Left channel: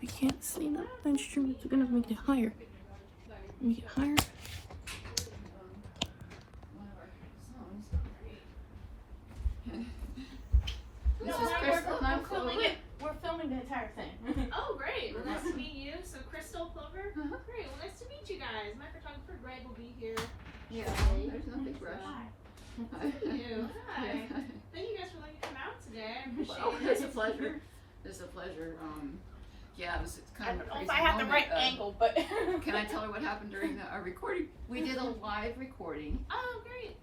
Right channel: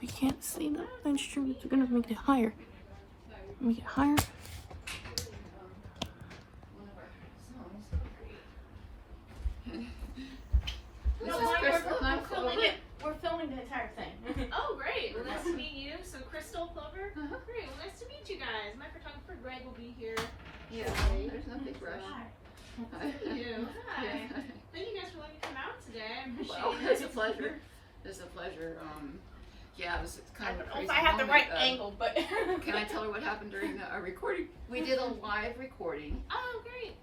We can't see the instrument. We're gonna make it higher. Make it higher. This is Crystal and I'm Clover. We're filming the entire thing. Oh, great. Well, nice to meet you. So, Crystal, Clover. Great. Well, nice to meet you guys. My photographer, Greg, will be here. Yeah, there's no big rush. Thank you. Hi. Thank you guys for letting me come out today. I appreciate Well, it. it's a pleasure. It's a pleasure. Yeah, it was I kind don't of a know crazy if I have the moment. right angle, but Can I tell her what happened during our recording? We did a live recording. Oh, great.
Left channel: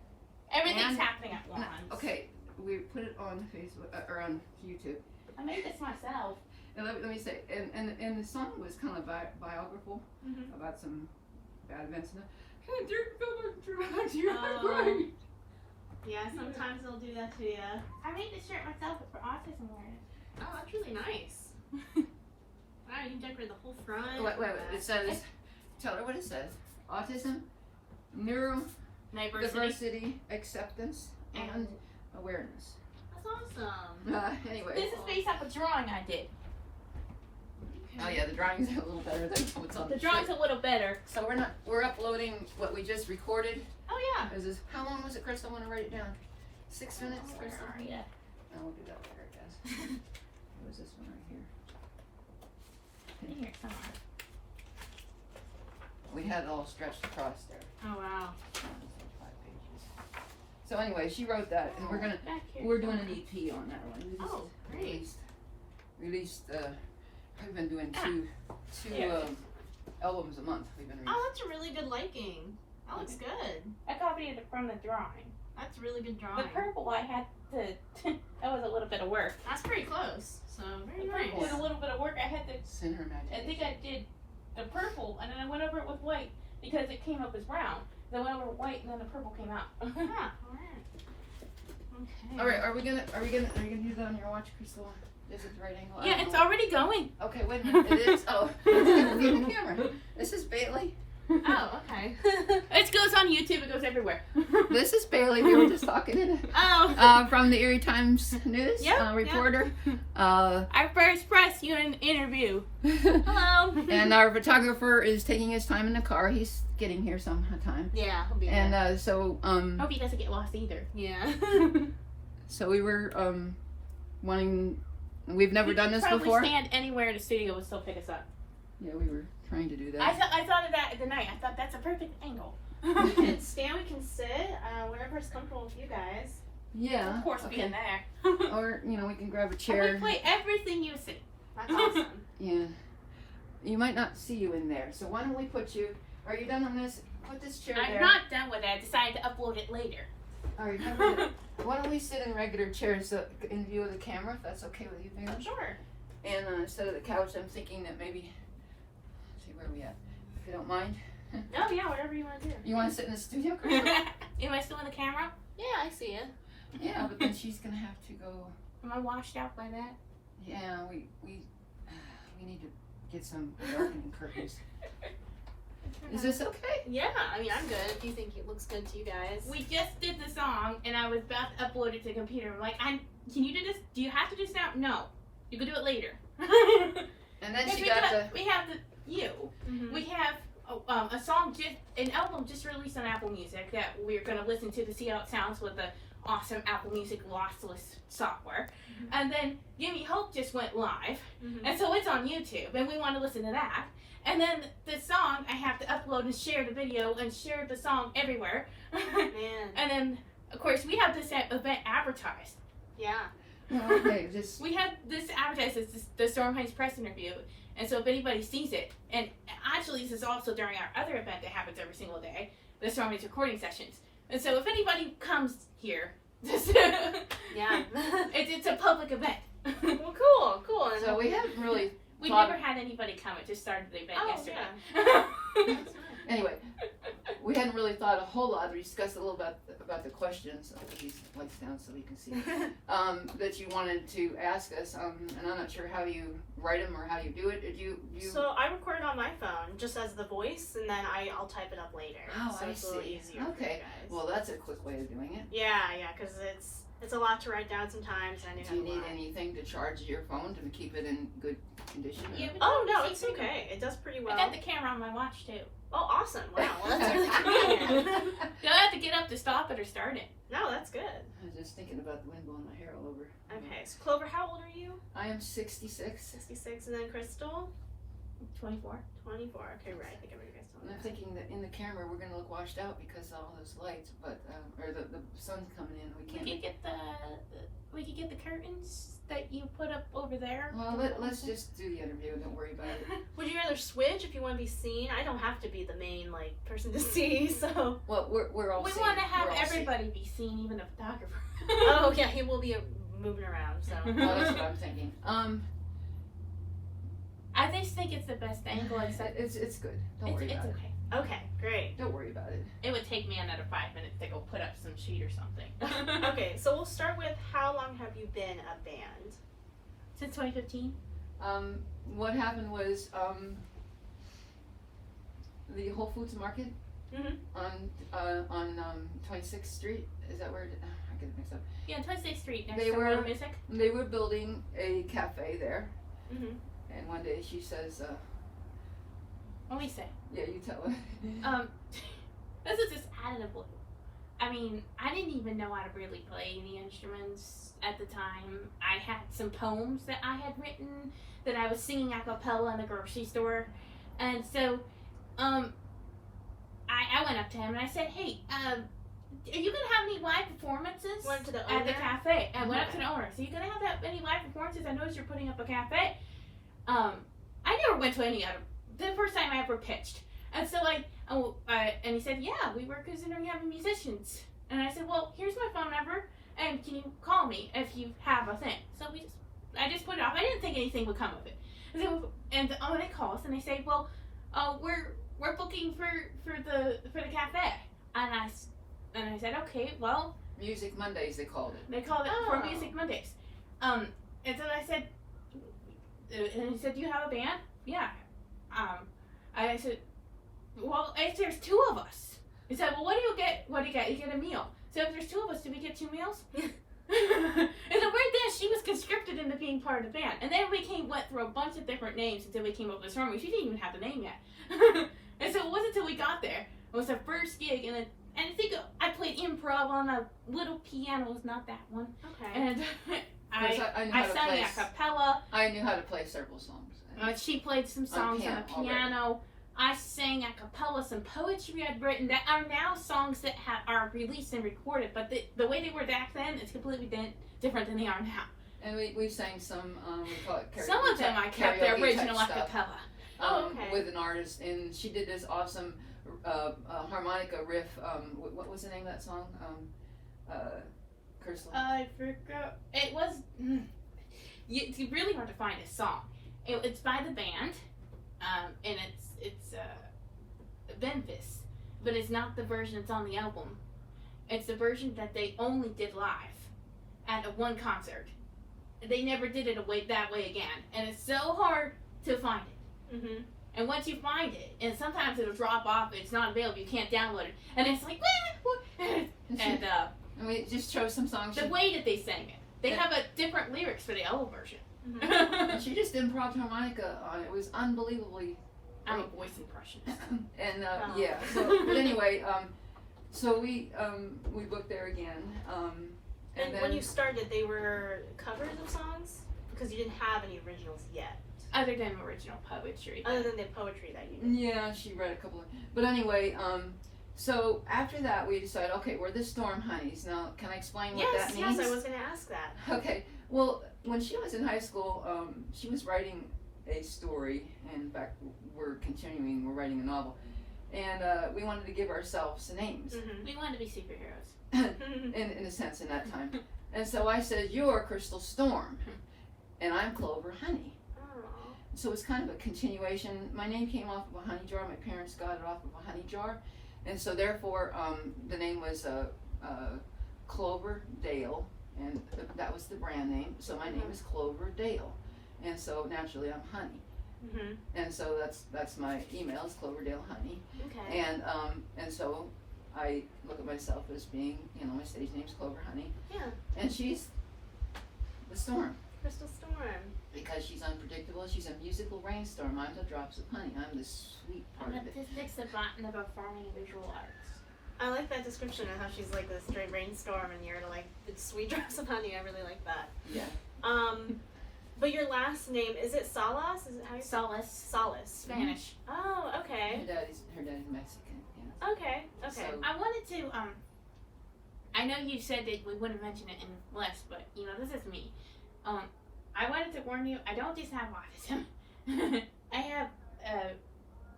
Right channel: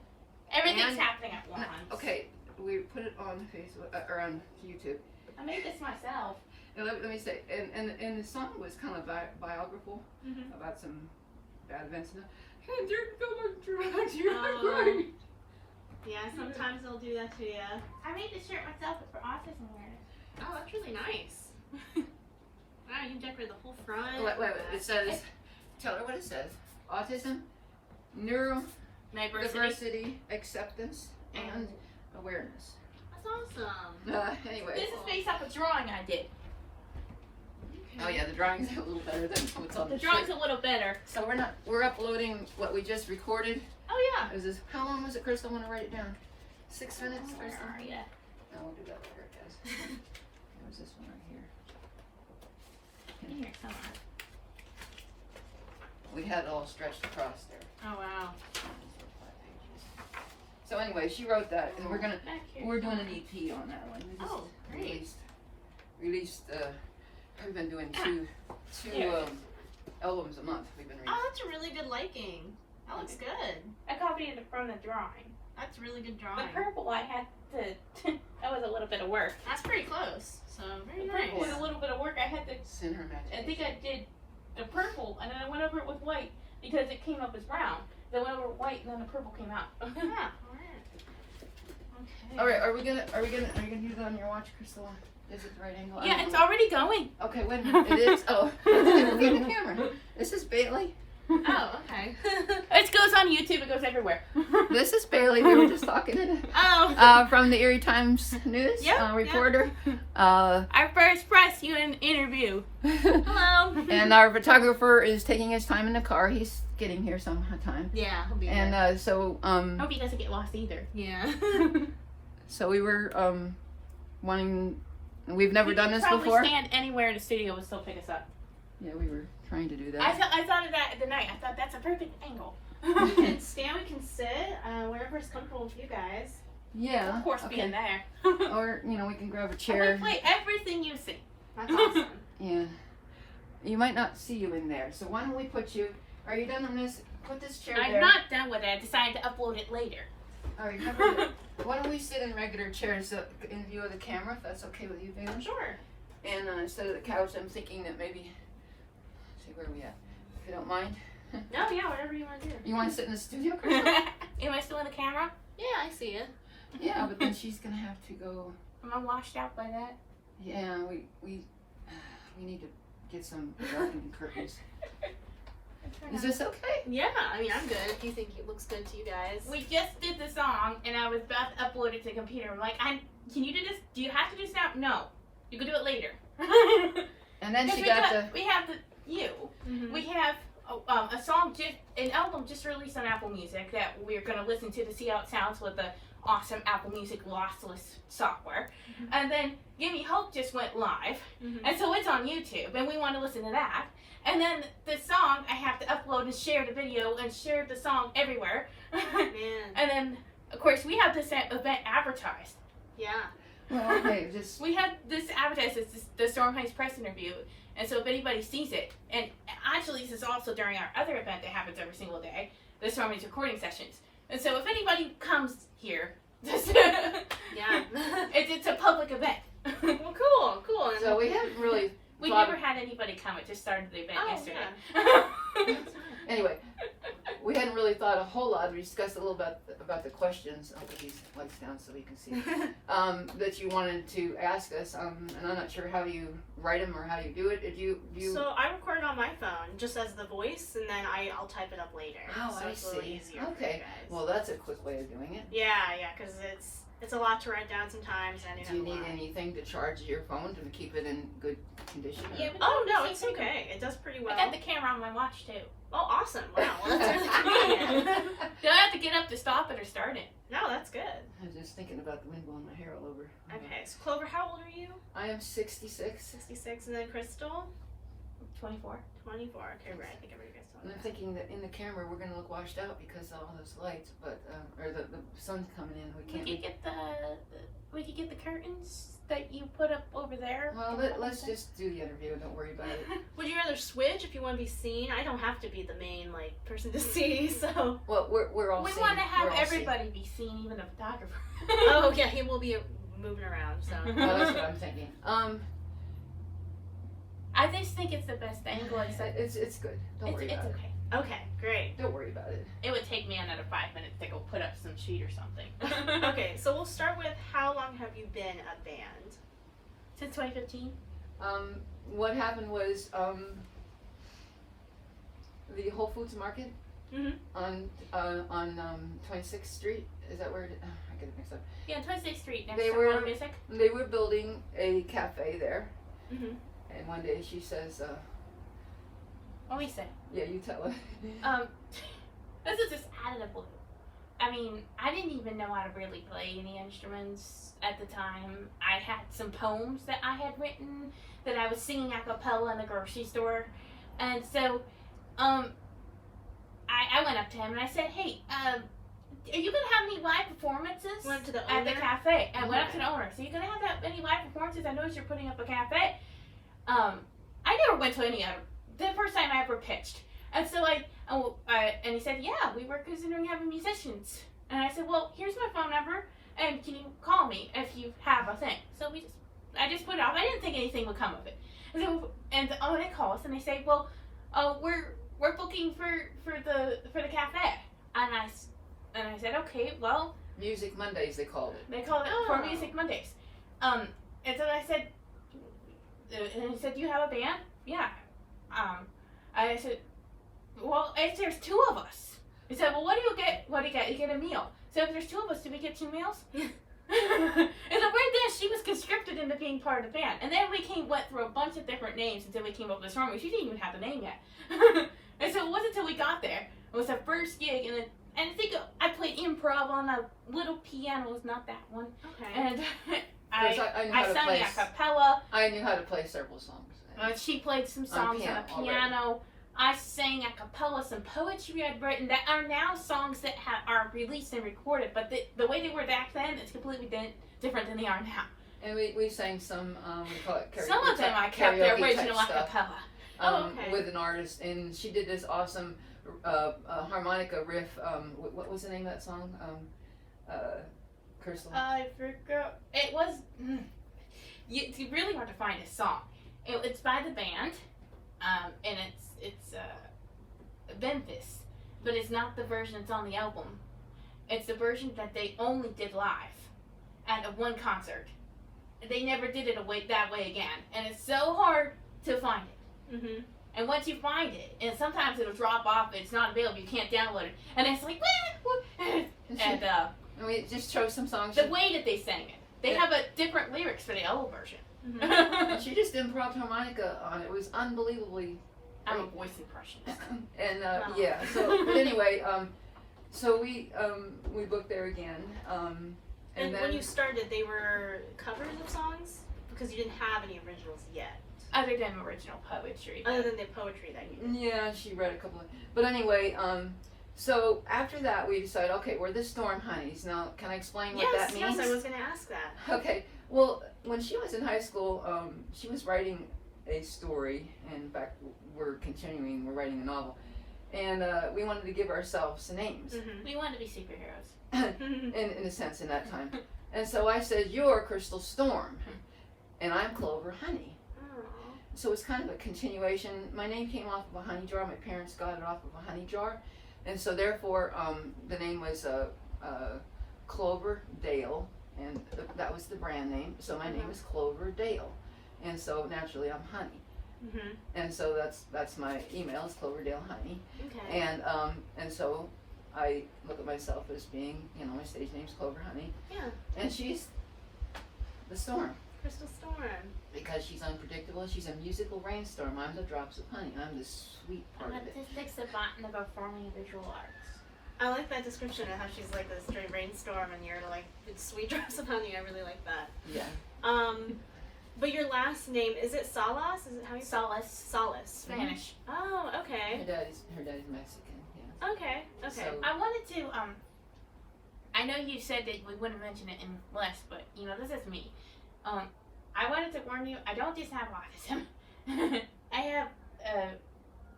everything's And- happening at once. Okay, we put it on Facebook or on YouTube. I made this myself. And let me say, and the song was kind of biographical Mm-hmm. about some bad events. And you're Oh. great. Yeah, sometimes they'll do that to you. I made this shirt myself for autism awareness. Oh, that's really nice. Wow, you decorated the whole front. Wait. It says, tell her what it says. Autism, neurodiversity, acceptance, and awareness. That's awesome. Anyway. This is based off a drawing I did. Oh yeah, the drawing's a little better than what's on The the drawing's shirt. a little better. So we're uploading what we just recorded. Oh yeah. Is this, how long was it, Chris? I want to write it down. 6 minutes or Where are something? ya? No, we'll do that later, I guess. Where's this one right here? In here somewhere. We had it all stretched across there. Oh, wow. 5 pages. So anyway, she wrote that, and we're doing an EP on that one. We just Oh, great. released. We've been doing two albums a month. We've been releasing. Oh, that's a really good liking. That looks good. I copied it from the drawing. That's really good The drawing. purple I had to. That was a little bit of work. That's pretty close. So, very The nice. purple was a little bit of work. I had to. Center I Magic. think I did the purple, and then I went over it with white because it came up as brown. Then I went over white, and then the purple came out. Yeah, alright. Okay. All right, are we gonna do that on your watch, Crystal? Is it the right angle? I Yeah, don't it's know. already going. Okay, wait a minute. It is. Oh, look at the camera. This is Bailey. Oh, okay. It goes on YouTube. It goes everywhere. This is Bailey. We were just talking Oh. from the Erie Times News Yep, reporter. Our first press interview. Hello. And our photographer is taking his time in the car. He's getting here sometime. Yeah, he'll be And there. Hope he doesn't get lost either. Yeah. so we were wanting. We've never done this probably before. Stand anywhere in the studio and still pick us up. Yeah, we were trying to do that. I thought of that the night. I thought that's a perfect angle. We can stand, we can sit, wherever's comfortable with you guys. Yeah. Of course, okay. being there. Or we can grab a I chair. can play everything you see. That's awesome. Yeah. You might not see you in there. So why don't we put you? Are you done on this? Put this chair I'm there. not done with it. I decided to upload it later. All right. How about it? Why don't we sit in regular chairs in view of the camera, if that's okay with you, baby? Sure. And instead of the couch, I'm thinking that maybe. Let's see where we at. If you don't mind. Oh, yeah, whatever you want to do. You want to sit in the studio, Crystal? Am I still in the camera? Yeah, I see it. Yeah, but then she's gonna have to go. Am I washed out by that? Yeah, we need to get some darkening curtains. Is this okay? Yeah, I mean, I'm good if you think it looks good to you guys. We just did the song, and I was about to upload it to the computer. I'm like, can you do this? Do you have to do this now? No. You can do it later. And then she we got have we have a song, an album just released on Apple Music that we're going to listen to see how it sounds with the awesome Apple Music lossless software. Mhm. And then Gimme Hope just went live, and so it's on YouTube, and we want to listen to that. And then the song, I have to upload and share the video and share the song everywhere. Man. And then, of course, we have this event advertised. Yeah. well, okay, just We had this advertised as the Storm Heights press interview. And so if anybody sees it, and actually this is also during our other event that happens every single day, the Storm Heights recording sessions. And so if anybody comes here, Yeah. it's a public event. Well, cool. And so we haven't really. We thought- never had anybody come. It just started the event Oh, yesterday. yeah. Anyway, we hadn't really thought a whole lot. We discussed a little bit about the questions. I'll put these lights down so you can see. That you wanted to ask us, and I'm not sure how you write them or how you do it. Did you? So I record it on my phone just as the voice, and then I'll type it up later. Oh, so I it's a little see. easier for you Okay. guys. Well, that's a quick way of doing it. Yeah, because It's a lot to write down sometimes. I Do you knew need anything to charge your phone to keep it in good condition? or- Yeah, but Oh you no, can it's see pretty okay. It does pretty well. well. I got the camera on my watch too. Oh, awesome! Wow, well, that's really convenient. Do I have to get up to stop it or start it? No, that's good. I was just thinking about the wind blowing my hair all over. Okay, so Clover, how old are you? I am 66. 66, and then Crystal, 24. 24. Okay, right. I think I already guys told And me I'm that. thinking that in the camera we're gonna look washed out because of all those lights, but or the sun's coming in. We We can't. could get the curtains that you put up over there. Well, let's just do the interview. Don't worry about it. Would you rather switch if you want to be seen? I don't have to be the main person to see. So. Well, we're all. We seen. want to have We're all everybody be seen, even the photographer. Oh yeah, he will be moving around. So. seen. Well, that's what I'm thinking. I just think it's the best angle. Except It's good. Don't worry it's about okay. Okay, great. it. Don't worry about it. It would take me another 5 minutes to go put up some sheet or something. Okay, so we'll start with how long have you been a band? Since 2015. What happened was the Whole Foods Market Mhm. on 26th Street. Is that where it? I get it mixed up. Yeah, 26th Street next They to were- Warner Music. They were building a cafe there, Mhm. and one day she says, What we say? "Yeah, you tell her." This is just out of the blue. I mean, I didn't even know how to really play any instruments at the time. I had some poems that I had written that I was singing a cappella in the grocery store, and so, I went up to him and I said, "Hey, are you gonna have any live performances Went to the at the owner? cafe?" And went up to the owner. So you gonna have that any live performances? I noticed you're putting up a cafe. I never went to any of them. The first time I ever pitched. And so and he said, "Yeah, we were considering having musicians." And I said, "Well, here's my phone number, and can you call me if you have a thing?" So I just put it off. I didn't think anything would come of it. And they call us and they say, "Well, we're booking for the cafe." And I said, "Okay, well." Music Mondays, they called it. They called it Oh. for Music Mondays. And so I said, and he said, "Do you have a band?" "Yeah." I said, "Well, if there's two of us." He said, "Well, what do you get? What do you get? You get a meal." So if there's two of us, do we get 2 meals? And so right then, she was conscripted into being part of the band. And then we went through a bunch of different names until we came up with this song. She didn't even have the name yet. And so it wasn't until we got there. It was the first gig, and I think I played improv on a little piano. It was not that one. Okay. And Because I knew how I to sang play. a cappella. I knew how to play several songs. She played some songs on piano a piano. I sang a cappella some poetry I'd written that are now songs that are released and recorded, but the way they were back then is completely different than they are now. And we sang some, we call it karaoke. Some of them I kept the karaoke type original a stuff, cappella. Oh, okay. with an artist, and she did this awesome harmonica riff. What was the name of that song? Crystal. I forgot. It was. It's really hard to find a song. It's by the band, and it's Memphis, but it's not the version that's on the album. It's the version that they only did live at one concert. They never did it that way again, and it's so hard to find it. Mhm. And once you find it, and sometimes it'll drop off, it's not available, you can't download it, and it's like, and And we just chose some songs. the way that they sang it, they Yeah. have a different lyrics for the album version. And she just improv harmonica on it. It was unbelievably. I'm a voice impressionist. And Wow. yeah, so but anyway, so we booked there again, And then when you started, they were covers of songs because you didn't have any originals yet, Other than original poetry. other than the poetry that you did. yeah, she read a couple of. But anyway, so after that we decided, okay, we're the Storm Honeys. Now, can I explain what Yes, that means? yes, I was going to ask that. Okay, well, when she was in high school, she was writing a story. In fact, we're writing a novel. And we wanted to give ourselves names, Mhm. We wanted to be superheroes. in a sense, in that time. And so I said, you're Crystal Storm, and I'm Clover Honey. Aw. So it's kind of a continuation. My name came off of a honey jar. My parents got it off of a honey jar. And so therefore, the name was Clover Dale, and that was the brand name. So my name is Clover Dale, and so naturally I'm Honey, Mhm. and so that's my email is Cloverdale Honey, Okay. and so I look at myself as being, you know, my stage name's Clover Honey. Yeah. And she's the storm. Crystal Storm. Because she's unpredictable, she's a musical rainstorm. I'm the drops of honey. I'm the sweet part I'm of a it. dyslexic savant in the performing visual arts. I like that description of how she's like the straight rainstorm and you're like the sweet drops of honey. I really like that. Yeah. But your last name, is it Salas? Is it how you say Solace. Salas? Spanish. Oh, okay. Her daddy's Mexican. Yeah. Okay. Okay. So- I wanted to, I know you said that we wouldn't mention it in less, but, you know, this is me. I wanted to warn you, I don't just have autism. I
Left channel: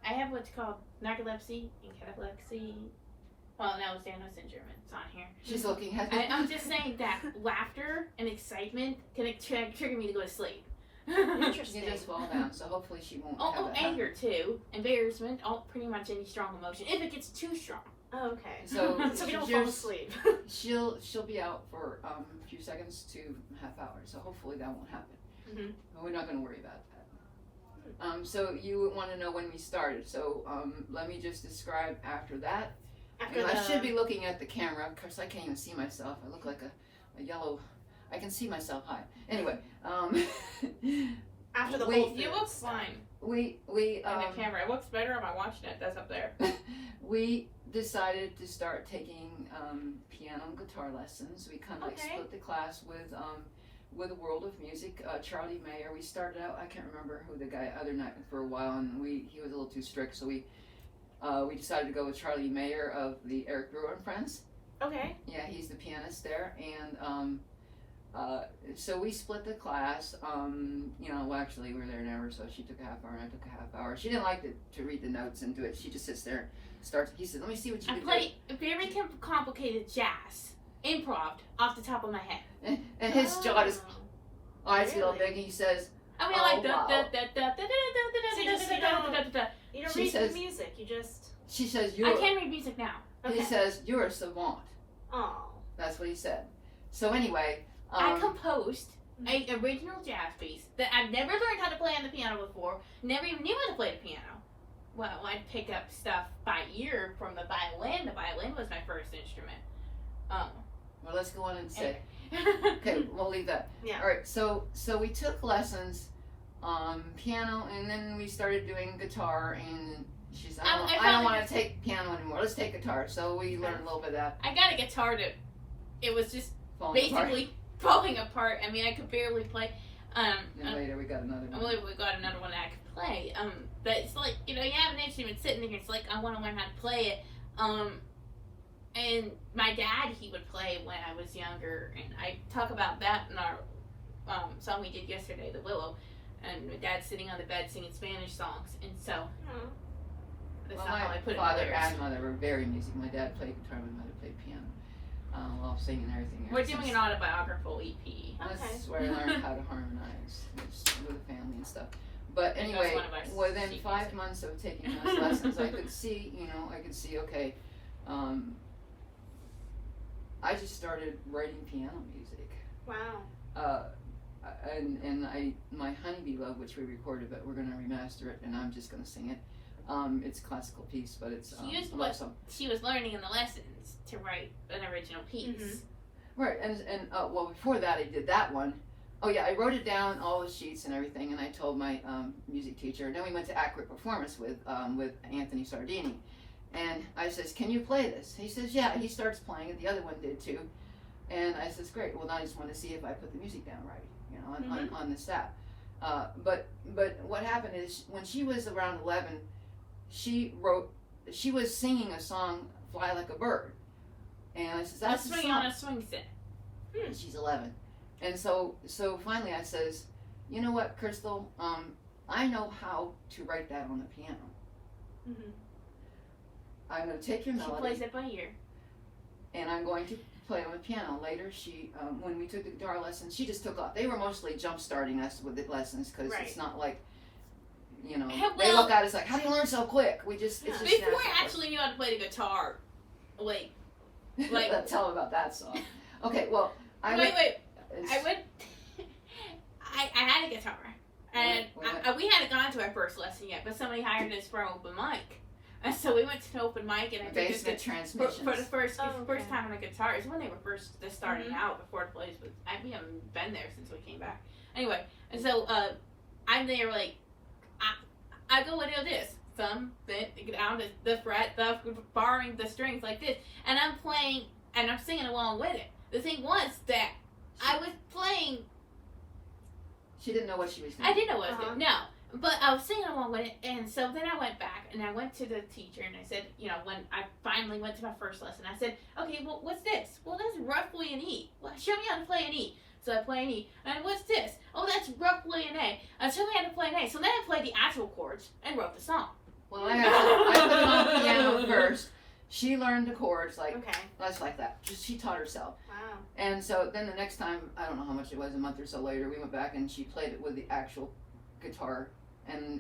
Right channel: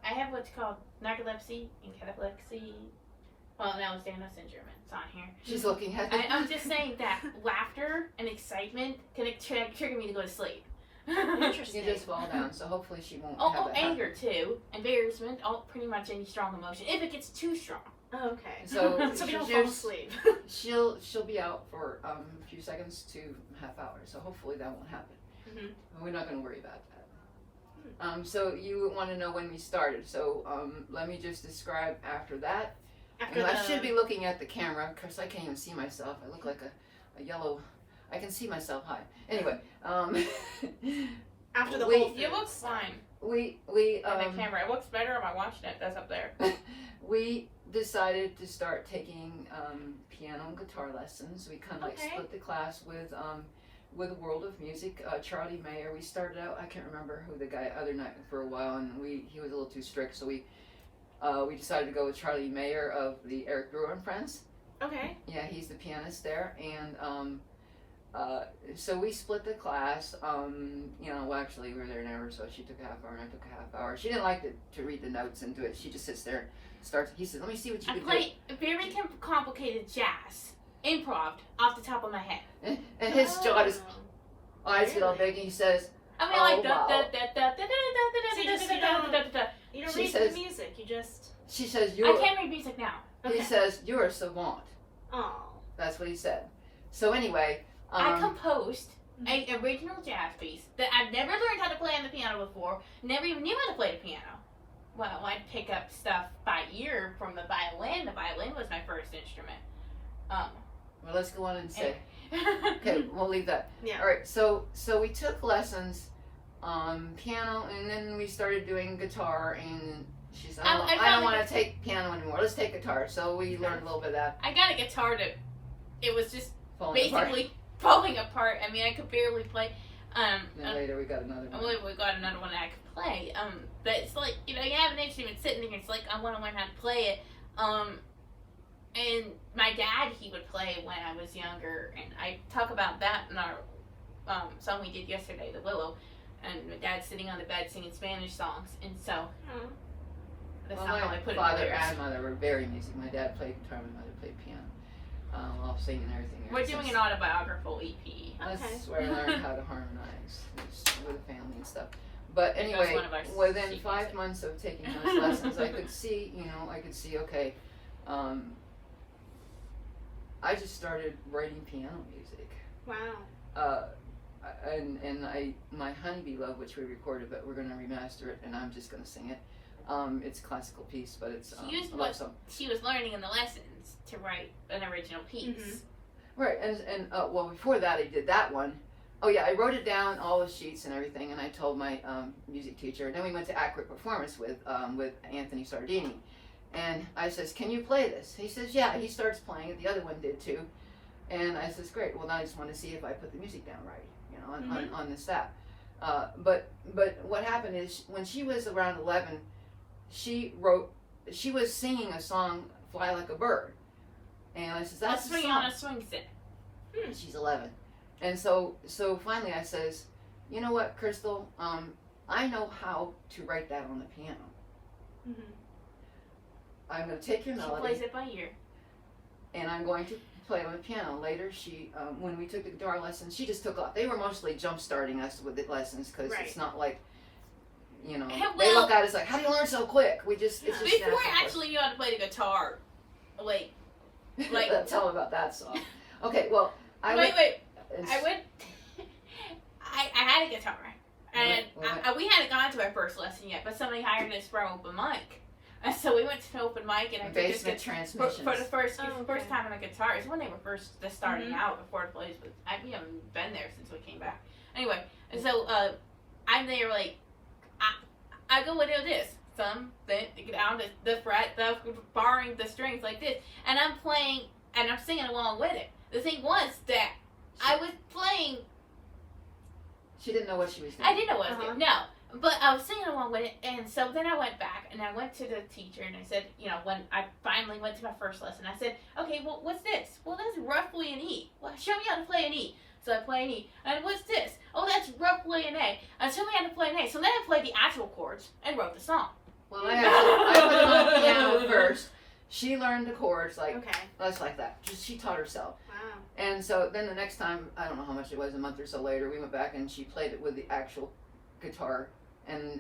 have what's called narcolepsy and cataplexy. Well, that was Daniel syndrome. It's on here. She's looking at it. I'm just saying that laughter and excitement can trigger me to go to sleep. Interesting. You just fall down, so hopefully she won't have Oh, that anger too, embarrassment, pretty much any strong emotion. If it gets too strong. Oh, okay. So So we don't she fall just- asleep. She'll be out for a few seconds to half hour, so hopefully that won't happen. Mhm. We're not going to worry about that. So you want to know when we started. So let me just describe after that. After And the I should be looking at the camera because I can't even see myself. I look like a yellow. I can see myself high. Anyway, after the we- whole You look fine we in the camera. It looks better. Am I watching it? That's up there. we decided to start taking piano and guitar lessons. We kind of like Okay. split the class with World of Music. Charlie Mayer. We started out. I can't remember who the guy other night for a while, and he was a little too strict, so we decided to go with Charlie Mayer of the Eric Brewer and Friends. Okay. Yeah, he's the pianist there, and so we split the class. You know, well, actually we were there an hour, so she took a half hour and I took a half hour. She didn't like to read the notes and do it. She just sits there, starts. He said, "Let me see what you I can play very complicated jazz, improv, off the top of my head. do." And his jaw just eyes get all Really? big. And he says, I mean, Oh, like wow. You don't She read says- the music. You just. "She says I you're." can read music now. Okay. He says you're a savant. Oh. That's what he said. So anyway, I composed an original jazz piece that I've never learned how to play on the piano before. Never even knew how to play the piano. Well, I'd pick up stuff by ear from the violin. The violin was my first instrument. well, let's go on and say. Okay, we'll leave that. Yeah. All right. So we took lessons on piano, and then we started doing guitar. And she said, I "I found don't the want to take piano anymore. Let's take guitar." So we learned a little bit of that. I got a guitar that it was just Falling apart. basically falling apart. I mean, I could barely play. And then later we got another one. We got another one that I could play. But it's like, you know, you have an instrument sitting there. It's like I want to learn how to play it. And my dad, he would play when I was younger, and I talk about that in our song we did yesterday, The Willow. And my dad's sitting on the bed singing Spanish songs, and so Oh. that's Well, not how I my put it in father lyrics. and mother were very music. My dad played guitar, my mother played piano. All singing and everything. We're doing an autobiographical EP. Okay. That's where I learned how to harmonize with the family and stuff. But That was anyway, one of our within secrets. 5 months of taking those lessons, I could see, okay, I just started writing piano music. Wow. And my Honeybee Love, which we recorded, but we're going to remaster it, and I'm just going to sing it. It's a classical piece, but it's She used a love what song. she was learning in the lessons to write an original piece. Mhm. Right, and well, before that, I did that one. Oh yeah, I wrote it down, all the sheets and everything, and I told my music teacher. And then we went to Accurate Performance with Anthony Sardini, and I says, "Can you play this?" He says, "Yeah." He starts playing it. The other one did too, and I says, "Great. Well, now I just want to see if I put the music down right, on the staff." But what happened is when she was around 11, she was singing a song, "Fly Like a Bird," and I says, "That's a the swing song." on a swing set. She's 11. And so finally I says, "You know what, Crystal, I know how to write that on the piano. Mhm. I'm going to take your She melody plays it by ear. and I'm going to play on the piano." Later, she, when we took the guitar lessons, she just took off. They were mostly jump starting us with the lessons because Right. it's not like, they Well- look at us like, "How do you learn so quick?" It's just Before natural I for us. actually knew how to play the guitar. Wait, like- Tell them about that song. Okay, well, wait. I would. I had a guitar, and Wait. we hadn't gone to our first lesson yet, but somebody hired us for an open mic. And so we went to an open mic, and I did this Basement transmissions. for the first Oh, okay. first time on a guitar. It's when they were first just starting Mhm. out before the plays. But we haven't been there since we came back. Anyway, and so I'm there like I go and do this. Then get down the fret, the barring the strings like this, and I'm playing and I'm singing along with it. The thing was that I was playing. She didn't know what she was doing. I didn't know what I was doing. No. But I was singing along with it, and so then I went back and I went to the teacher and I said, when I finally went to my first lesson, I said, okay, well, what's this? Well, that's roughly an E. Well, show me how to play an E. So I play an E. And what's this? Oh, that's roughly an A. Show me how to play an A. So then I played the actual chords and wrote the song. Well, I put it on piano first. She learned the chords like that. She taught herself. Wow. And so then the next time, I don't know how much it was, a month or so later, we went back and she played it with the actual guitar. And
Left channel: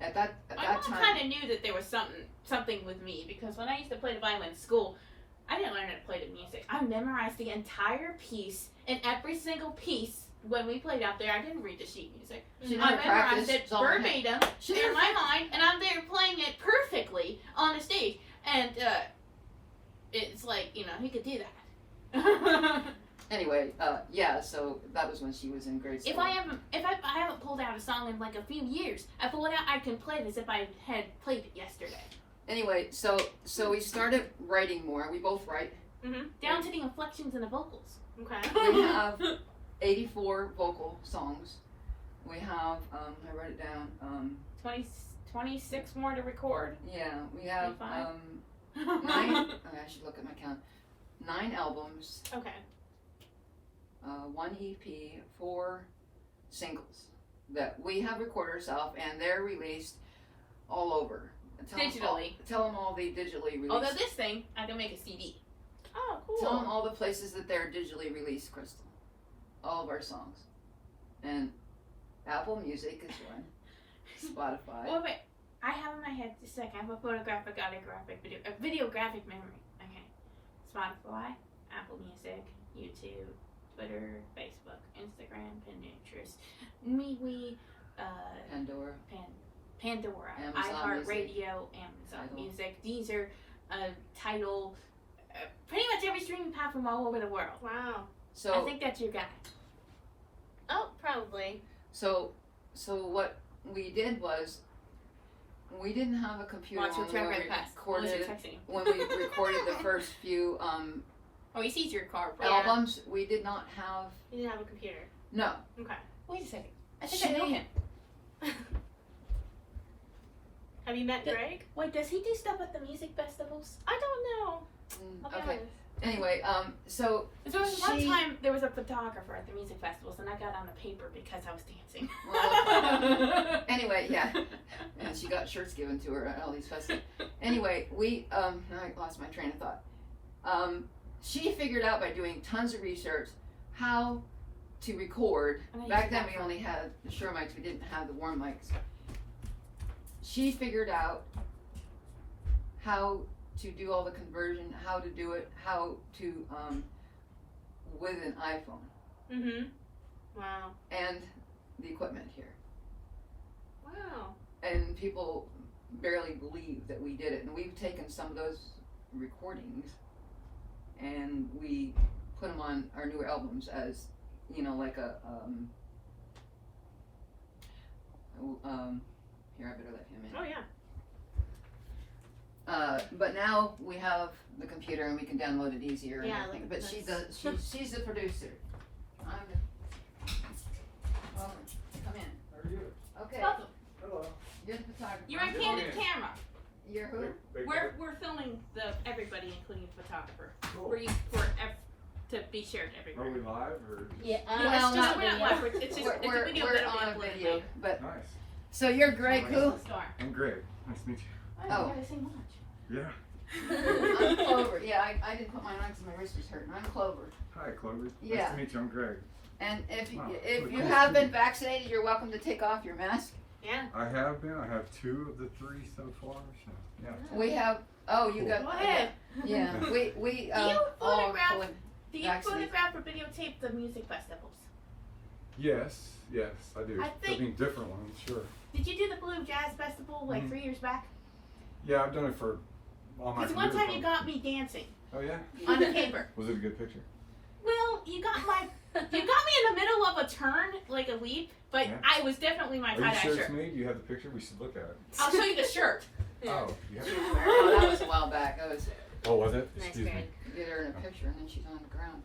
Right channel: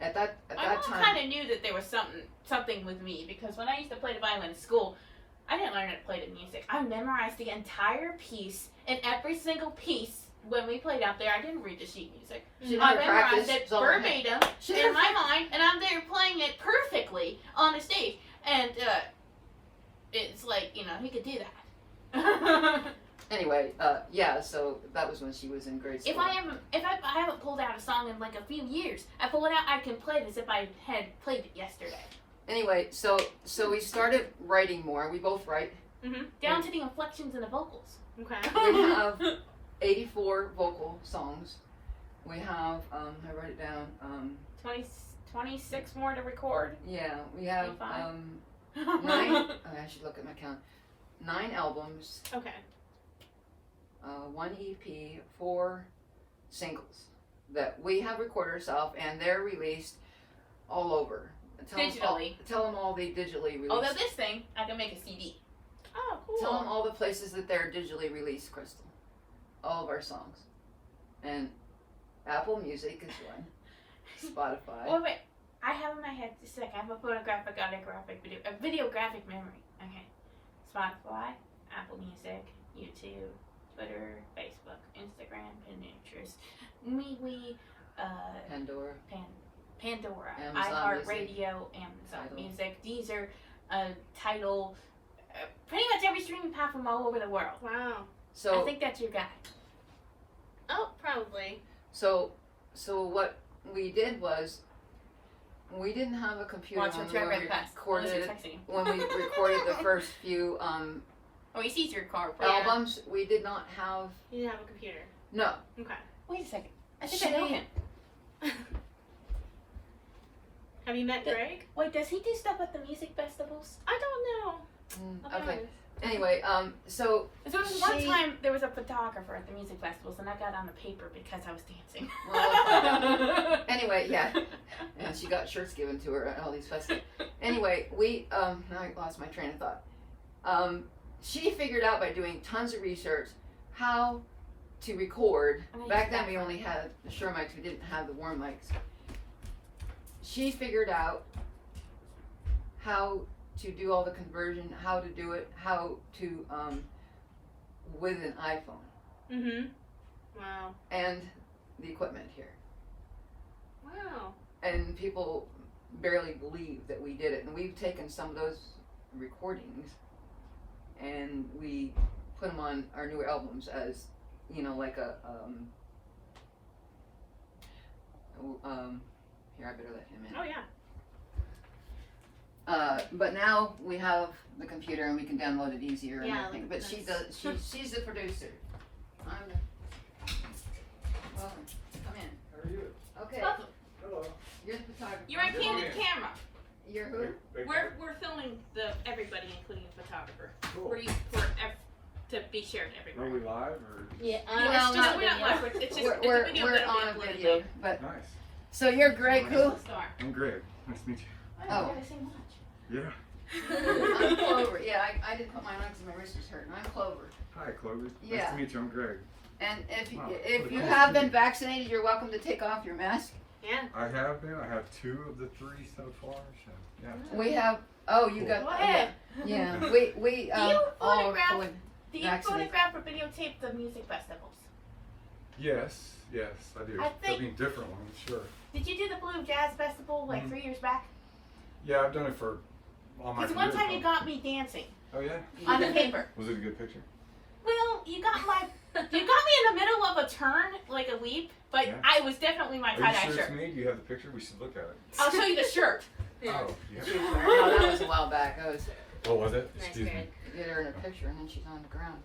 at that My mom time, kind of knew that there was something with me, because when I used to play the violin in school, I didn't learn how to play the music. I memorized the entire piece, and every single piece when we played out there, I didn't read the sheet music. she I never memorized practiced. it It's all in her head. verbatim She in never my mind, and I'm there playing it perfectly on the stage. And it's like, he could do that. Anyway, so that was when she was in grade school. If I haven't pulled out a song in like a few years, I pull it out, I can play it as if I had played it yesterday. Anyway, so we started writing more. We both write. Down to the inflections and the vocals. Okay. We have 84 vocal songs. We have, I wrote it down, 26 more to record. yeah, we have, 85. 9, I should look at my count, 9 albums, Okay. 1 EP, 4 singles that we have recorded ourselves, and they're released all over. Digitally. Tell them all they digitally released. Although this thing, I can make a CD. Oh, cool. Tell them all the places that they're digitally released, Crystal. All of our songs. And Apple Music is one. Spotify. Well, wait. I have in my head just a sec. I have a photographic, autographic, videographic memory. Okay. Spotify, Apple Music, YouTube, Twitter, Facebook, Instagram, Pinterest, MeWe, Pandora. Pandora, Amazon iHeartRadio, Amazon Tidal. Music, Deezer, Tidal, pretty much every streaming platform all over the world. Wow. So I think that's your guy. Oh, probably. So what we did was we didn't have a computer Watch when what's we right past. recorded Unless it. you're texting. When we recorded the first few Oh, he sees your car. albums, we did not have You didn't have a computer. no. Okay. Wait a second. I think I know She- him. Have you met Greg? Wait, does he do stuff at the music festivals? I don't know. I'll be Okay. honest. Anyway, so So there was one She- time there was a photographer at the music festivals, and I got on the paper because I was dancing. well, anyway, yeah. And she got shirts given to her at all these festivals. Anyway, we I lost my train of thought. She figured out by doing tons of research how to record. And I Back used then that we for- only had the Shure mics, we didn't have the warm mics. She figured out how to do all the conversion, how to do it, how to with an iPhone Mm-hmm. Wow. and the equipment here. Wow. And people barely believe that we did it. And we've taken some of those recordings and we put them on our new albums as, like a, here, I better let him in. Oh yeah. But now we have the computer and we can download it easier and Yeah, everything. like But she that's- does, she's the producer. I'm the, welcome, come in. How are you? Okay, Welcome. Hello. you're the photographer. You're on candid camera. You're who? We're filming everybody, including the photographer, Cool. to be shared to Are everybody. we live or? Yeah. Well, it's not just, we're not live. It's just it's a We're video on that we uploaded video, later. but, Nice. so you're Greg who? I'm Greg. Nice to meet you. Oh. Yeah. I'm Clover, yeah, I didn't put mine on because my wrist was hurting, I'm Clover. Hi, Clover. Nice Yeah. to meet you. I'm Greg. And if Wow, if what a you cool have been student. vaccinated, you're welcome to take off your mask. Yeah. I have been. I have 2 of the 3 so far. So yeah. We have, oh, you Cool. got, Go ahead. yeah, we, you all photograph- fully Do you vaccinated. photograph or videotape the music festivals? Yes. Yes, I do. I think- I mean, different ones, sure. Did you do the Blue Jazz Festival like 3 years back? Yeah, I've done it for all my Because one career. time you got me dancing Oh yeah? on the paper. Was it a good picture? Well, you got me in the middle of a turn, like a leap, but Yeah. I was definitely my Are you tie-dye sure it's shirt. me? Do you have the picture? We should look at it. I'll show you the shirt. Yeah. Oh, yeah. Oh, that was a while back. That was What was it? Nice, Excuse me. Greg. you get her in a picture and then she's on the ground.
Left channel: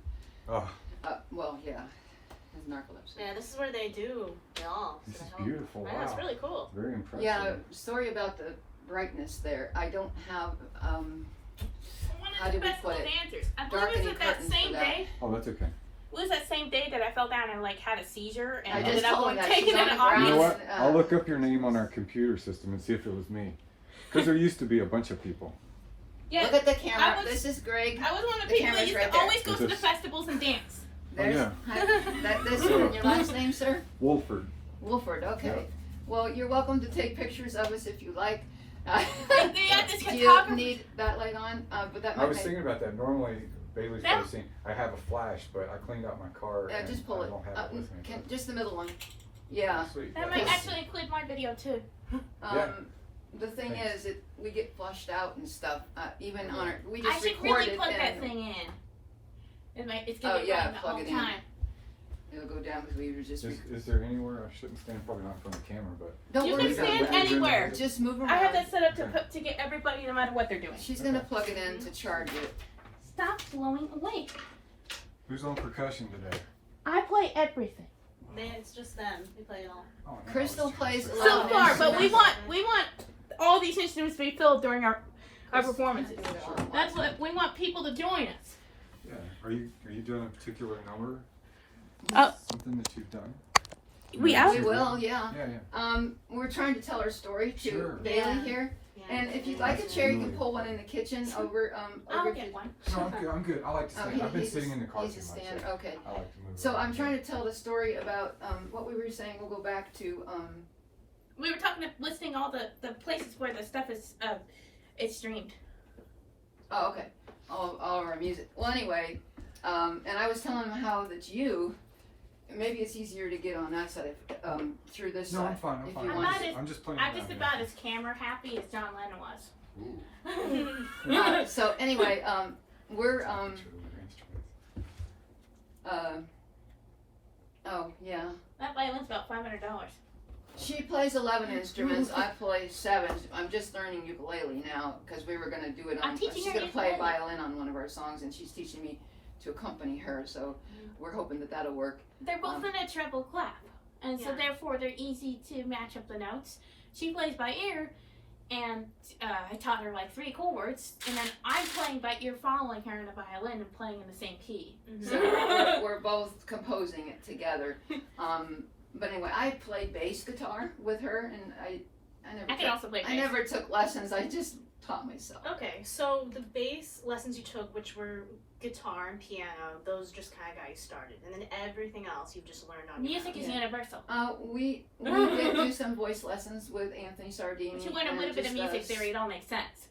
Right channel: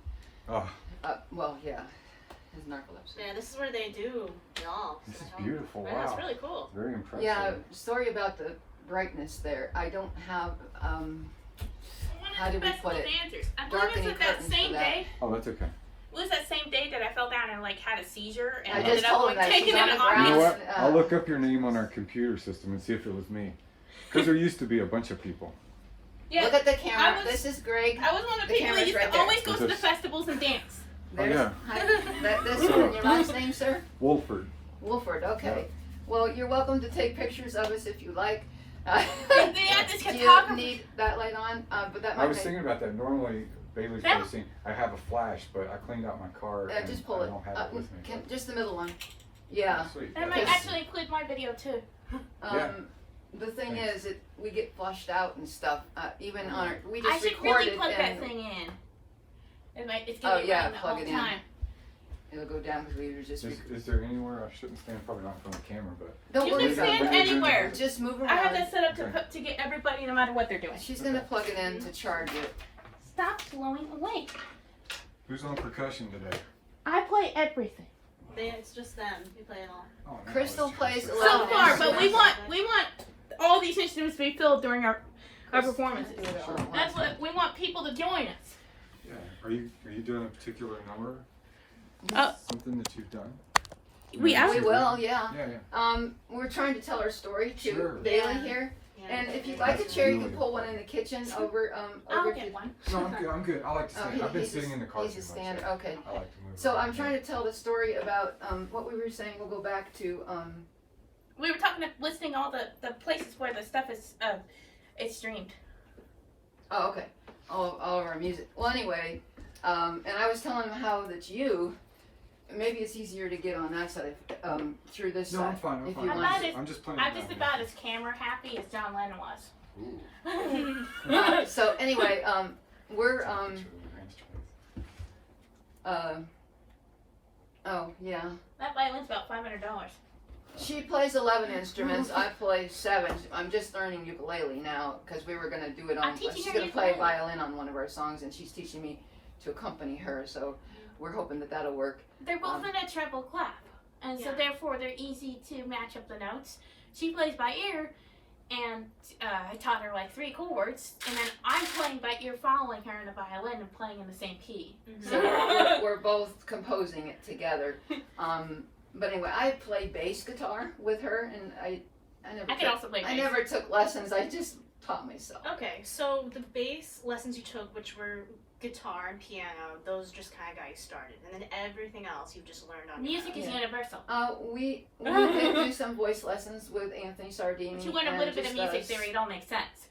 Oh, Well, yeah, his narcolepsy. Yeah, this is where they do it all. this is So, beautiful. I know, it's Wow. really cool. Very impressive. Yeah, sorry about the brightness there. I don't have One How of the did we festival put it? dancers. I believe it Darkening was that curtains for same that. day. Oh, that's okay. It was that same day that I fell down and like had a seizure and I ended just up told like him that she's taking on an the arm. ground. You know what? Uh, I'll look up your name on our computer system and see if it was me. Because there used to be a bunch of people. Yeah, Look at the camera. I was- This is Greg. I was one of the The people that camera's used right to there. always go Is to the this- festivals and dance. There's, yeah. this one. Your last name, sir? Wolford. Wolford. Okay. Yeah. Well, you're welcome to take pictures of us if you like. They had this Do you photographer. need that light on? But that I might was make. thinking about that. Normally, Bailey's That- probably seen. I have a flash, but I cleaned out my car. and Just pull I it. don't have it with me. Just the middle one. Yeah. Sweet. And I might Yes. actually include my video too. Yeah. The thing Thanks. is, we get flushed out and stuff. Even on our, we I just should record really it plug that and thing in. It's Oh, gonna be yeah, running the plug whole it in. time. it'll go down because we were just. Is there anywhere I shouldn't stand? Probably not in front of the camera, but Don't You worry can about stand it. anywhere. Just move around. I have that set up Okay. to get everybody no matter what they're doing. She's gonna plug it in to charge it. Stop blowing away. who's on percussion today? I play everything. It's just them. We play it all. Oh, no, Crystal it's plays just- a So lot. far, but we want all these instruments to be filled during our performances. That's what we want people to join us. Yeah. Are you doing a particular number? Uh, Something that you've done? We We will, yeah. Yeah. We're trying to tell our story to Sure. Bailey Yeah. here. Yeah. And if you'd like a chair, you can pull one in the kitchen over. I'll over get one. No, I'm good. I'm good. I like to stand. I've been he's sitting a, in the car he's too a much. stand. so Okay. I like to move. So around. I'm trying to tell the story about what we were saying. We'll go back to We were listing all the places where the stuff is streamed. oh, okay, all of our music. Well, anyway, and I was telling him how that maybe it's easier to get on that side through this No, side. I'm fine. I'm if fine. you I'm want not to. as- I'm just playing. I'm around just here. about as camera happy as John Lennon was. Ooh. So anyway, we're oh yeah. That violin's about $500. She plays 11 instruments. I play 7. I'm just learning ukulele now because we were going to do it I'm on. teaching She's her going to play ukulele. violin on one of our songs, and she's teaching me to accompany her. So we're hoping that that'll work. They're both in a treble clef, and so Yeah. therefore they're easy to match up the notes. She plays by ear, and I taught her like 3 chords, and then I'm playing by ear, following her in the violin and playing in the same key. So we're both composing it together. But anyway, I play bass guitar with her, and I never I can also play I bass. never took lessons. I just taught myself. Okay, so the bass lessons you took, which were guitar and piano, those just kind of got you started, and then everything else you've just learned on your Music own. is Yeah. universal. We did do some voice lessons with Anthony Sardini. But you learn a and little bit of just music us. theory, it all makes sense.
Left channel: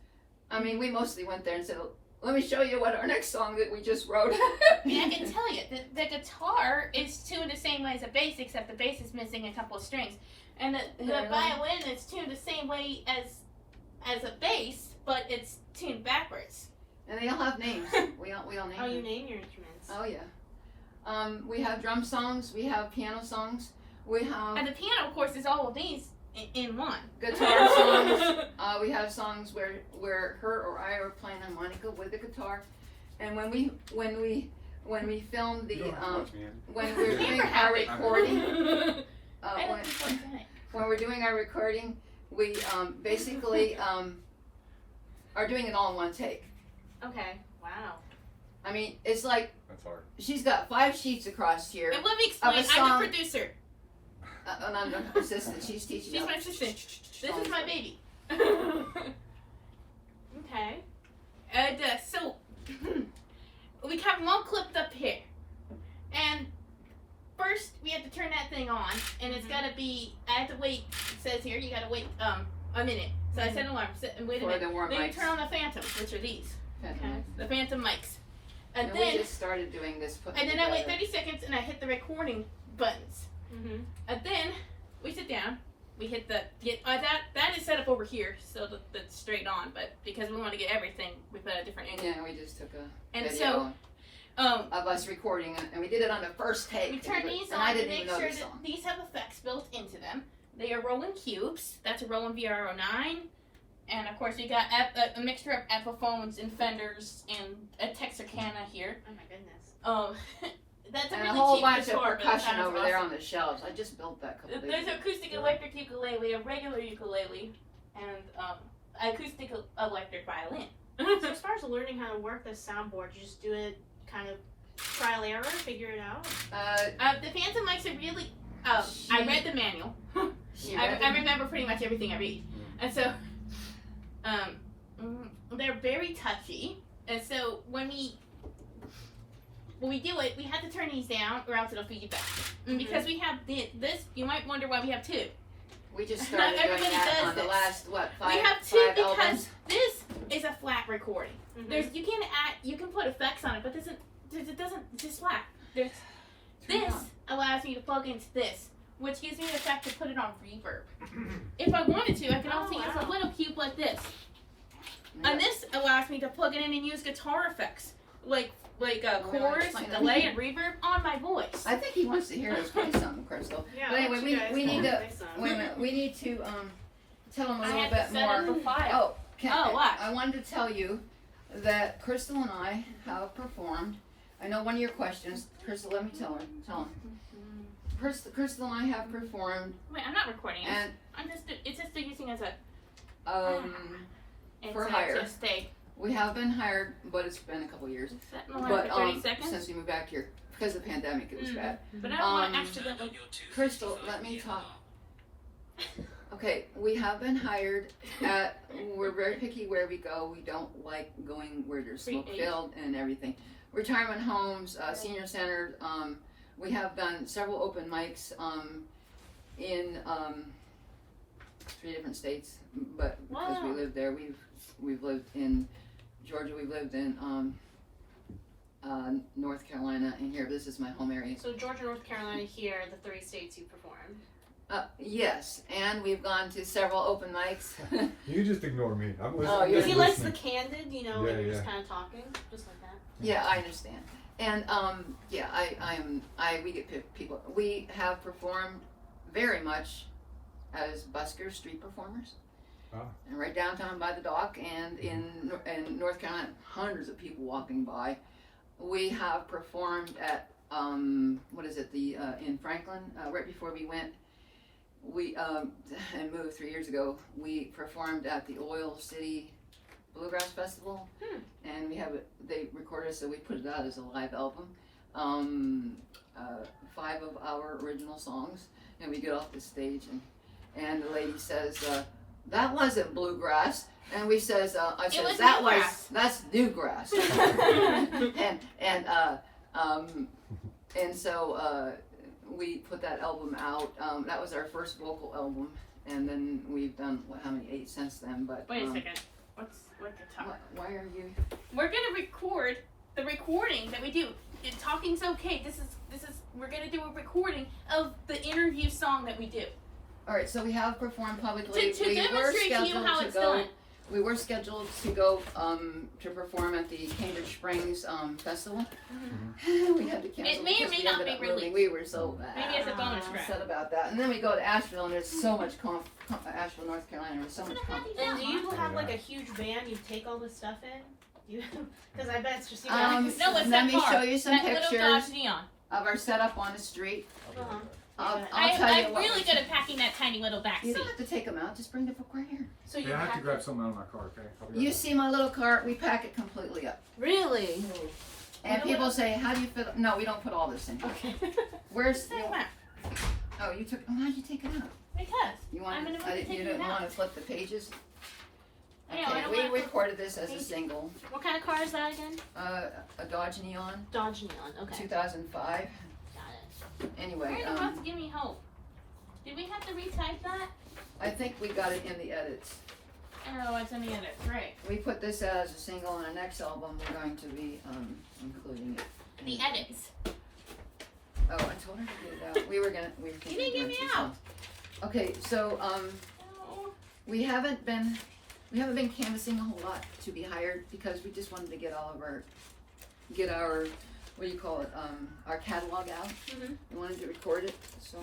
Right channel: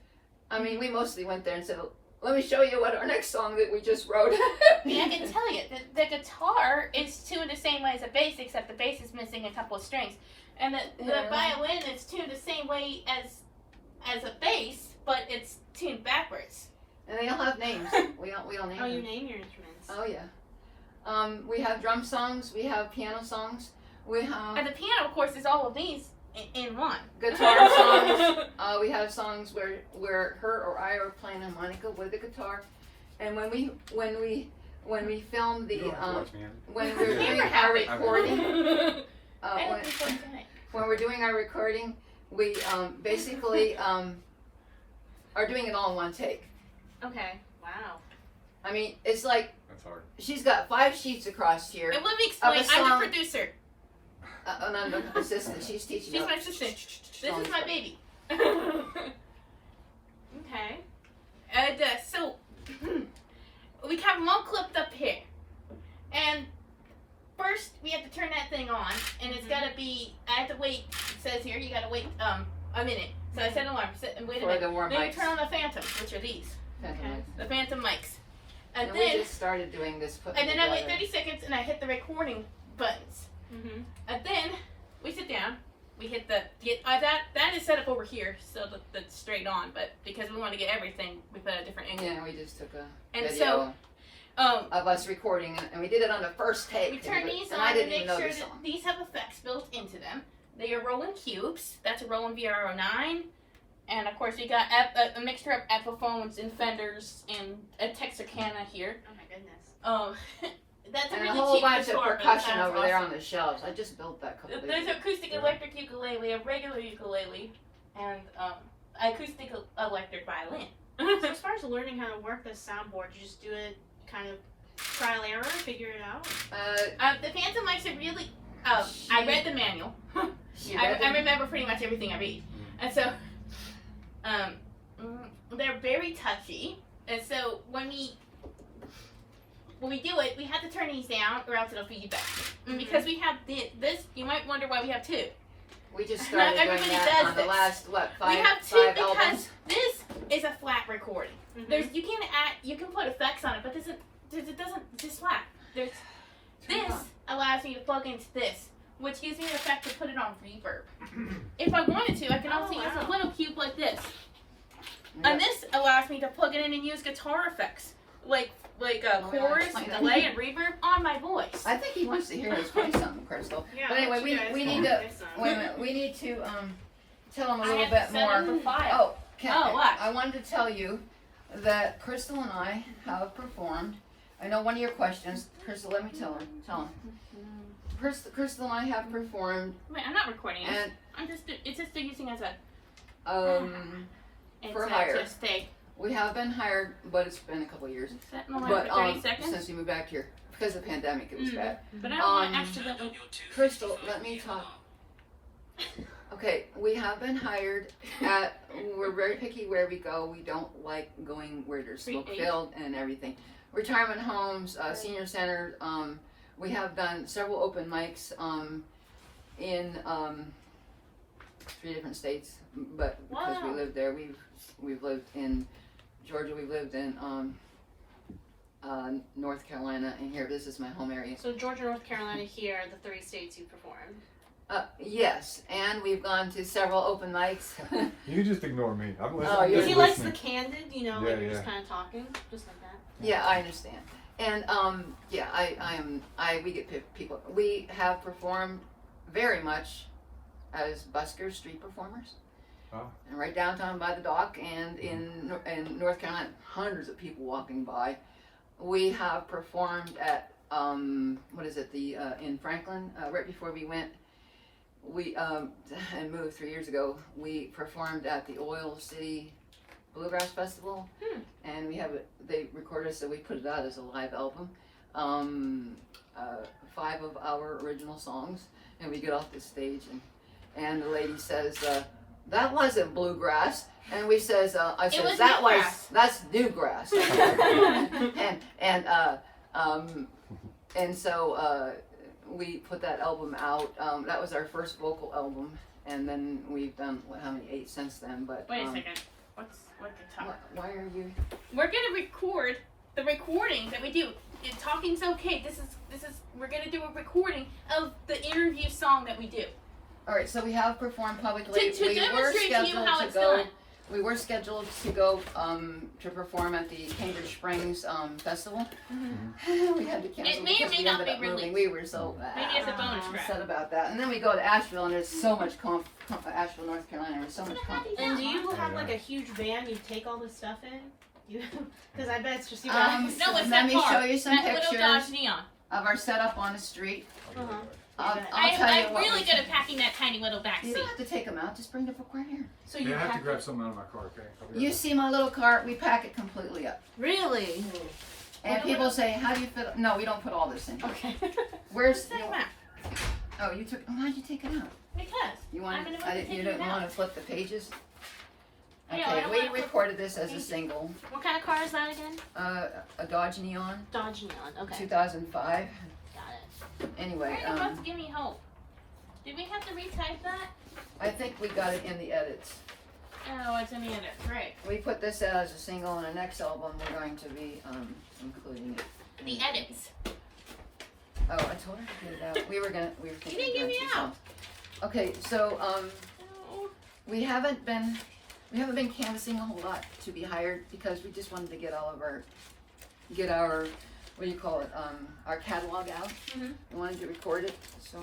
I mean, we mostly went there and said, "Let me show you what our next song that we just wrote." I mean, I can tell you, the guitar is tuned the same way as a bass, except the bass is missing a couple of strings. And the Yeah, right. violin is tuned the same way as a bass, but it's tuned backwards. And they all have names. We all name Oh, you them. name your instruments. Oh yeah. We have drum songs. We have piano songs. We have And the piano, of course, is all of these in one. guitar songs. We have songs where her or I are playing harmonica with the guitar. And when we filmed the You don't have to watch me. when we're doing Camera our happy. recording. I don't When, think what's in it. when we're doing our recording, we basically are doing it all in one take. Okay, wow. I mean, it's like That's hard. she's got 5 sheets across here. And let me explain, Of a I'm song. the producer. And I'm the assistant. She's teaching. She's us. my assistant. This is my baby. Okay. And so we have them all clipped up here. And first we have to turn that thing on, and it's gotta be, I have to wait, it says here, you gotta wait a minute. So I set an alarm, sit and wait a For minute. the warm Then you mics. turn on the phantoms, which are these, Okay. the phantom mics. And And we then, just started doing this. I wait 30 seconds and I hit the recording buttons. Mm-hmm. And then we sit down, we hit that is set up over here, so that's straight on. But because we want to get everything, we put a different angle. Yeah, we just took a And video so, of us recording it, and we did it on the first take. we turn these and on I to didn't make even know sure the that song. these have effects built into them. They are Roland cubes. That's a Roland VR09. And of course, we got a mixture of Epiphones and Fenders and a Texarkana here. Oh my goodness. That's a And really a whole cheap bunch of guitar, but it percussion sounds over there awesome. on the shelves. I just built that couple days There's ago. an acoustic electric ukulele, a regular ukulele, and acoustic electric violin. So as far as learning how to work the soundboard, you just do it kind of trial error, figure it out. The Phantom mics are really. I read the manual. I remember pretty much everything I read, and so they're very touchy. And so when we do it, we have to turn these down, or else it'll feed back. And because we have this, you might wonder why we have two. We just started Not doing everybody that does on the this. last, We have two five because albums. this is a flat recording. Mm-hmm. You can put effects on it, but it's just flat. This allows me to plug into this, which gives me the effect to put it on reverb. If I wanted to, I can also use a little cube like this. And this allows me to plug it in and use guitar effects, like chorus, explain that. delay, and reverb on my voice. I think he wants to hear us play something, Crystal. Yeah, But anyway, I want you guys we need to play some. wait a minute. We need to tell him a I little have bit to set more. up a file. Oh, what? I wanted to tell you that Crystal and I have performed. I know one of your questions. Crystal, let me tell him. Crystal and I have performed, Wait, I'm not recording it. and It's just using as a. It's for hire. Just a. We have been hired, but it's been a couple of years. Set in the line But for 30 seconds. since you moved back here, because of the pandemic, it was bad. But I don't want to accidentally. Crystal, let me talk. Okay, we have been hired at. We're very picky where we go. We don't like going where there's Free smoke aid. filled and everything. Retirement homes, senior centers. We have done several open mics in 3 different states, but because we Wow. lived there, we've lived in Georgia. We've lived in North Carolina, and here. This is my home area. So Georgia, North Carolina, here, the 3 states you performed. Yes, and we've gone to several open mics. You just ignore me. I'm listening. Oh, Because you're he I'm likes the listening. candid, you know, Yeah, when you're yeah. just kind of talking, just like that. Yeah, I understand. And we get people. We have performed very much as buskers, street performers, and right downtown by the dock, and in North Carolina, hundreds of people walking by. We have performed at in Franklin right before we went. We and moved 3 years ago. We performed at the Oil City Bluegrass Festival, and we have it. They recorded us, so we put it out as a live album. 5 of our original songs, and we get off the stage, and the lady says, "That wasn't bluegrass," and we says, "I says was that was newgrass." that's newgrass," and so we put that album out. That was our first vocal album, and then we've done how many 8 since then. But Wait a second. What's guitar? why are you? We're gonna record the recording that we do. Talking's okay. This is. We're gonna do a recording of the interview song that we do. All right, so we have performed publicly. To demonstrate to you how it's done. We were scheduled to go to perform at the Cambridge Springs Festival. We had to cancel It may or because may we not ended be up moving. released. We were so Maybe as a bonus track. upset about that. And then we go to Asheville, and there's so much Asheville, North Carolina. There's so much And do you have like a huge van you take all this stuff in? Because I bet it's just you guys. No, it's Let that me car. show you some That little pictures Dodge Neon. of our setup on the street. Uh-huh. I'll tell you I'm what. really good at packing that tiny little back You seat. don't have to take them out. Just bring the book right here. So Yeah, you I have to pack grab it- something out of my car, okay? I'll be right You back. see my little cart? We pack it completely up. Really? And people say, "How do you fit?" No, we don't put all this in. Okay. Where's? Take them out. Oh, you took. Why'd you take it out? Because. You I'm want? gonna You take didn't it out. want to flip the pages. No, I Okay, don't we wanna flip recorded this as a single. What kind of car is that again? A Dodge Neon, Dodge Neon. Okay. 2005. Got it. Anyway, Why the fuck give me hope? Did we have to retype that? I think we got it in the edits. Oh, it's in the edit. Right. We put this out as a single, and the next album we're going to be including it. The edits. Oh, I told her to get it out. We were You didn't thinking get of me 2 out. songs. Okay, so we haven't been canvassing a whole lot to be hired because we just wanted to get our what do you call it, our catalog out. Mhm. We wanted to record it, so.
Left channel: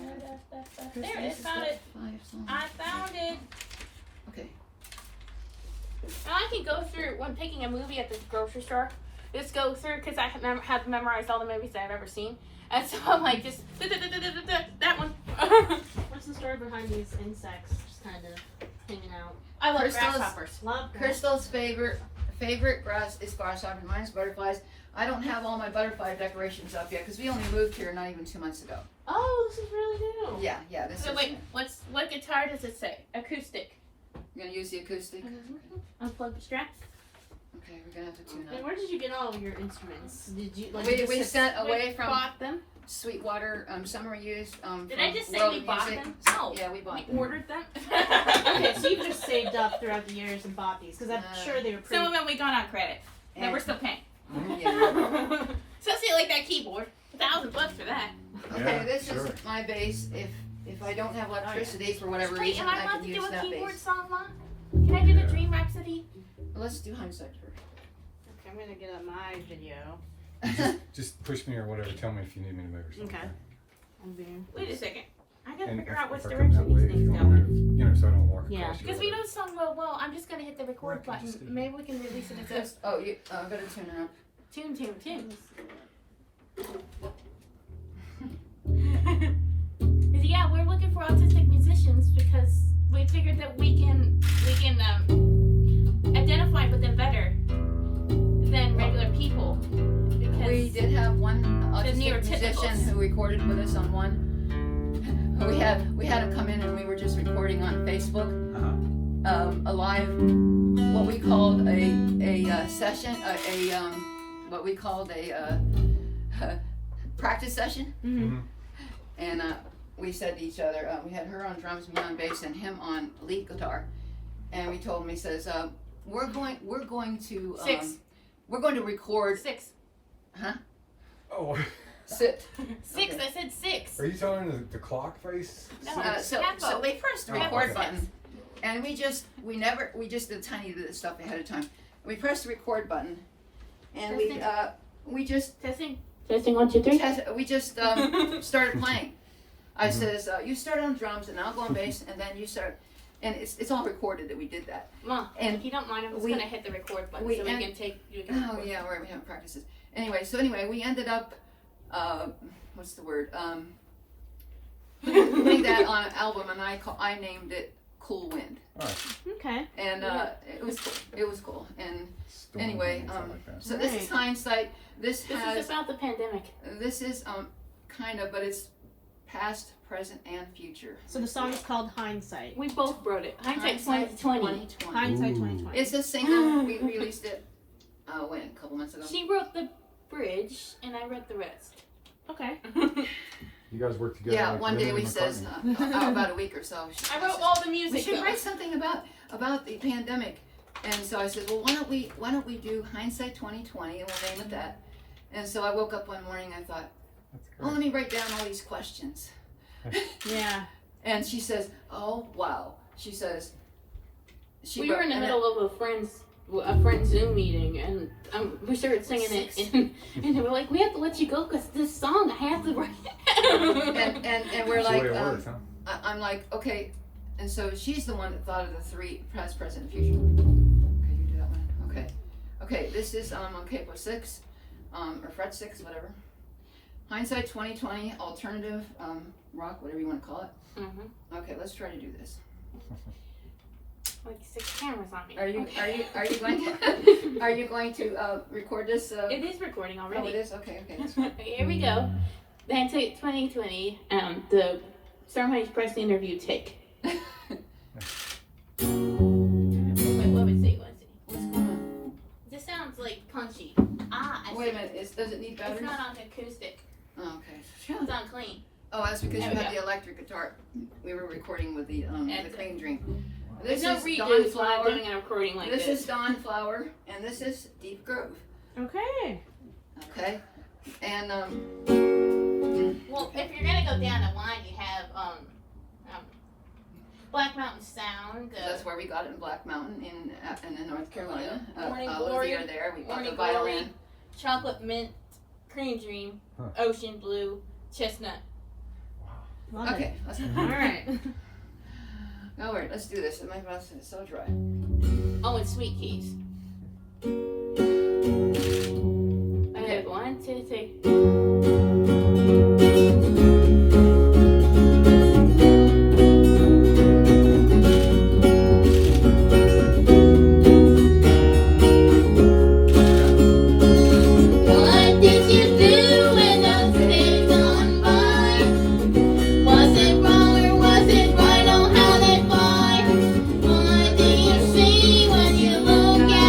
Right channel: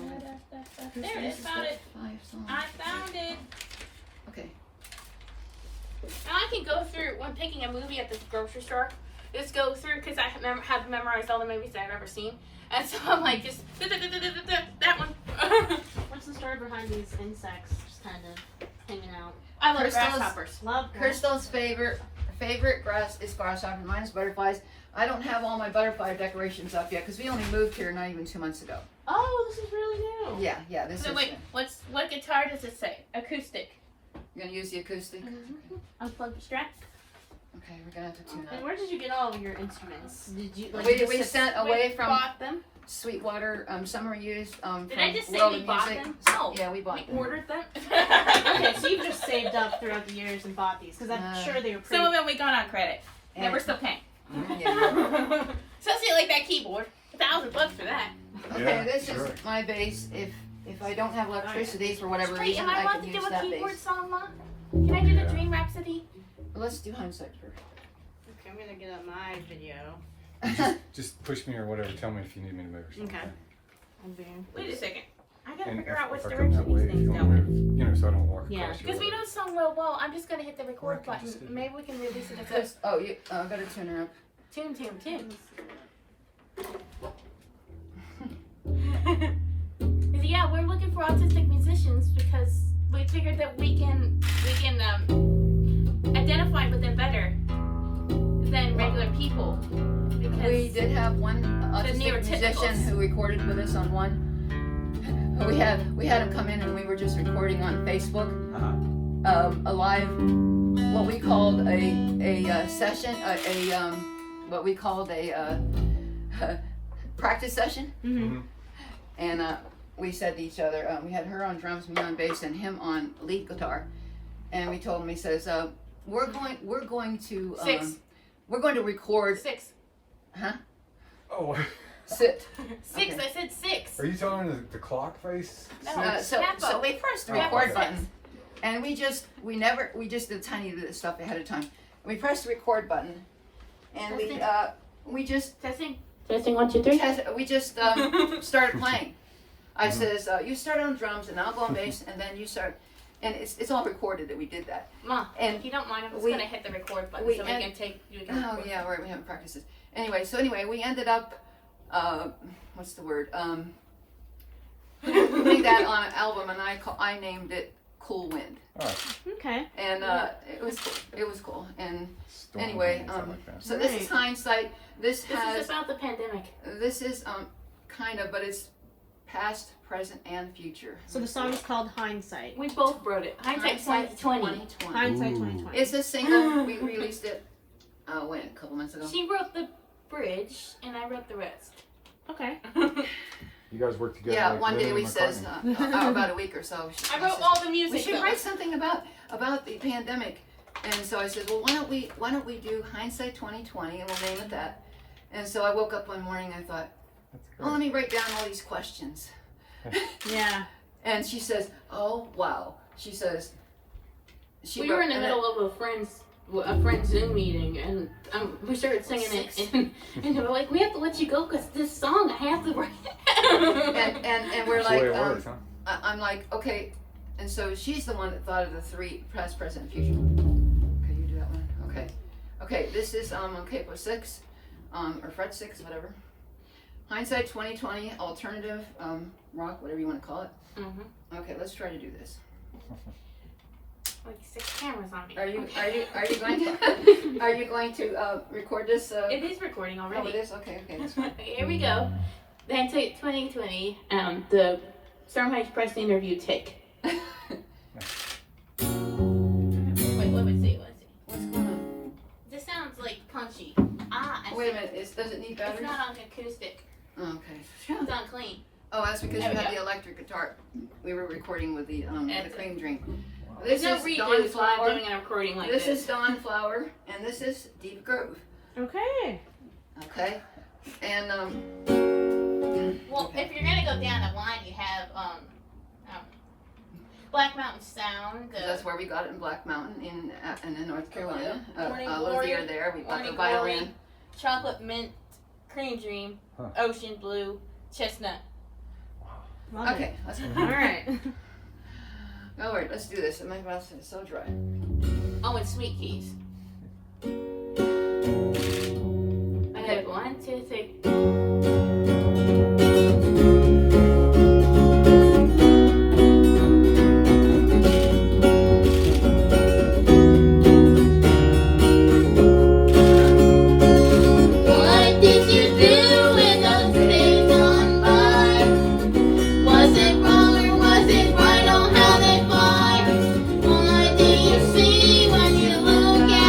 There it is, found it. 5 songs. I found it. Okay. And I can go through when picking a movie at the grocery store. Just go through because I have memorized all the movies that I've ever seen, and so I'm like just that one. What's the story behind these insects just kind of hanging out? I love Crystal's- grasshoppers. Love that. Crystal's favorite grass is grasshopper. Mine's butterflies. I don't have all my butterfly decorations up yet because we only moved here not even 2 months ago. Oh, this is really new. Yeah. This So is. wait, what guitar does it say? Acoustic. You're gonna use the acoustic. Unplug the straps. Okay, we're gonna have to tune And up. where did you get all of your instruments? Did you like? We you just sent away We from bought them. Sweetwater. Summer used. Did from I just say World we of bought Music. them? No. Yeah, we bought We them. ordered them. Okay, so you've just saved up throughout the years and bought these because I'm sure they were pretty. Some of them we got on credit. And And- we're still paying. Yeah. Especially like that keyboard. $1,000 for that. Okay, Yeah, this sure. is my bass. If I don't have electricity for whatever Wait, reason, am I I allowed can to use do a that keyboard bass. song, Mom? Can I do the Dream Rhapsody? Let's do hindsight first. Okay, I'm gonna get up my video. Just push me or whatever. Tell me if you need me to move or something. Okay. I'm being. Wait a second. I gotta And figure if- out which if I come direction that way, these if you things want go me in. to- You know, so I don't walk Yeah. across you Because or we know the song real well. I'm just gonna hit the record Okay, just button. do Maybe we can release it as a Just, oh, you got to tune her up. tune. Yeah, we're looking for autistic musicians because we figured that we can identify with them better than regular people. Because We did have one autistic neurotypicals. musician who recorded with us on one. We had him come in and we were just recording on Facebook, a live, what we called a session, what we called a practice session, Mm-hmm. and we said to each other, we had her on drums, me on bass, and him on lead guitar, and we told him, he says, we're going to we're going to record. 6. Oh, Sit. 6. Okay. I said 6. are you telling the clock face? No. Six? So we pressed the Oh, record okay. button, and we just did tiny bit of stuff ahead of time. We pressed the record button, and we just Testing. 1, 2, 3. we just started playing. I says, you start on drums, and I'll go on bass, and then you start, and it's all recorded that we did that. Mom, And if you don't mind, I'm just we- gonna hit the record button we so we end- can take. You can Oh record. yeah, we haven't practices. Anyway, we ended up, what's the word? We made that on an album, and I named it Cool Wind, Okay. and Yeah. it was cool. It was cool, and Storm anyway, and something like that. so this is hindsight. This This has is about the pandemic. this is kind of, but it's past, present, and future. So the song is called Hindsight. We both wrote it. Hindsight 2020. Hindsight Ooh. 2020. It's a single. We released it. When a couple months ago. She wrote the bridge, and I wrote the rest. Okay. You guys work together. Yeah, like one day Lennon we and says McCartney. about a week or so. I wrote all the We music. should though. write something about the pandemic. And so I said, well, why don't we do Hindsight 2020, and we'll name it that. And so I woke up one morning, I thought, That's oh, let great. me write down all these questions. Yeah. And she says, oh wow. She says, We were in the and middle of a friend's Zoom meeting, and we started singing it, and they were like, "We have to let you go because this song I have to write." and we're That's the way like, it works, huh? I'm like, okay. And so she's the one that thought of the 3 past, present, and future. Okay, you do that one. Okay, this is on capo 6, or fret 6, whatever. Hindsight 2020, alternative rock, whatever you want to call it. Mm-hmm. Okay, let's try to do this. Like 6 cameras on me. Are you going to record this? It is recording Oh, it already. is. Okay, that's fine. Okay, here we go. The Hindsight 2020. The Storm Heights press interview take. Wait, let's see. What's going on? This sounds like punchy. I Wait a minute. Does it need It's batteries? not on acoustic. Oh, okay. It's on clean. Oh, that's because There you we have go. the electric guitar. We were recording with the And- clean drink. There's This no is redos Dawn when I'm Flower. doing a recording like This this. is Dawn Flower, and this is Deep Grove. Okay. Okay, and Well, if you're gonna go down the line, you have Black Mountain Sound. 'Cause that's where we got it in Black Mountain in North Carolina. Morning Lizzie Glory, are there. We got Morning the violin. Glory, Chocolate Mint, Cream Dream, Huh. Ocean Blue, Chestnut. Love Okay, let's go. it. All right. All right, let's do this. My mouth is so dry. Oh, and Sweet Keys. Okay. 1, 2, 3. What did you do in those days gone by? Was it wrong or was it right? Oh, how they fly? What do you see when you look at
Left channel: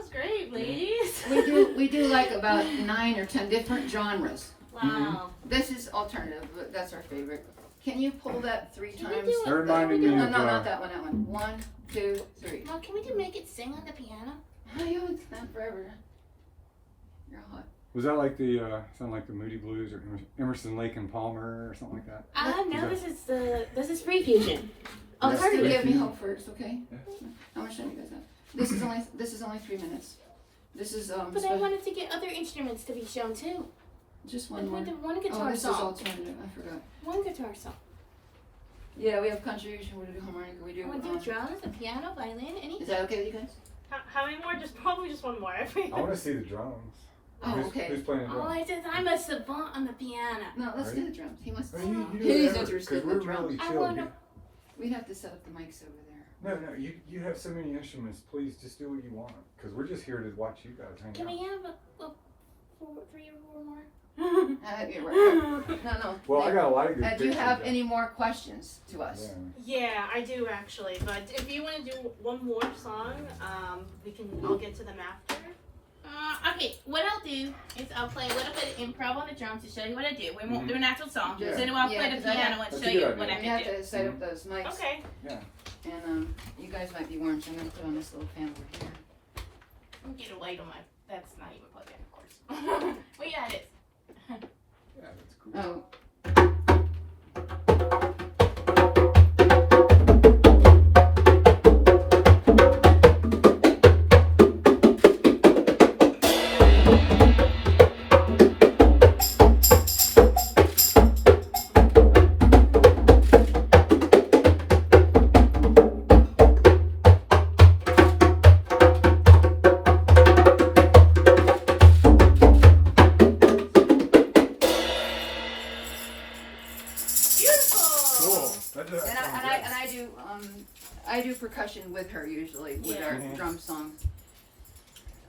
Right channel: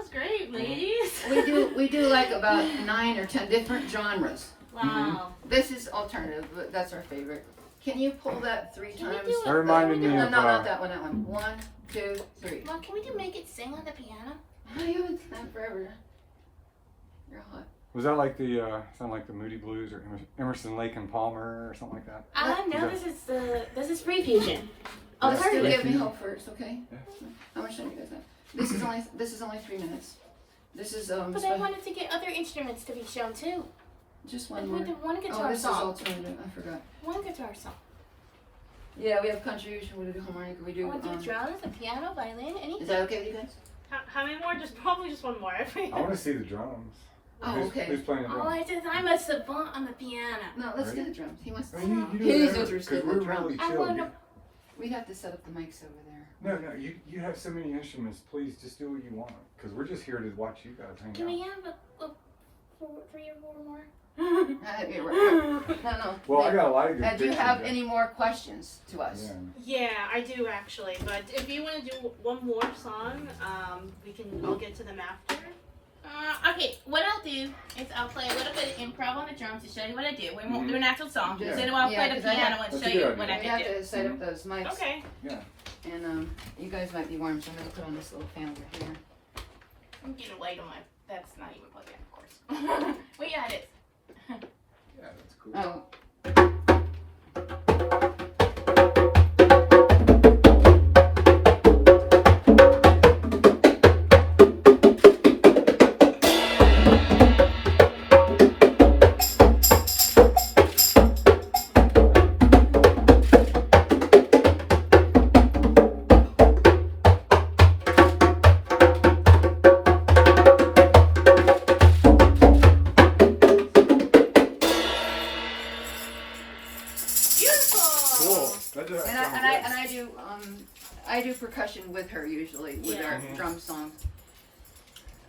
was great, ladies. We do like about 9 or 10 different genres. Wow. This is alternative, but that's our favorite. Can you pull that 3 Can we times? do That reminded me No, of. not that one. That one. 1, 2, 3. Mom, can we do Make It Sing on the piano? Oh, you haven't done that forever. You're hot. Was that like the sound like the Moody Blues or Emerson, Lake and Palmer or something like that? No, this is free fusion. Let's do Alternative. Give Me Hope first, okay? I'm gonna show you guys that. This is only 3 minutes. This is But I wanted to get other instruments to be shown too. just Like one more. we did one Oh, guitar this is song. alternative. I forgot. One guitar song. Yeah, we have contribution. We do harmonica. We I do. want to do drums, a piano, violin, Is anything. that okay with you guys? How many more? Probably just one more. I want to see the drums. Oh, Who's okay. playing the Oh, drums? I'm a savant on the piano. No, let's Right? do the drums. He wants. Oh, you do He's whatever, interested 'cause in we're drums. really I chill. wanna- We'd have to set up the mics over there. No, you have so many instruments. Please just do what you want, because we're just here to watch you guys hang Can out. we have three or four more? You're right. No. Well, I got a lot of good Do you pictures have of- any more questions to us? Yeah. Yeah, I do actually. But if you want to do one more song, I'll get to them after. Okay, what I'll do is I'll play a little bit of improv on the drums to show you what I do. We won't Mhm. do an actual song. Yeah. So I'll Yeah, play the 'cause I piano have- and That's show a you good what I We can have do. to set up those mics. Okay. And you guys might be warm, so I'm gonna put on this little fan over here. I'm getting a light on my. That's not even plugged in, of course. We got it. Yeah, that's cool. Oh. Beautiful. That sounds And great. I do percussion with her usually with Yeah. our Mhm. drum songs.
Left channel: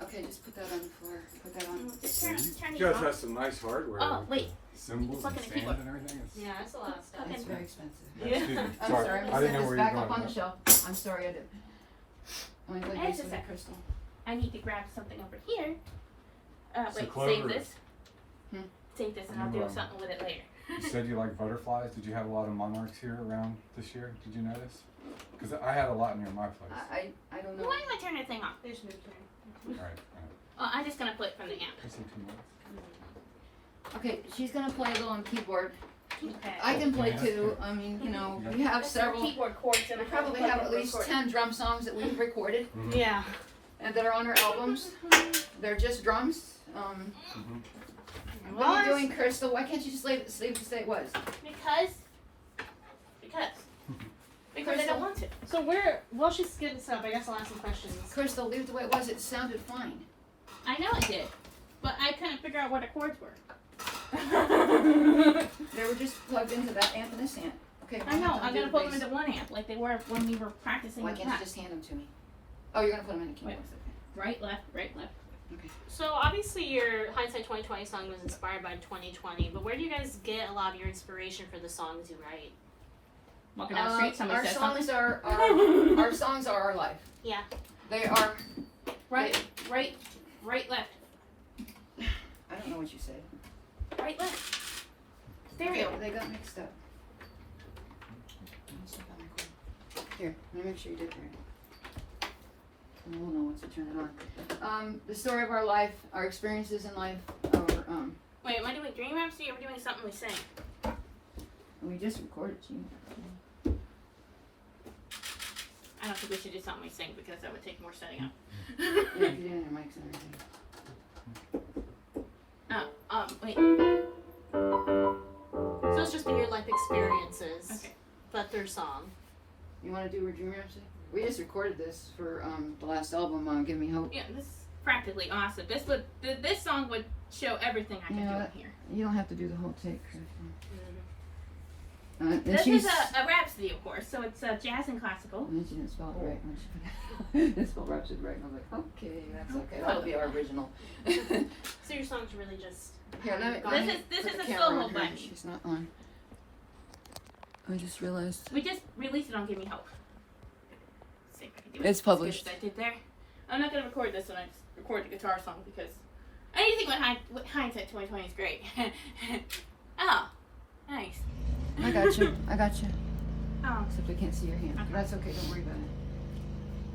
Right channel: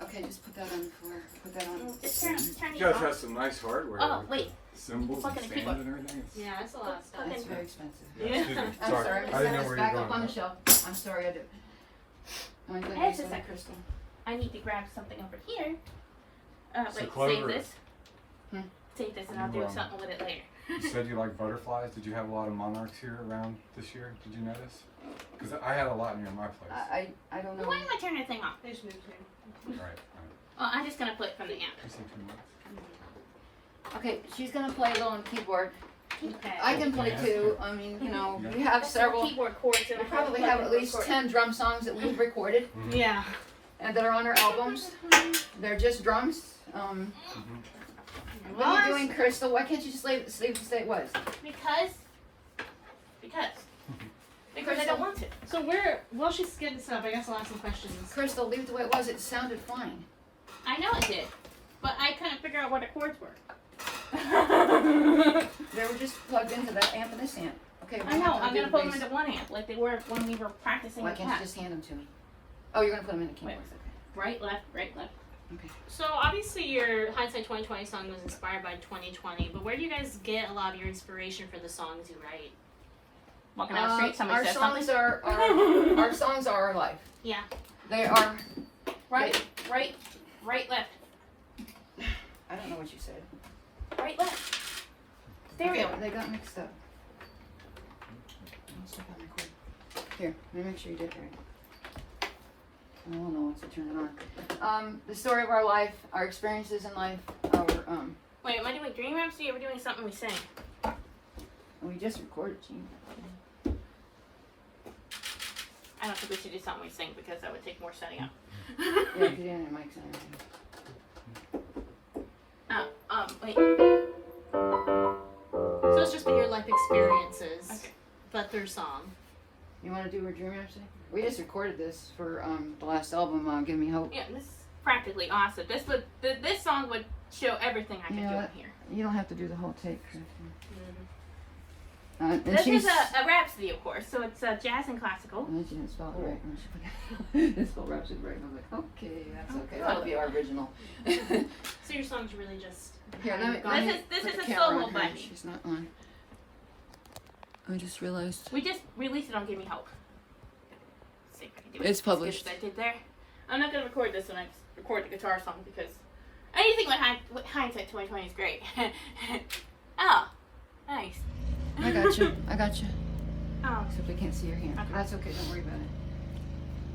Okay, just put that on the floor. Put that on. Just turn You it guys off. have some nice hardware. Oh, with wait. the Cymbals Look and at the stands keyboard. and everything. It's- Yeah, that's a lot of stuff. It's very expensive. Yeah. Excuse me. I'm Sorry. sorry. I didn't know It's where you back were up going. on the shelf. I'm sorry, I did. I'm gonna Hey, this just a one, sec. Crystal. I need to grab something over here. So Wait, save Clover- this. Hmm. Save this and I'll do You, something with it later. You said you like butterflies. Did you have a lot of monarchs here around this year? Did you notice? Because I had a lot near my place. I don't know. Why am I turning the thing off? There's no turn. Right. Oh, I'm just gonna play it from the amp. I see 2 minutes. Okay, she's gonna play a little on keyboard. Okay. I can play too. I mean, you know, we have several. keyboard chords and We I probably have at least 10 drum songs that we've recorded Mhm. Yeah. and that are on our albums. They're just drums. Mhm. What are you doing, Crystal? Why can't you just leave the state was? Because I don't want to. So while she's getting this up, I guess I'll ask some questions. Crystal, leave the way it was. It sounded fine. I know it did, but I couldn't figure out what the chords were. They were just plugged into that amp and this amp. Okay, I know. I'm do gonna the put them bass. into one amp like they were when we were practicing Why the can't you class. just hand them to me? Oh, you're gonna put them in the keyboard. Right, left, right, left. So obviously your Hindsight 2020 song was inspired by 2020, but where do you guys get a lot of your inspiration for the songs you write? Walking down the street, somebody our says songs something. are our songs are our life. Yeah. They are. Right, left, I don't know what you said. right, left. Stereo. They got mixed up. Let's check on record. Here, let me make sure you did it right. I will know once I turn it on. The story of our life, our experiences in life, our Wait, am I doing Dream Rhapsody or are we doing something we sing? we just recorded, Gene. I don't think we should do something we sing because that would take more setting up. Yeah, if you didn't have mics and everything. Wait. So it's just been your life experiences, Okay. but through song. You want to do a Dream Rhapsody? We just recorded this for the last album, Give Me Hope. Yeah, this is practically awesome. This song would show everything I can do Yeah. in here. You don't have to do the whole tape. And This she's. is a rhapsody, of course, so it's jazz and classical. And then she didn't spell it right. And she put didn't spell Rhapsody right. And I was like, okay, that's okay. That'll be our original. So your songs really just. Here, let me This put is the a camera solo on her. button. She's not on. I just realized. We just released it on Give Me Hope. Let's see if I can do it It's as good published. as I did there. I'm not gonna record this one. record the guitar song because anything with hindsight 2020 is great. Oh, nice. I got you. I got you. Oh, Except we can't see your hand. Okay. That's okay. Don't worry about it.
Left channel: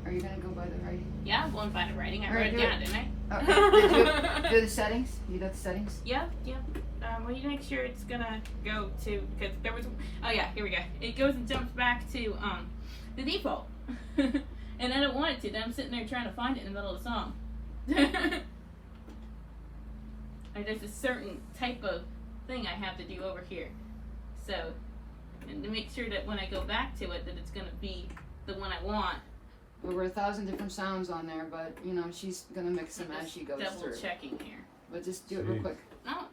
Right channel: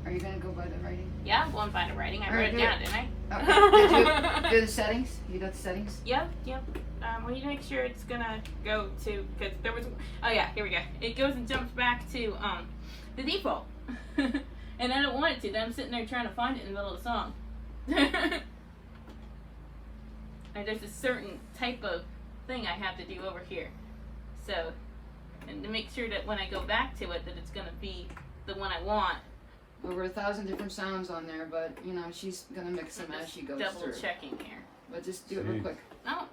Are you gonna go by the writing? yeah, I'm going by the writing. I All right, wrote it good. down, didn't I? Okay. Did you do the settings? You got the settings? Yep. We need to make sure it's gonna go to, because there was, oh yeah, here we go. It goes and jumps back to the default. And I don't want it to, then I'm sitting there trying to find it in the middle of the song. And there's a certain type of thing I have to do over here. So, and to make sure that when I go back to it, that it's gonna be the one I want. Over 1,000 different sounds on there, but you know she's gonna mix them as she goes Double through. checking here. But just do it real Jeez. quick. No,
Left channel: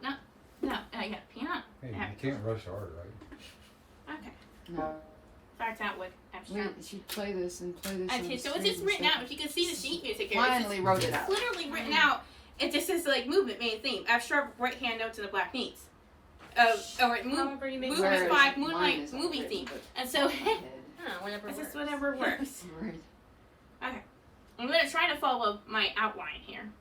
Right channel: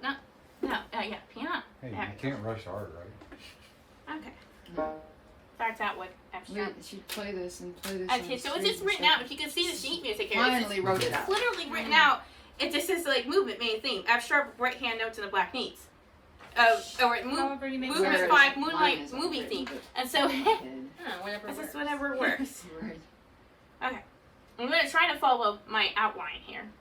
yeah, piano. Hey, There. you can't rush art, right? Okay. No. Starts out with We abstract. should play this and play this. Okay, and so play it's just this written and- out. If you can see the sheet music here, Finally wrote it it's out. literally written out. It just says like movement main theme. Abstract right hand note to the black needs. Or However you make movement Wherever it. 5 mine moonlight is movie already, theme. but- And so Whatever it's works. just whatever works. Right. Okay, I'm gonna try to follow my outline here.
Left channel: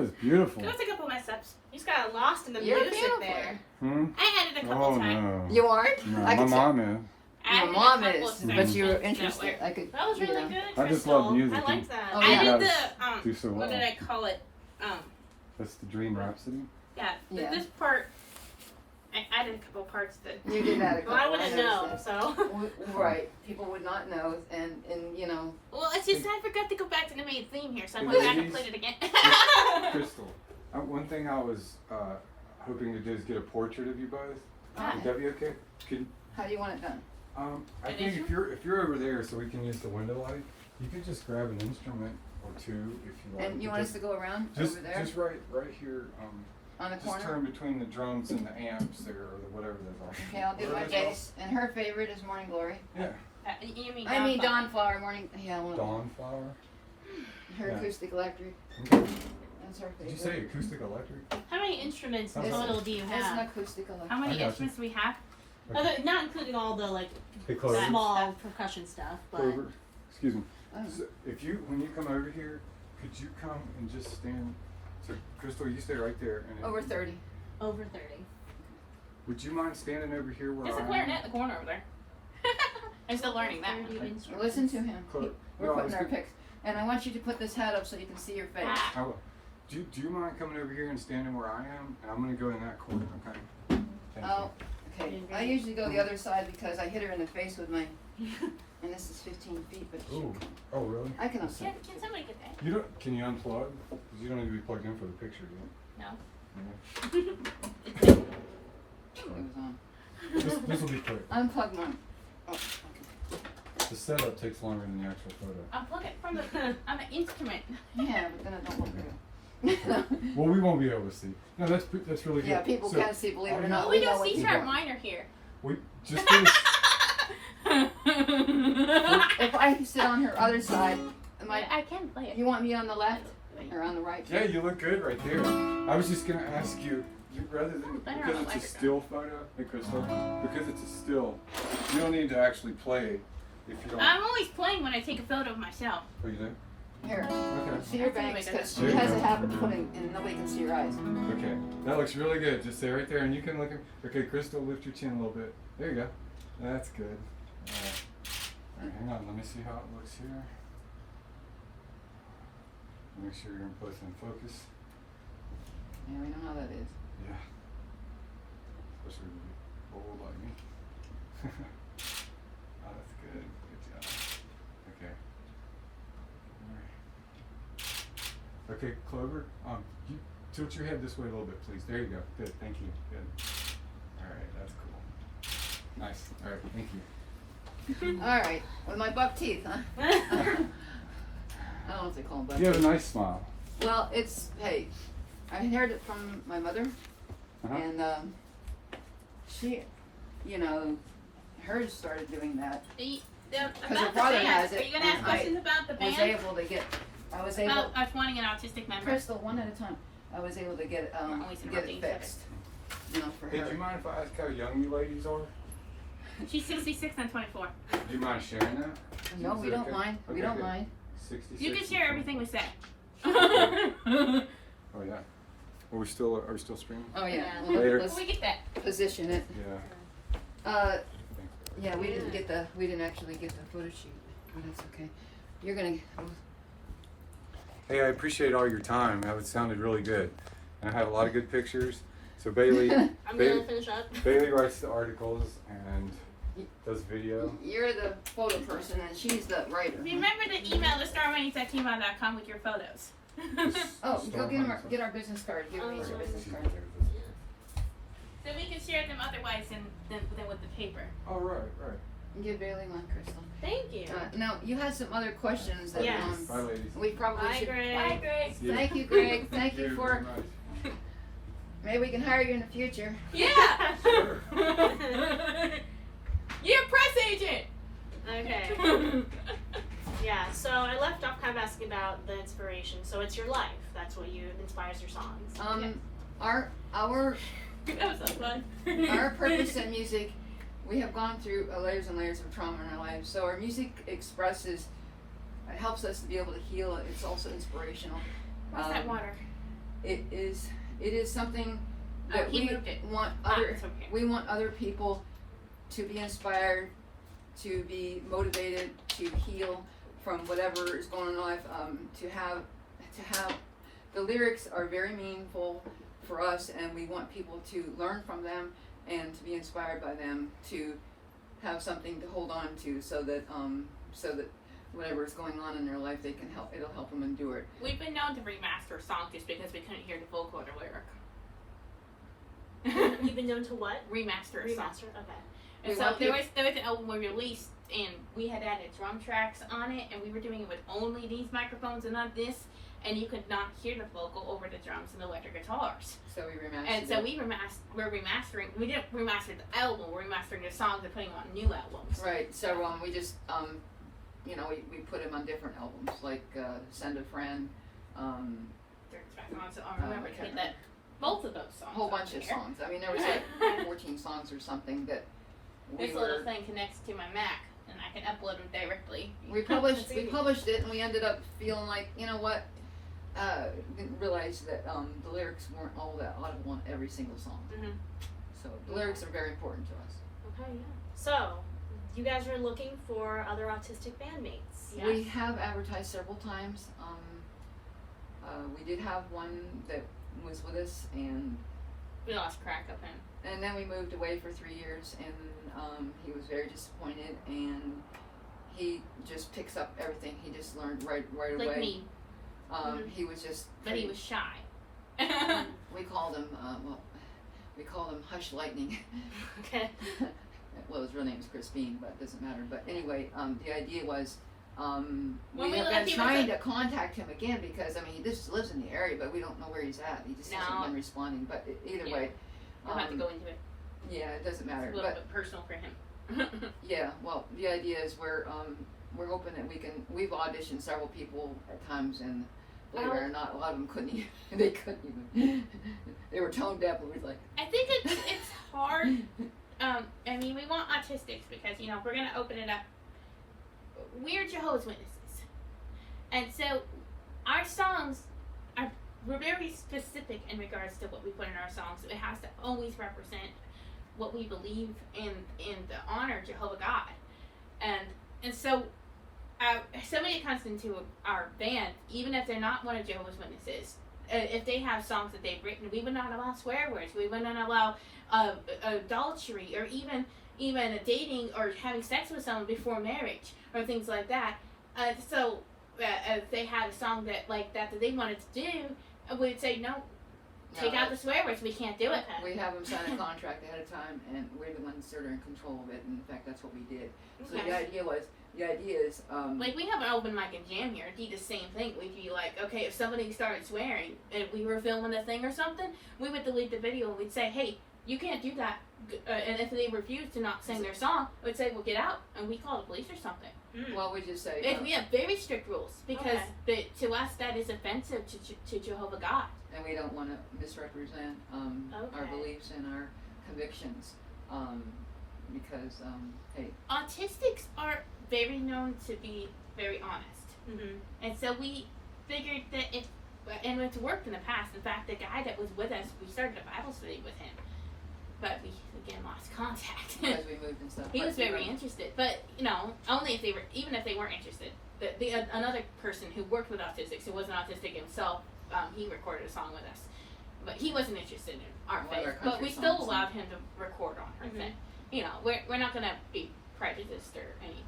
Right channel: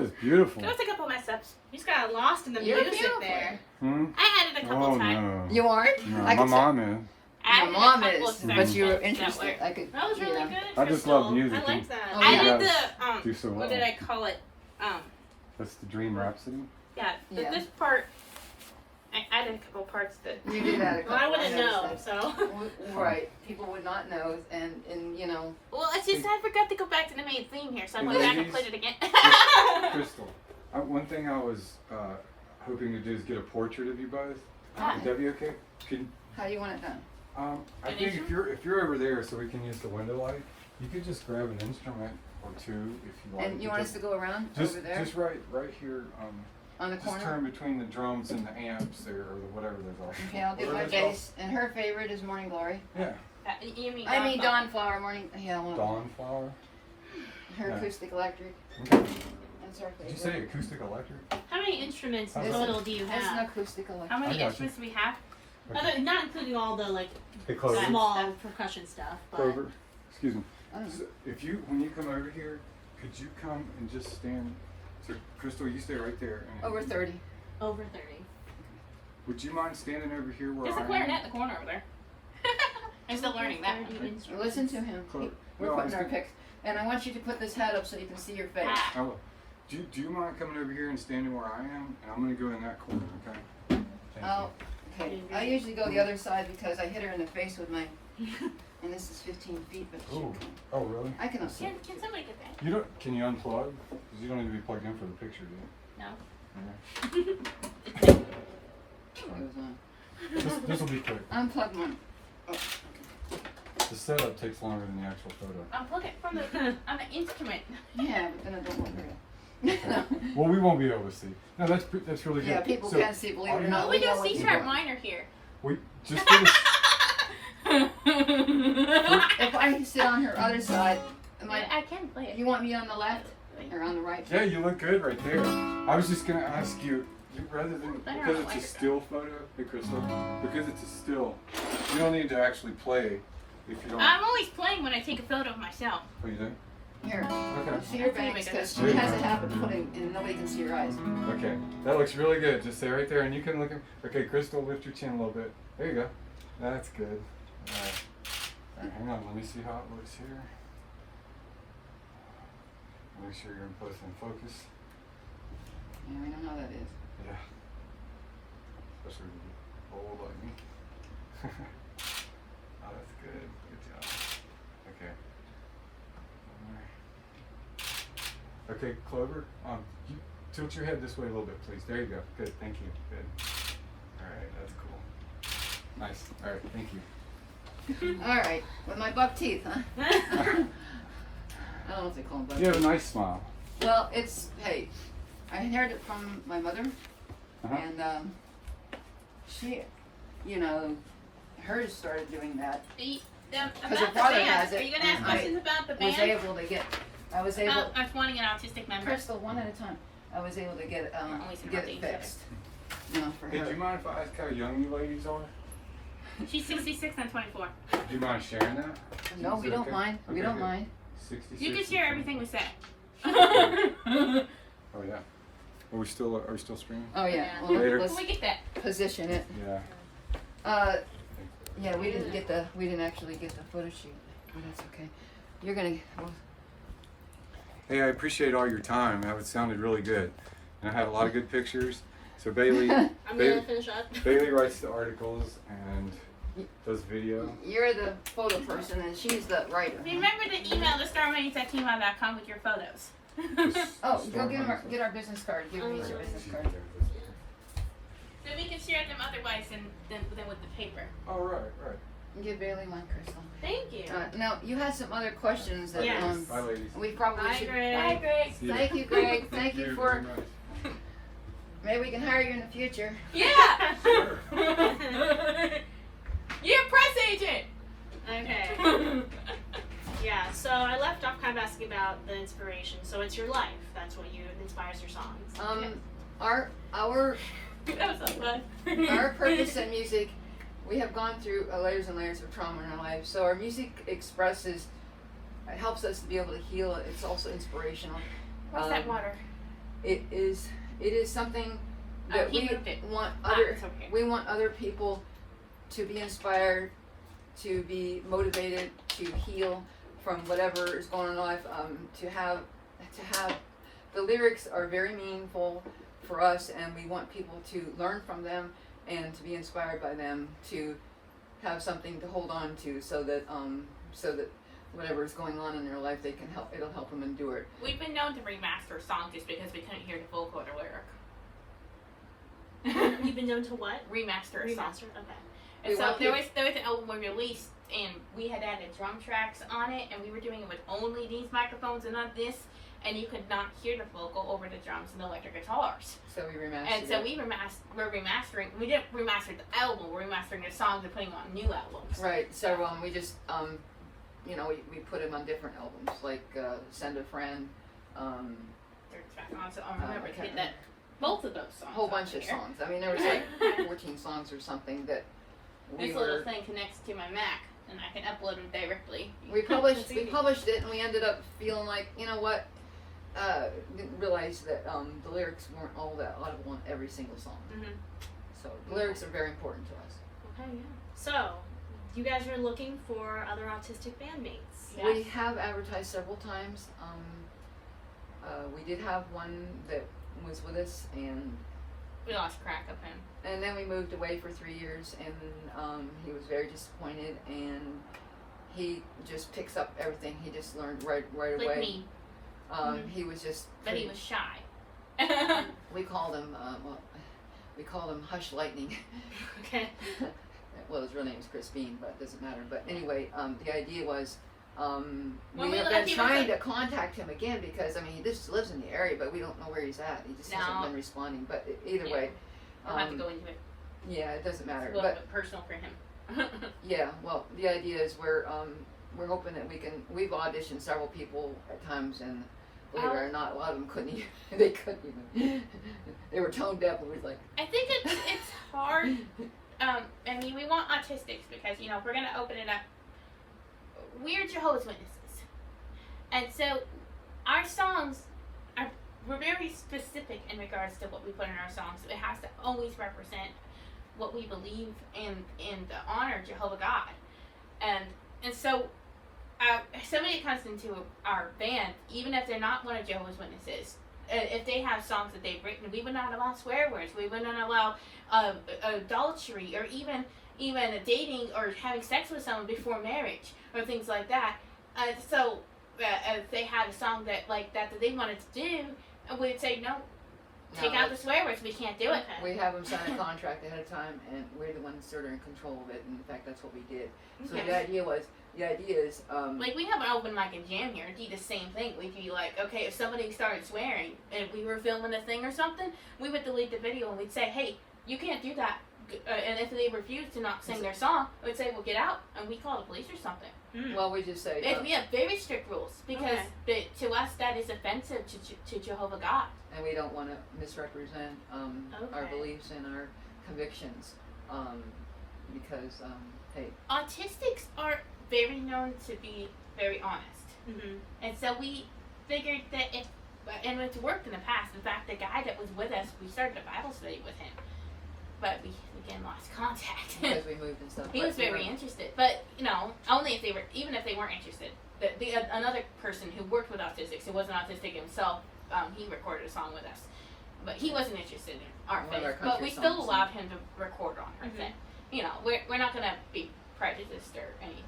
was beautiful. There was a couple mess ups. You just got lost in the You're music beautiful. there. Hmm? I had it a couple Oh times. no. You aren't? No, I my could mom is. I had Your a mom couple is, of but you were sections that interested. were- I could, That was you really know. good. I just Crystal. love music. I liked that. Oh, I yeah. did the Do so what well. did I call it? That's the Dream Rhapsody. Yeah, Yeah. this part. I added a couple parts that. You did that a Well, I couple wouldn't times. know, so. Right. People would not know, and you know. Well, it's just I forgot to go back to the main theme here, so I Hey, went back and ladies. played it again. Crystal, one thing I was hoping to do is get a portrait of you both. Ah. Would that be okay? Can, How do you want it done? I think if you're over there, so we can use the window light, you could just grab an instrument or two if you want. And you want us to go around just over there just right here. on the Just corner? turn between the drums and the amps there, or whatever they're called. Okay, I'll do What my are they called? bass. And her favorite is Morning Glory. Yeah, You mean I mean Dawn? Dawn Flower Morning. Yeah, well, Dawn Flower. her Yeah. acoustic electric. Okay. That's her Did you favorite. say acoustic electric? How many instruments It's- total do you It's an have? acoustic electric. How many I got you. instruments do we have? Not including all the like Hey, Clover. small percussion stuff, but Clover. Excuse me. Oh. So if you, when you come over here, could you come and just stand? So, Crystal, you stay right there. And Over 30. over 30. Would you mind standing over here where There's a I clarinet am? in the corner over there. I'm still learning that. 30 instruments. Listen to him. Clo- We're no, I putting was our gonna- picks. And I want you to put this hat up so you can see your face. Ah. I will. Do you mind coming over here and standing where I am? And I'm going to go in that corner, okay? Thank Oh, okay. I usually go the other side because I hit her in the face with my, and this is 15 feet, but you. Ooh. Oh, really? I can also. Can somebody get that? You don't? Can you unplug? Because you don't need to be plugged in for the picture, do you? No. No. This will be quick. Unplug mine. Oh, The setup takes longer than the actual photo. Unplug it from the on the instrument. yeah, we're gonna do it real. Well, we won't be able to see. No, that's really good. Yeah, people So, can't see, believe it or all not. Well, we know don't what see you sharp do. minor here. We just for this, If I sit on her other side, am I, I can play it. you want me on the left or on the right? yeah, you look good right there. I was just gonna ask you, rather than I don't because like it's a it. still photo, hey Crystal, because it's a still, you don't need to actually play if you don't. I'm always playing when I take a photo of myself. What do you think? Here, Okay. see your bangs, because she has a habit of putting, and nobody can see your eyes. Okay, that looks really good. Just stay right there, and you can look at. Okay, Crystal, lift your chin a little bit. There you go. That's good. All right, hang on. Let me see how it looks here. Make sure you're in place and focus. Yeah, we know how that is. Yeah. Especially when you're old like me. Oh, that's good. Good job. Okay. Okay, Clover. You tilt your head this way a little bit, please. There you go. Good. Thank you. Good. All right. That's cool. Nice. All right. Thank you. All right, with my buck teeth, huh? I don't know if they call them buck You have a teeth. nice smile. Well, it's, hey, I inherited it from my mother, Uh-huh. and she, you know, hers started doing that. Because her father has it, Are you gonna ask and questions about the Was band? able to get, I was able, I was wanting an autistic member. Crystal, one at a time, I was able to get, Always get interrupting it each other. fixed, you know, for Hey, do you her. mind if I ask how young you ladies are? She's 66 and 24. Do you mind sharing that? No, Is we it don't okay? mind, we Okay, don't good. mind. 66. You can share everything we say. Oh yeah. Are we still streaming? Oh, yeah, Yeah. well, Later. let's we get that. position it. Yeah. Yeah, we didn't actually get the photo shoot, but that's okay. You're gonna, Hey, I appreciate all your time. That sounded really good, and I have a lot of good pictures. So Bailey, I'm Bailey, gonna finish up. Bailey writes the articles and does video. you're the photo person and she's the writer. Remember to email thestarwings@gmail.com with your photos. Oh, go get our business card, give me your business card. So we can share them otherwise than with the paper. Oh right. Give Bailey one, Crystal. Thank you. Now, you had some other questions that, Yes. Bye, ladies. we probably Bye, should, Greg. Bye, Greg. See you. Thank you, Greg, thank you for, very much. maybe we can hire you in the future. Yeah. Sure. You're a press agent. Okay. Yeah, so I left off kind of asking about the inspiration. So it's your life. That's what inspires your songs. Our That was so fun. our purpose in music, we have gone through layers and layers of trauma in our lives. So our music expresses, it helps us to be able to heal. It's also inspirational. What's that water? it is something that he we moved it. want Ah, other it's okay. we want other people to be inspired, to be motivated, to heal from whatever is going on in life. To have the lyrics are very meaningful for us, and we want people to learn from them and to be inspired by them, to have something to hold on to, so that whatever is going on in their life, they can help. It'll help them endure it. We've been known to remaster a song just because we couldn't hear the vocal or the lyric. You've been known to what? Remaster a song. Remaster. Okay. And We so want there was an album we released, and we had added drum tracks on it, and we were doing it with only these microphones and not this, and you could not hear the vocal over the drums and the electric guitars. So we remastered And so it. we're remastering. We didn't remaster the album. We're remastering the songs and putting them on new albums. Right, several. We just we put them on different albums, like Send a Friend, So I remember to get that both of those songs. a whole bunch of here. songs. I mean, there was like 14 songs or something that we This little thing connects to my Mac, and I can upload them directly. we published That's easy. it, and we ended up feeling like, you know what, didn't realize that the lyrics weren't all that audible in every single song. Mhm. So the lyrics are very important to us. Okay. Yeah. So, you guys are looking for other autistic bandmates. Yes. We have advertised several times. We did have one that was with us, and We lost track of him. then we moved away for 3 years, and he was very disappointed, and he just picks up everything. He just learned right Like away. me, He was just. but he was shy. We called him. We called him Hush Lightning. Okay. Well, his real name is Chris Bean, but it doesn't matter. But anyway, the idea was. When We we have look- been he was trying like- to contact him again, because I mean he just lives in the area, but we don't know where he's at. He just hasn't No. been responding. But either Yeah. way, I'll have to go into it. yeah, it doesn't It's matter. a little But bit personal for him. yeah, well, the idea is we're hoping that we can. We've auditioned several people at times, and believe it or not, a lot of them couldn't even. They couldn't even. They were tone deaf, and we was like. I think it's hard. I mean, we want autistics because if we're gonna open it up, we're Jehovah's Witnesses, and so our songs we're very specific in regards to what we put in our songs. It has to always represent what we believe in honor Jehovah God, and so if somebody comes into our band, even if they're not one of Jehovah's Witnesses, if they have songs that they've written, we would not allow swear words. We would not allow adultery, or even dating or having sex with someone before marriage, or things like that. So if they had a song that they wanted to do, we'd say no. Take out the swear words. We can't do it. Okay. We have them sign a contract ahead of time, and we're the ones that are in control of it. And in fact, that's what we did. So Okay. the idea is, Like, we have an open mic and jam here. It'd be the same thing. We'd be like, okay, if somebody started swearing and we were filming a thing or something, we would delete the video and we'd say, hey, you can't do that. And if they refuse to not sing their song, we'd say, well, get out, and we call the police or something. well, we just say, We have very strict rules because to us that is offensive to Jehovah God. and we don't want to misrepresent our Okay. beliefs and our convictions, because hey, Autistics are very known to be very honest. Mm-hmm. And so we figured that and it's worked in the past. In fact, the guy that was with us, we started a Bible study with him, but we again lost contact. because we moved and stuff. He but, was very interested, but only if they were, even if they weren't interested. Another person who worked with autistics, who wasn't autistic himself, he recorded a song with us, but he wasn't interested in our One of our faith. But country we still songs. allowed him to record on her thing. We're not gonna be prejudiced or anything.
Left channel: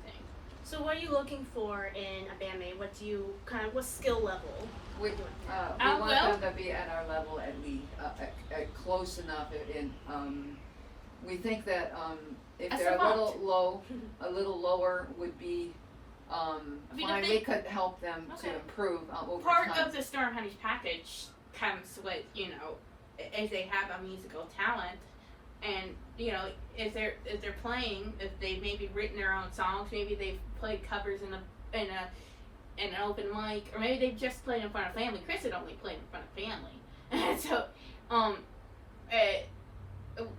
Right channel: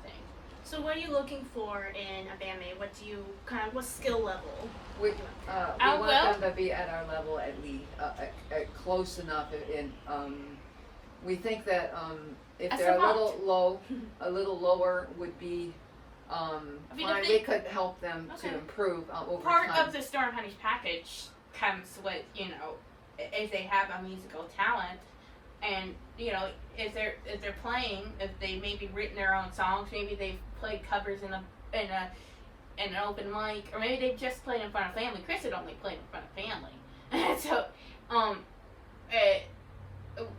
So, what are you looking for in a bandmate? What skill level? we I want will. them to be at our level at least, at close enough, and we think that if As they're a a little lower would be mean, if fine. they- We could help them Okay. to improve over Part time. of the Storm Honey's package comes with, if they have a musical talent, and if they're playing, if they maybe written their own songs, maybe they've played covers in an open mic, or maybe they've just played in front of family. Chris had only played in front of family, so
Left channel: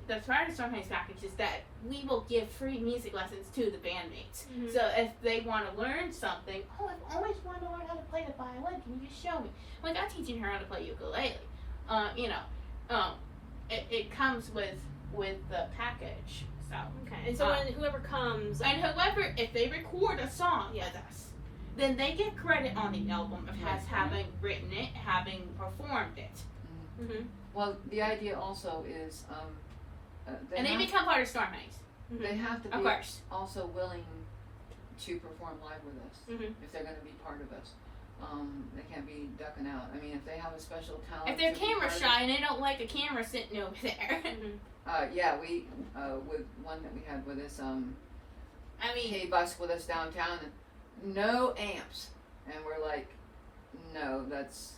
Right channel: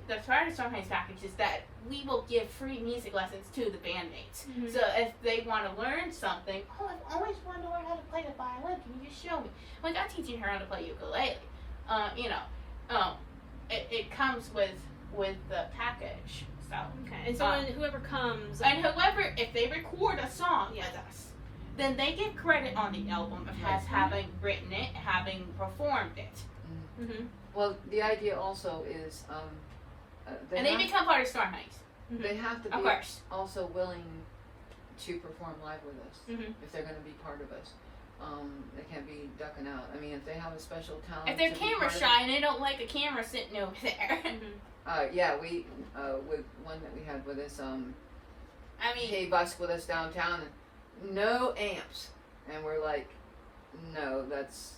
the part of Storm Honey's package is that we will give free music lessons to the bandmates. Mhm. So if they want to learn something, I've always wanted to learn how to play the violin. Can you just show me? Like, I'm teaching her how to play ukulele. It comes with the package. So Okay. And so when whoever comes, and whoever, if they record a song Yeah. with us, then they get credit on the album of having written it, having performed it, Mhm. Well, the idea also is, and they become part of Storm Heights. they have to Of be course. also willing to perform live with us Mhm. if they're going to be part of us. They can't be ducking out. I mean, if they have a special talent. If they're to be camera part of shy and they don't like a camera sitting over there, Mhm. Yeah, we with one that we had with us, I mean, he busked with us downtown, and no amps, and we're like, no, that's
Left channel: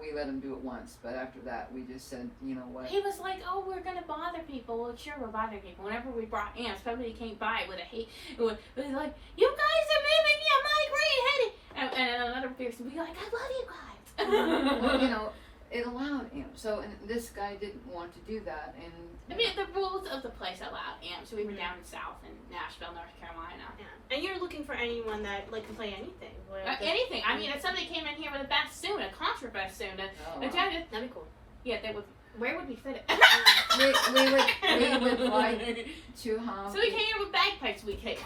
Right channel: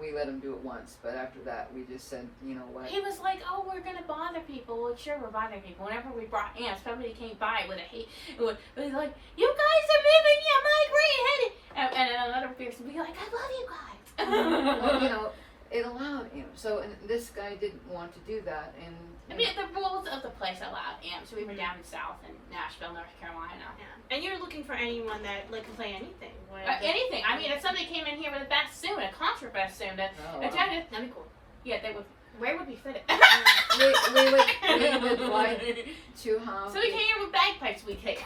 we let him do it once, but after that we just said, you know what? he was like, "Oh, we're gonna bother people." Well, sure, we're bothering people. Whenever we brought amps, somebody came by with a hate. It was like, "You guys are moving your mic right ahead," and another person would be like, "I love you guys." Well, you know, it allowed amps. So and this guy didn't want to do that, and I mean, the rules of the place allowed amps. We were down in South in Nashville, North Carolina. Yeah. And you're looking for anyone that can play anything. Anything. I mean, if somebody came in here with a bassoon, a contra bassoon, Oh, a wow. judge, That'd be cool. yeah, they would. Where would we fit it? we would like to have. So we came here with bagpipes. We take.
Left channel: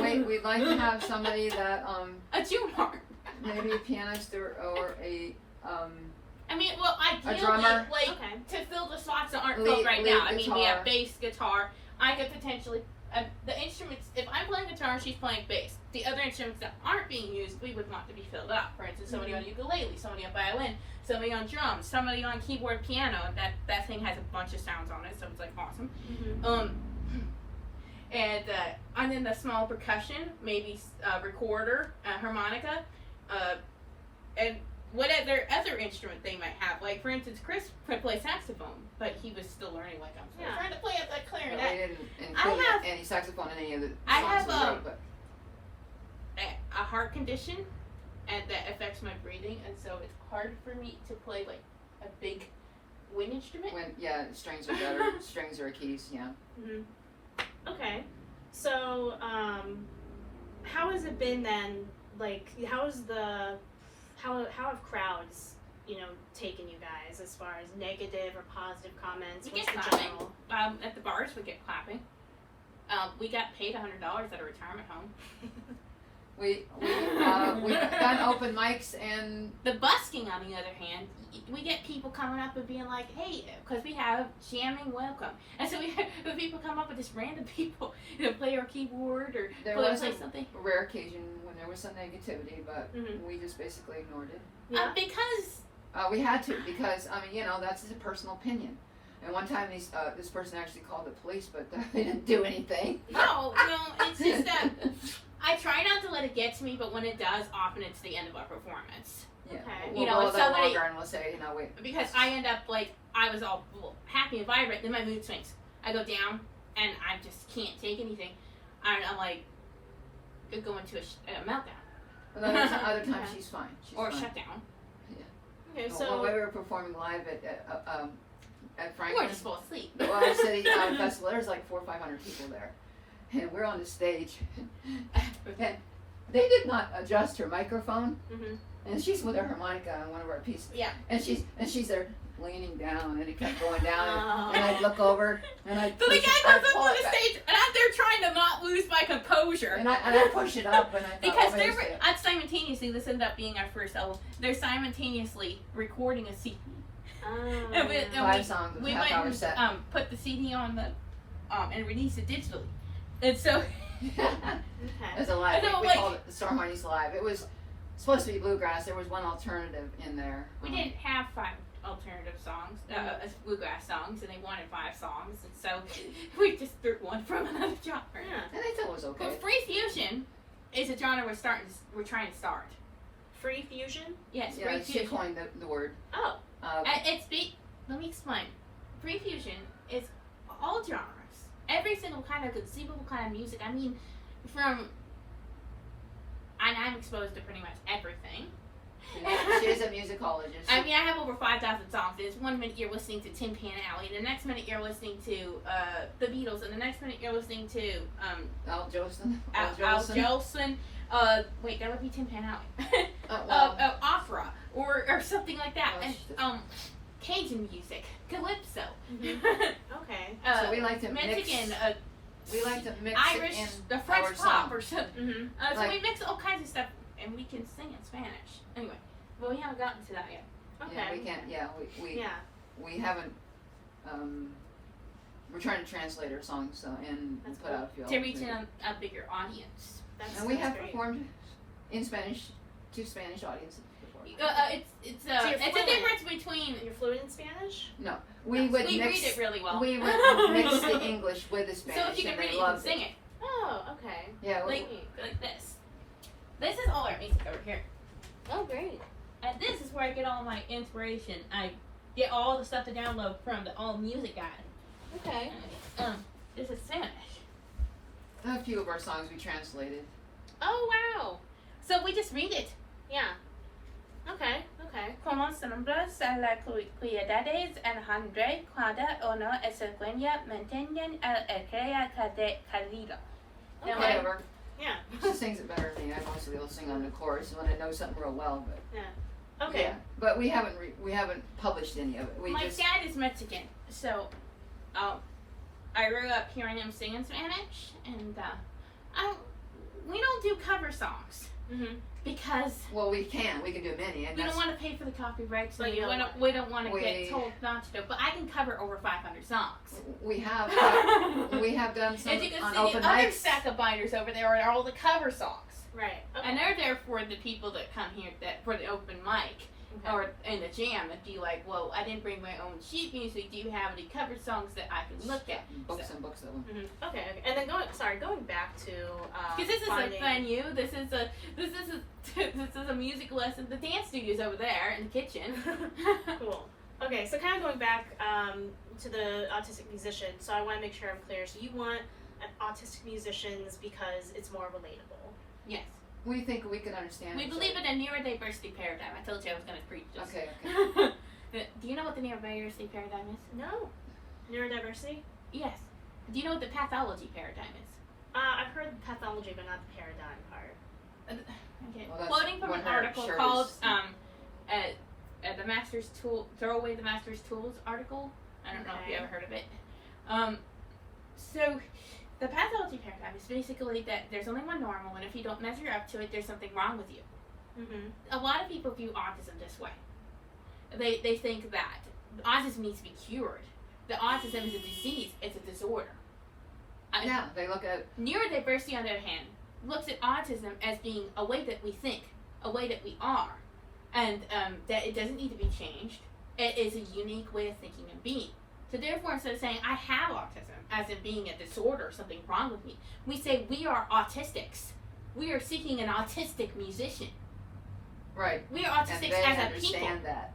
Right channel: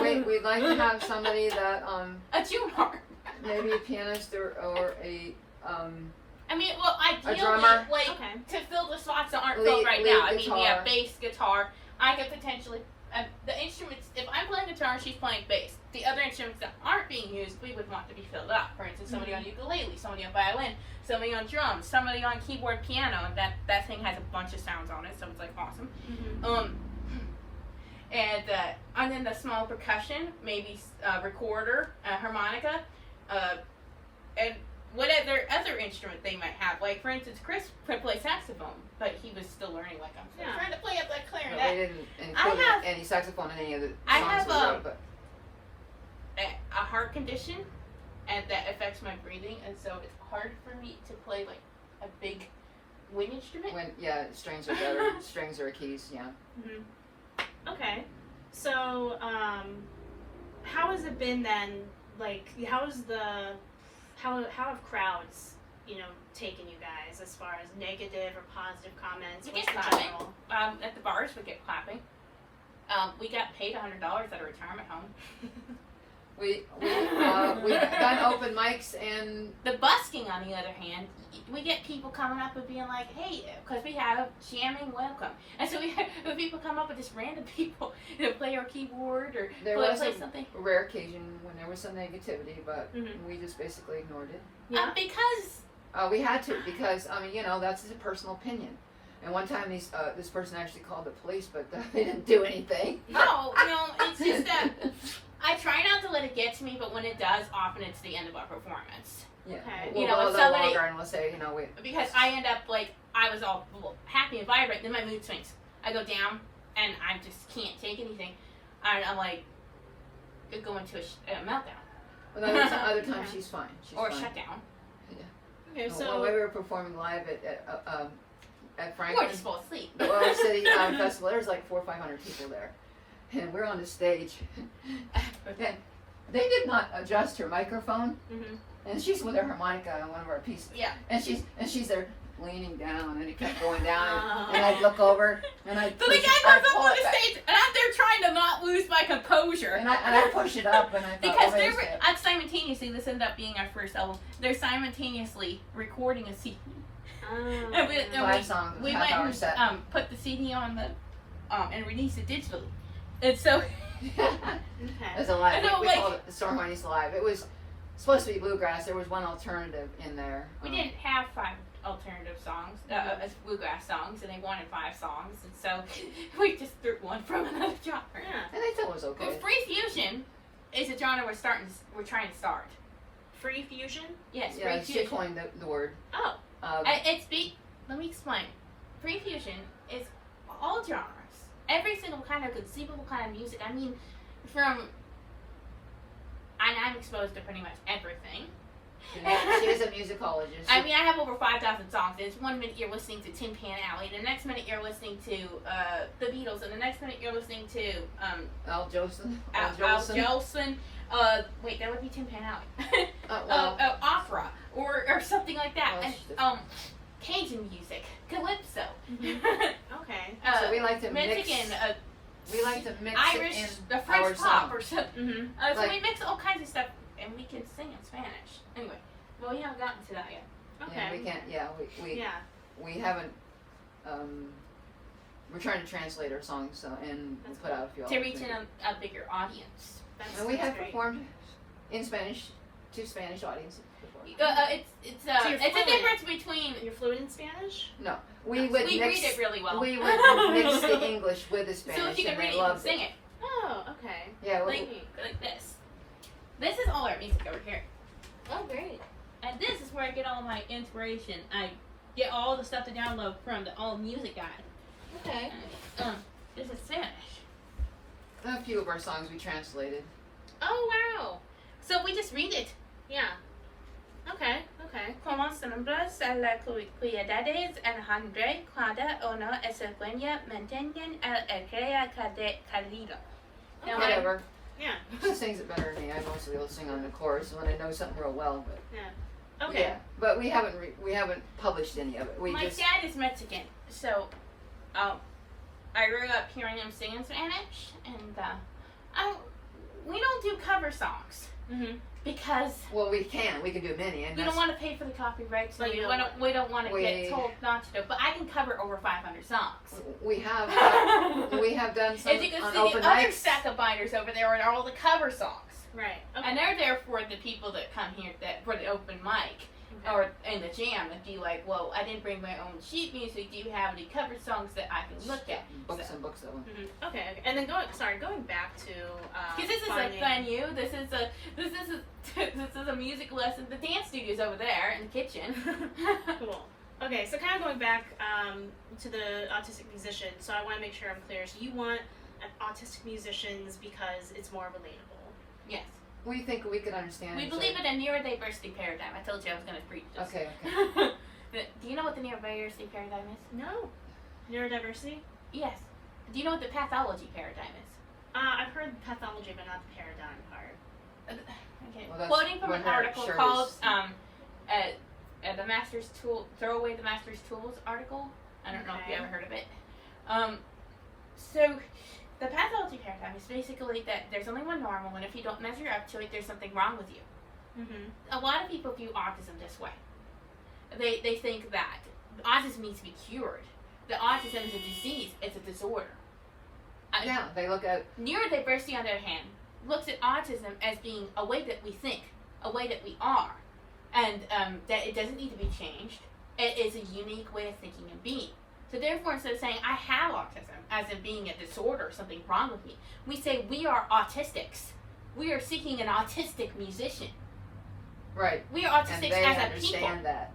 We'd like to have somebody that A tune harp. maybe a pianist or a I mean, well, ideally, drummer. like Okay. to fill the slots that aren't Lead- filled right lead now. I mean, we guitar. have bass, guitar. I could potentially the instruments. If I'm playing guitar and she's playing bass, the other instruments that aren't being used, we would want to be filled up. For instance, somebody on ukulele, somebody on violin, somebody on drums, somebody on keyboard, piano, and that thing has a bunch of sounds on it, so it's like awesome. Mhm. And then the small percussion, maybe recorder, harmonica, and whatever other instrument they might have. Like for instance, Chris could play saxophone, but he was still learning. Like I'm Yeah. trying to play at the They clarinet. didn't include have- any saxophone in any of the songs I have, we wrote, but A heart condition, and that affects my breathing, and so it's hard for me to play like a big wind instrument. when strings are better, strings are keys, yeah. Mhm. Okay. So, how has it been then? Like, how have crowds, taken you guys as far as negative or positive comments? We What's get the clapping. general? At the bars, we get clapping. We got paid $100 at a retirement home. We got open mics and The busking, on the other hand, we get people coming up and being like, "Hey," because we have jamming welcome, and so we have people come up with just random people to play our keyboard or there play was a something. rare occasion when there was some negativity, but Mhm. we just basically ignored it. Yeah. Because We had to because I mean that's a personal opinion. And one time this person actually called the police, but they didn't do anything. no, it's just that I try not to let it get to me, but when it does, often it's the end of our performance. Yeah, Okay. we'll You know, go a if little somebody- longer and we'll say Because I end up like I was all happy and vibrant, then my mood swings. I go down and I just can't take anything, and I'm like, could go into a meltdown But other times Okay. she's fine. She's or a fine. shutdown. Okay, When so we were performing live at Or Franklin, just fall asleep. the Oil City Festival, there was like 400 or 500 people there, and we're on the stage, and they did not adjust her microphone, Mhm. and she's with her harmonica on one of our pieces, Yeah. and she's there leaning down, and it kept going down, Oh. and I'd look over, and I'd So the push guy it- I'd comes up pull on it the back, stage, and I'm there trying to not lose my composure. and I push it up, and I thought, Because oh, they're wait a second. simultaneously, this ended up being our first album. They're simultaneously recording a CD. And Um, 5 songs, We half-hour went set. and put the CD on the and released it digitally. And so okay. As a live, I know, we like- called it the Storm Heights Live. It was supposed to be bluegrass. There was one alternative in there. we didn't have 5 alternative songs, bluegrass songs, and they wanted 5 songs, and so we just threw one from another genre. Yeah. And I thought it was Well, okay. free fusion is a genre we're trying to start. Free fusion? Yes, Yeah, free she fusion. coined the word. Oh. Let me explain. Free fusion is all genres. Every single kind of conceivable kind of music. I mean, I'm exposed to pretty much everything. She's a musicologist. I mean, I have over 5,000 songs. There's one minute you're listening to Tin Pan Alley, the next minute you're listening to the Beatles, and the next minute you're listening to Al Jolson. Al Jolson. Wait, that would be Tin Pan Alley. Oh, well. Opera or something like that. Oh, And shit. Cajun music, calypso. Okay. So we like to Mexican, mix. We like to mix Irish, it in the our French song. pop or something. Mm-hmm. So Like- we mix all kinds of stuff, and we can sing in Spanish. Anyway, but we haven't gotten to that yet. Okay. Yeah, we can't. Yeah, we Yeah. we haven't. We're trying to translate our songs, so and That's put out a few. To reach a bigger audience. That's, And we have great. performed in Spanish to Spanish audiences before. It's So you're it's a fluent. difference between You're fluent in Spanish? No, we would we mix. read it really well. We would mix the English with the Spanish, so if you can and read they it, you can loved sing it. Oh, okay. Yeah, we, Like this. This is all our music over here. Oh, great. And this is where I get all my inspiration. I get all the stuff to download from the All Music Guide. Okay. This is Spanish. a few of our songs we translated. Oh, wow. So we just read it. Yeah. Okay, okay. Como se nombres a las cualidades Alejandro cada uno escuela mantienen el crea cálido. Okay. Whatever. Yeah. She sings it better than me. I mostly will sing on the chorus when I know something real well, but Okay. yeah. But we haven't published any of it. We My just dad is Mexican, so I grew up hearing him sing in Spanish, and we don't do cover songs Mm-hmm. because we can do many, and we that's, don't want to pay for the copyrights. Like, We don't want to we- get told not to do. But I can cover over 500 songs. we have done some As you can on see, open the other mics. stack of binders over there are all the cover songs. Right. Okay. And they're there for the people that come here for the open mic Okay. or in the jam and be like, well, I didn't bring my own sheet music. Do you have any cover songs that I can look at? Books and books of them. Mhm. Okay. And then going back to Because this is finding- a venue. This is a music lesson. The dance studio's over there in the kitchen. Cool. Okay, so kind of going back to the autistic musician, so I want to make sure I'm clear. So you want autistic musicians because it's more relatable. Yes. We think we can understand. We each believe other. in a neurodiversity paradigm. I told you I was going to preach this. Okay. Do you know what the neurodiversity paradigm is? No. Neurodiversity? Yes. Do you know what the pathology paradigm is? I've heard pathology, but not the paradigm part. Okay. Well, that's Quoting from what an her article shirt called is. the Master's Tool, Throw Away the Master's Tools article. I don't know if you Okay. ever heard of it. So the pathology paradigm is basically that there's only one normal, and if you don't measure up to it, there's something wrong with you. Mm-hmm. A lot of people view autism this way. They think that autism needs to be cured. That autism is a disease, it's a disorder. Yeah, they look at Neurodiversity, on the other hand, looks at autism as being a way that we think, a way that we are, and that it doesn't need to be changed. It is a unique way of thinking and being. So therefore, instead of saying, I have autism, as in being a disorder, something wrong with me, we say we are autistics. We are seeking an autistic musician. right, We are and autistics they as a understand people. that.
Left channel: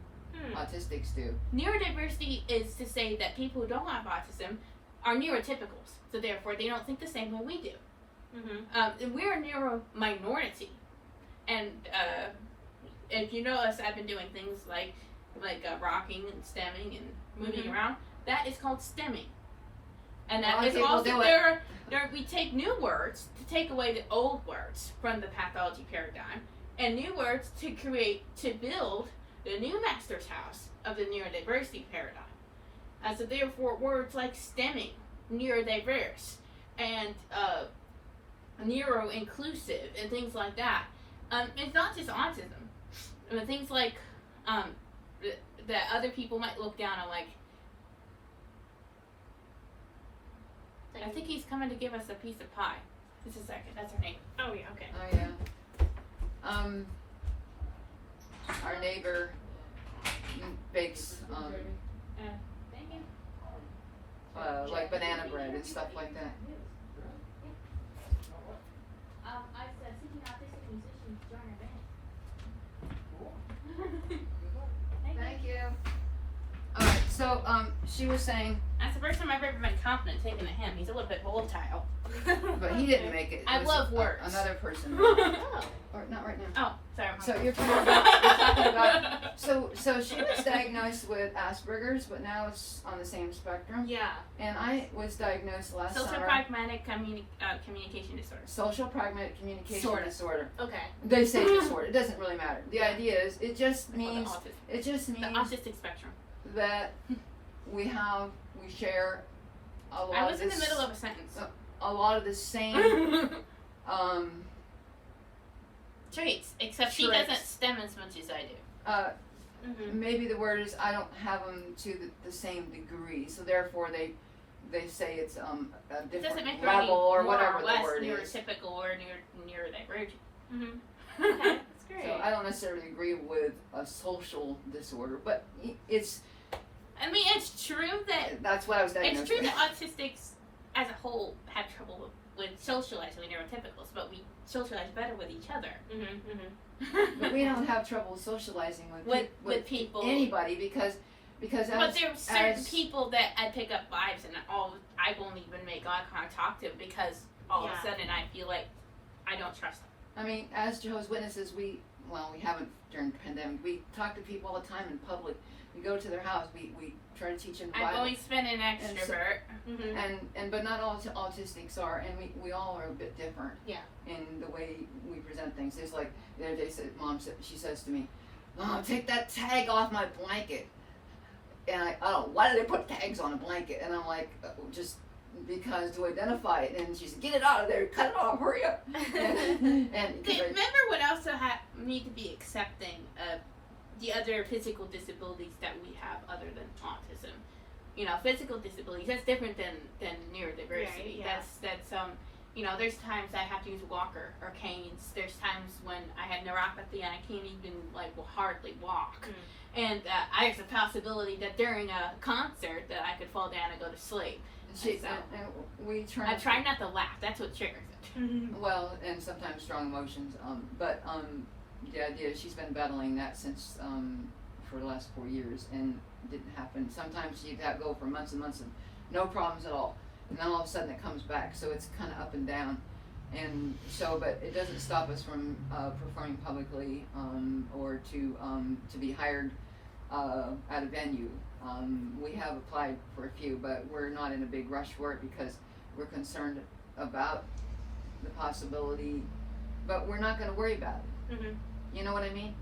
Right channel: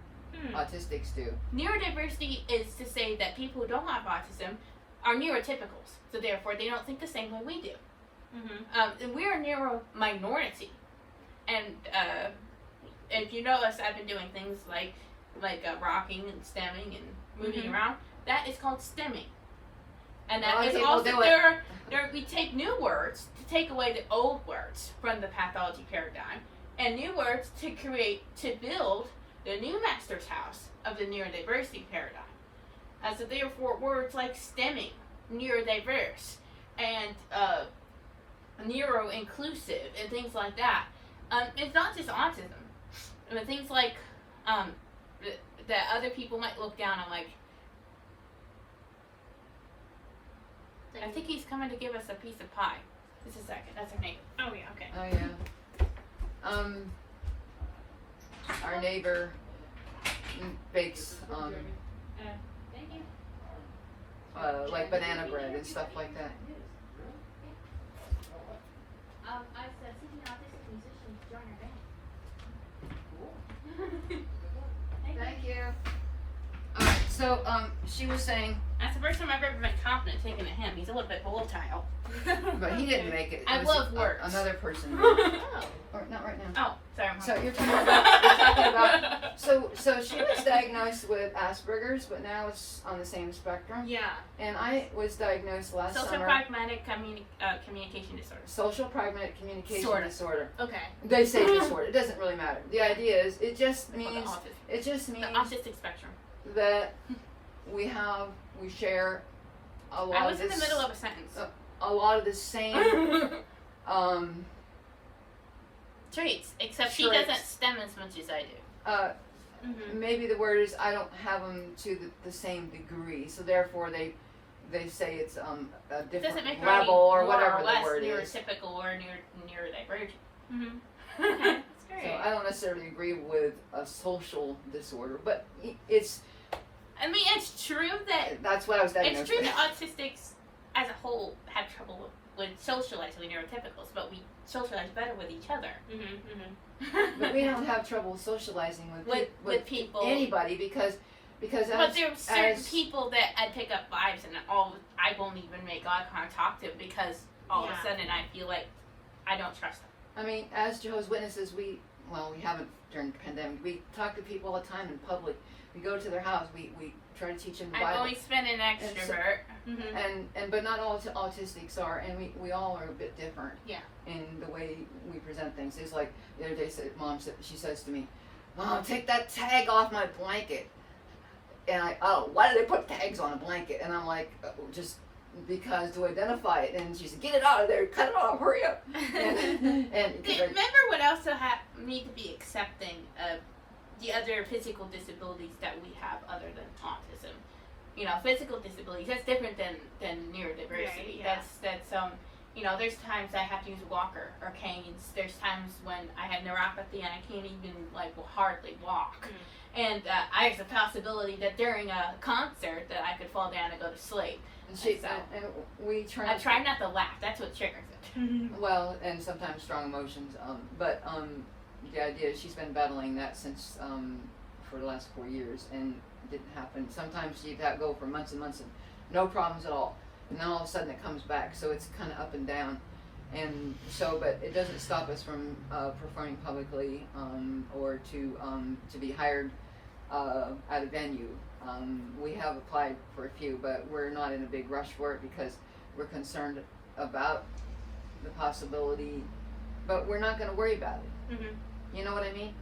Autistics do. Neurodiversity is to say that people who don't have autism are neurotypicals. So therefore, they don't think the same way we do. Mm-hmm. And we're a neuro minority. And if you notice, I've been doing things like rocking and stemming and moving around. That is called stemming. And that Well, is people also do it. we take new words to take away the old words from the pathology paradigm, and new words to build the new master's house of the neurodiversity paradigm. So therefore, words like stemming, neurodiverse, and neuro-inclusive, and things like that. It's not just autism. I mean, things like that other people might look down on, like, I think he's coming to give us a piece of pie. Just a second. That's her name. Oh, yeah, okay. Oh yeah. Our neighbor bakes Thank you. like banana bread and stuff like that. I said, seeking autistic musicians to join our band. Thank you. So she was saying, That's the first time I've ever been confident taking a him. He's a little bit volatile. but he didn't make it. It I was love words. Another person. Oh. Or not right now. Oh, sorry. I'm So hungry. you're talking about. So she was diagnosed with Asperger's, but now it's on the same spectrum. Yeah. And I was diagnosed last Social summer. pragmatic communication disorder. Social pragmatic communication Sorta. disorder. Okay. They say disorder. It doesn't really matter. The idea is, it just It's called means. the autism. It just The means. autistic spectrum. that we share a lot I was of in the this, middle of a sentence. a lot of the same Traits, except she Traits. doesn't STEM as much as I do. Mm-hmm. maybe the word is I don't have them to the same degree, so therefore they say it's a It different doesn't make her level any or more whatever or the less word is. neurotypical or neurodivergent. Mm-hmm. Okay, that's great. So I don't necessarily agree with a social disorder, but it's I mean, it's true that that's what I was diagnosed it's true with. that autistics as a whole have trouble with socializing with neurotypicals, but we socialize better with each other. Mm-hmm. Mm-hmm. But we don't have trouble socializing with people. anybody because But as, there are certain as- people that I pick up vibes and I won't even make eye contact to because all of a sudden I feel like I don't trust them. I mean, as Jehovah's Witnesses, we haven't during the pandemic. We talk to people all the time in public. We go to their house. We try to teach them the I've Bible. always been an extrovert. Mm-hmm. But not all autistics are, and we all are a bit different. Yeah. In the way we present things. It's like the other day, she says to me, "Mom, take that tag off my blanket." And why do they put tags on a blanket? And I'm like, just because to identify it. And she said, "Get it out of there, cut it off, hurry up." And Remember what also need to be accepting of the other physical disabilities that we have other than autism. You know, physical disabilities, that's different than neurodiversity. Right, yeah. That's there's times I have to use a walker or canes. There's times when I have neuropathy and I can't even hardly walk. And there's a possibility that during a concert that I could fall down and go to sleep. and we I try not to laugh. That's what triggers it. Mm-hmm. Well, and sometimes strong emotions. But the idea is she's been battling that since for the last 4 years, and it didn't happen. Sometimes she'd go for months and months and no problems at all, and then all of a sudden it comes back. So it's kind of up and down, and so but it doesn't stop us from performing publicly or to be hired at a venue. We have applied for a few, but we're not in a big rush for it because we're concerned about the possibility, but we're not going to worry about it. Mm-hmm. You know what I mean?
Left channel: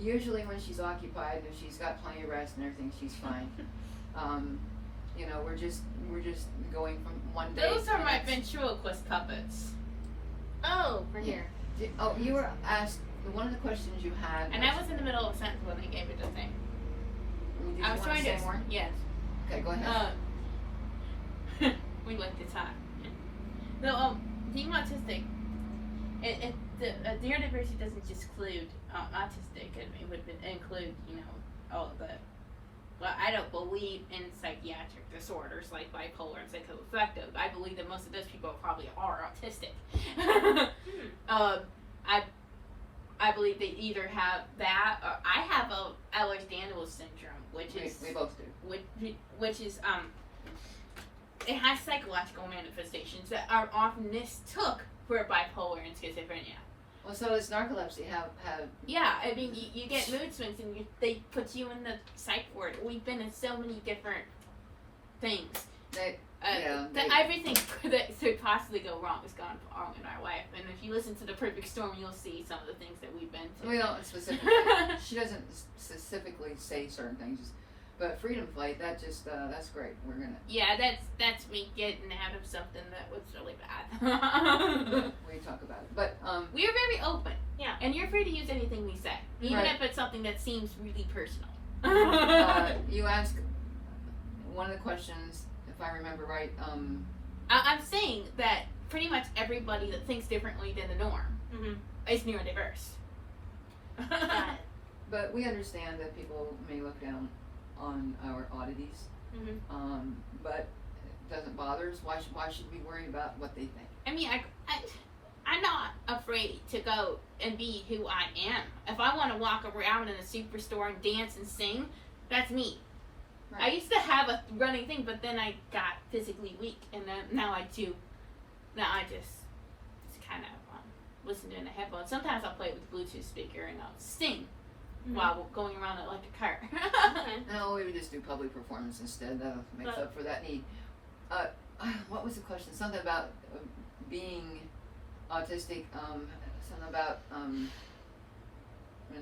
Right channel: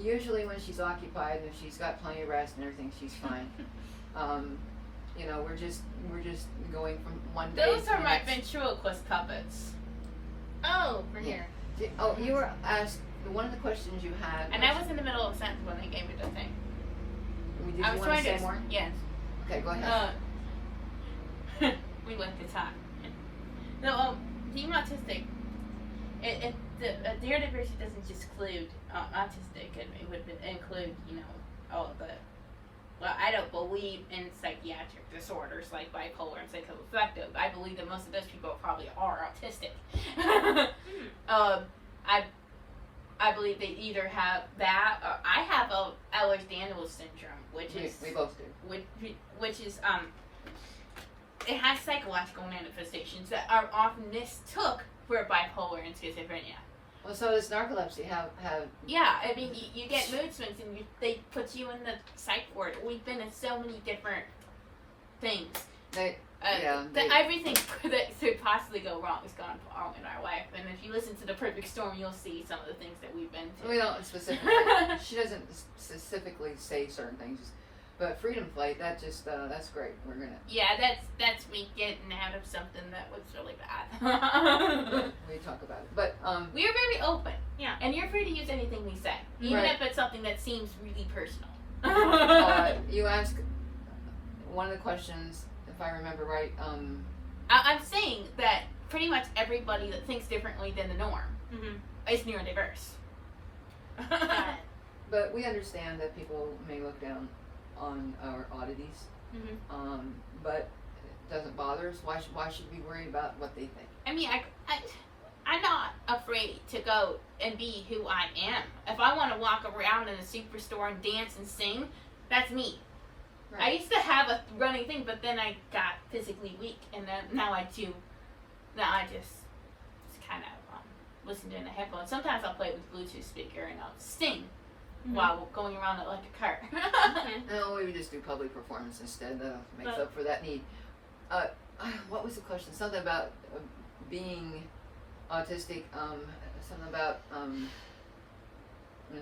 Usually when she's occupied and she's got plenty of rest and everything, she's fine. We're just going from one day. Those to are the my next. ventriloquist puppets. Oh, we're here. You were asked one of the questions you had. And I was in the middle of a sentence when they gave me the thing. Did you I was want trying to to. say more? Yes. Okay, go ahead. We went to time. No, being autistic, the neurodiversity doesn't just include autistic. It would include, all of the. Well, I don't believe in psychiatric disorders like bipolar and schizoaffective. I believe that most of those people probably are autistic. I believe they either have that or I have a Ehlers-Danlos syndrome, which is we both do. which is it has psychological manifestations that are often mistook for bipolar and schizophrenia. Well, so does narcolepsy have Yeah, I mean, you get mood swings and they put you in the psych ward. We've been in so many different things. Everything that could possibly go wrong has gone wrong in our life. And if you listen to The Perfect Storm, you'll see some of the things that we've been to. We don't specifically. She doesn't specifically say certain things, but Freedom Flight. That's great. We're gonna. Yeah, that's me getting out of something that was really bad. We talk about it, but We are very open. Yeah. And you're free to use anything we say, even Right. if it's something that seems really personal. you asked one of the questions, if I remember right. I'm saying that pretty much everybody that thinks differently than the norm is neurodiverse. But we understand that people may look down on our oddities. But it doesn't bother us. Why should we worry about what they think? I mean, I'm not afraid to go and be who I am. If I want to walk around in a superstore and dance and sing, that's me. Right. I used to have a running thing, but then I got physically weak, and then now I just kind of listen to it in the headphones. Sometimes I'll play with Bluetooth speaker and I'll sing while going around it like a cart. No, we just do public performance instead. That makes up for that need. What was the question? Something about being autistic. Something about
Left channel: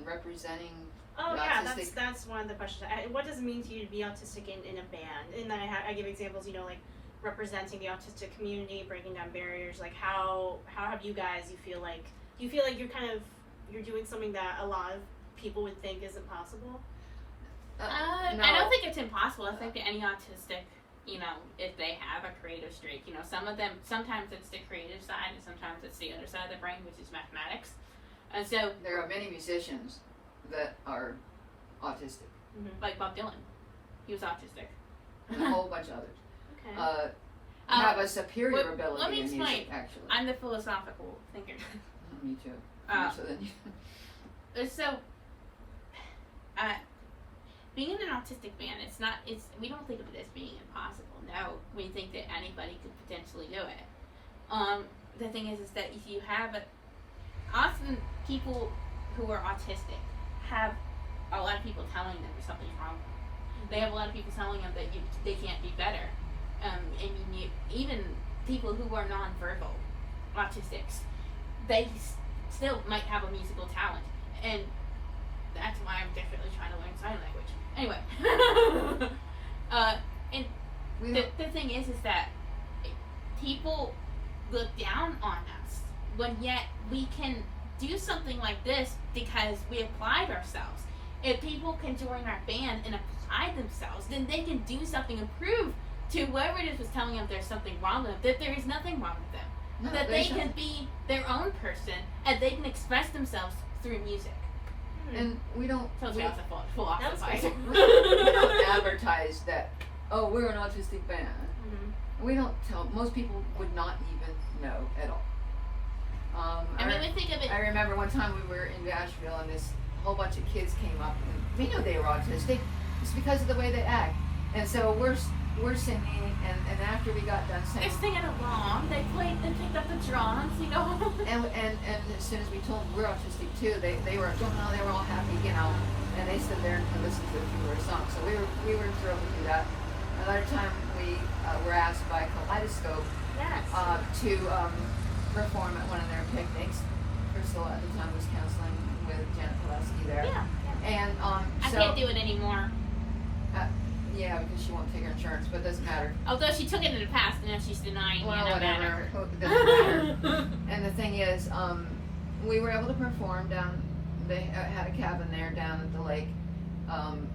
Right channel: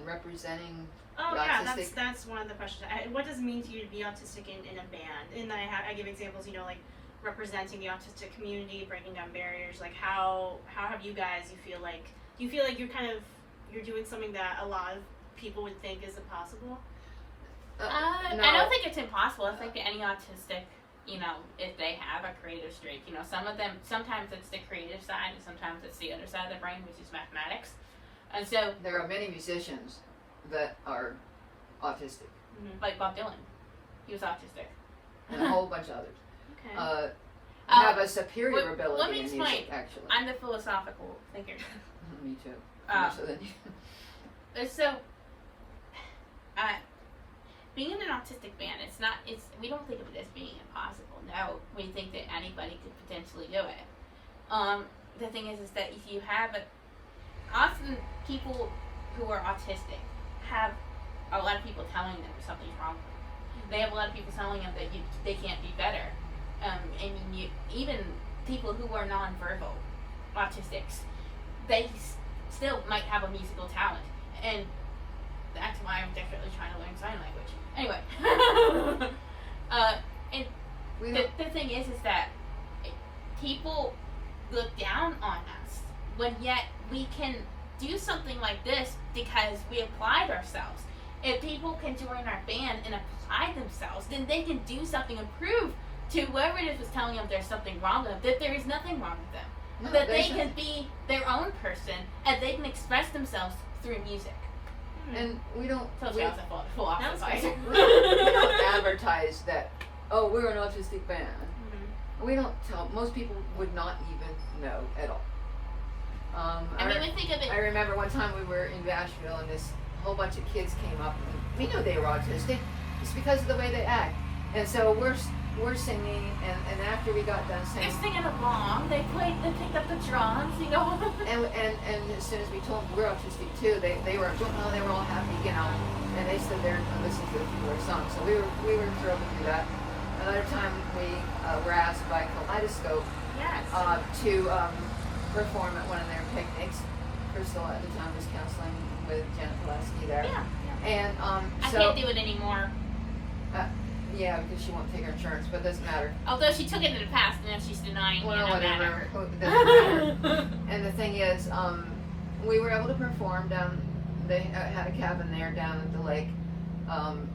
representing. Oh You're yeah, autistic. that's one of the questions. What does it mean to you to be autistic in a band? And then I give examples, you know, like representing the autistic community, breaking down barriers. Like how have you guys? Do you feel like you're doing something that a lot of people would think is impossible? No. I don't think it's impossible. I think that any autistic, you know, if they have a creative streak, you know, some of them, sometimes it's the creative side and sometimes it's the other side of the brain, which is mathematics. And so, There are many musicians that are autistic, like Bob Dylan, he was autistic. and a whole bunch of others. Okay. Have a superior let ability me in explain. music, actually. I'm the philosophical thinker. Me too. Uh, So then So, being in an autistic band, we don't think of it as being impossible. No, we think that anybody could potentially do it. The thing is that if you have often people who are autistic have a lot of people telling them something's wrong. They have a lot of people telling them that they can't be better. Even people who are nonverbal autistics, they still might have a musical talent, and that's why I'm definitely trying to learn sign language. Anyway, and we the thing is that people look down on us when yet we can do something like this because we applied ourselves. If people can join our band and apply themselves, then they can do something and prove to whoever it is was telling them there's something wrong with them that there is nothing wrong with them. No, That they there's can be their own person and they can express themselves through music. and we don't Tells we, you I was a philosophizer. we don't advertise that, oh, we're an autistic band. We don't tell, most people would not even know at all. I mean, we think of it. I remember one time we were in Nashville and this whole bunch of kids came up and we knew they were autistic. It's because of the way they act. And so we're singing and after we got done They're singing, singing along. They picked up the drums, you know. and as soon as we told them we're autistic too, they were all happy, you know, and they stood there and listened to a few of their songs. So we were thrilled to do that. Another time we were asked by Kaleidoscope Yes. to perform at one of their picnics. Priscilla at the time was counseling with Janet Pulaski there. Yeah. And I so can't do it anymore. yeah, because she won't take her insurance, but it doesn't matter. Although she took it in the past, and then she's denying Well, it. whatever. It doesn't matter. And the thing is, we were able to perform down. They had a cabin there down at the lake, on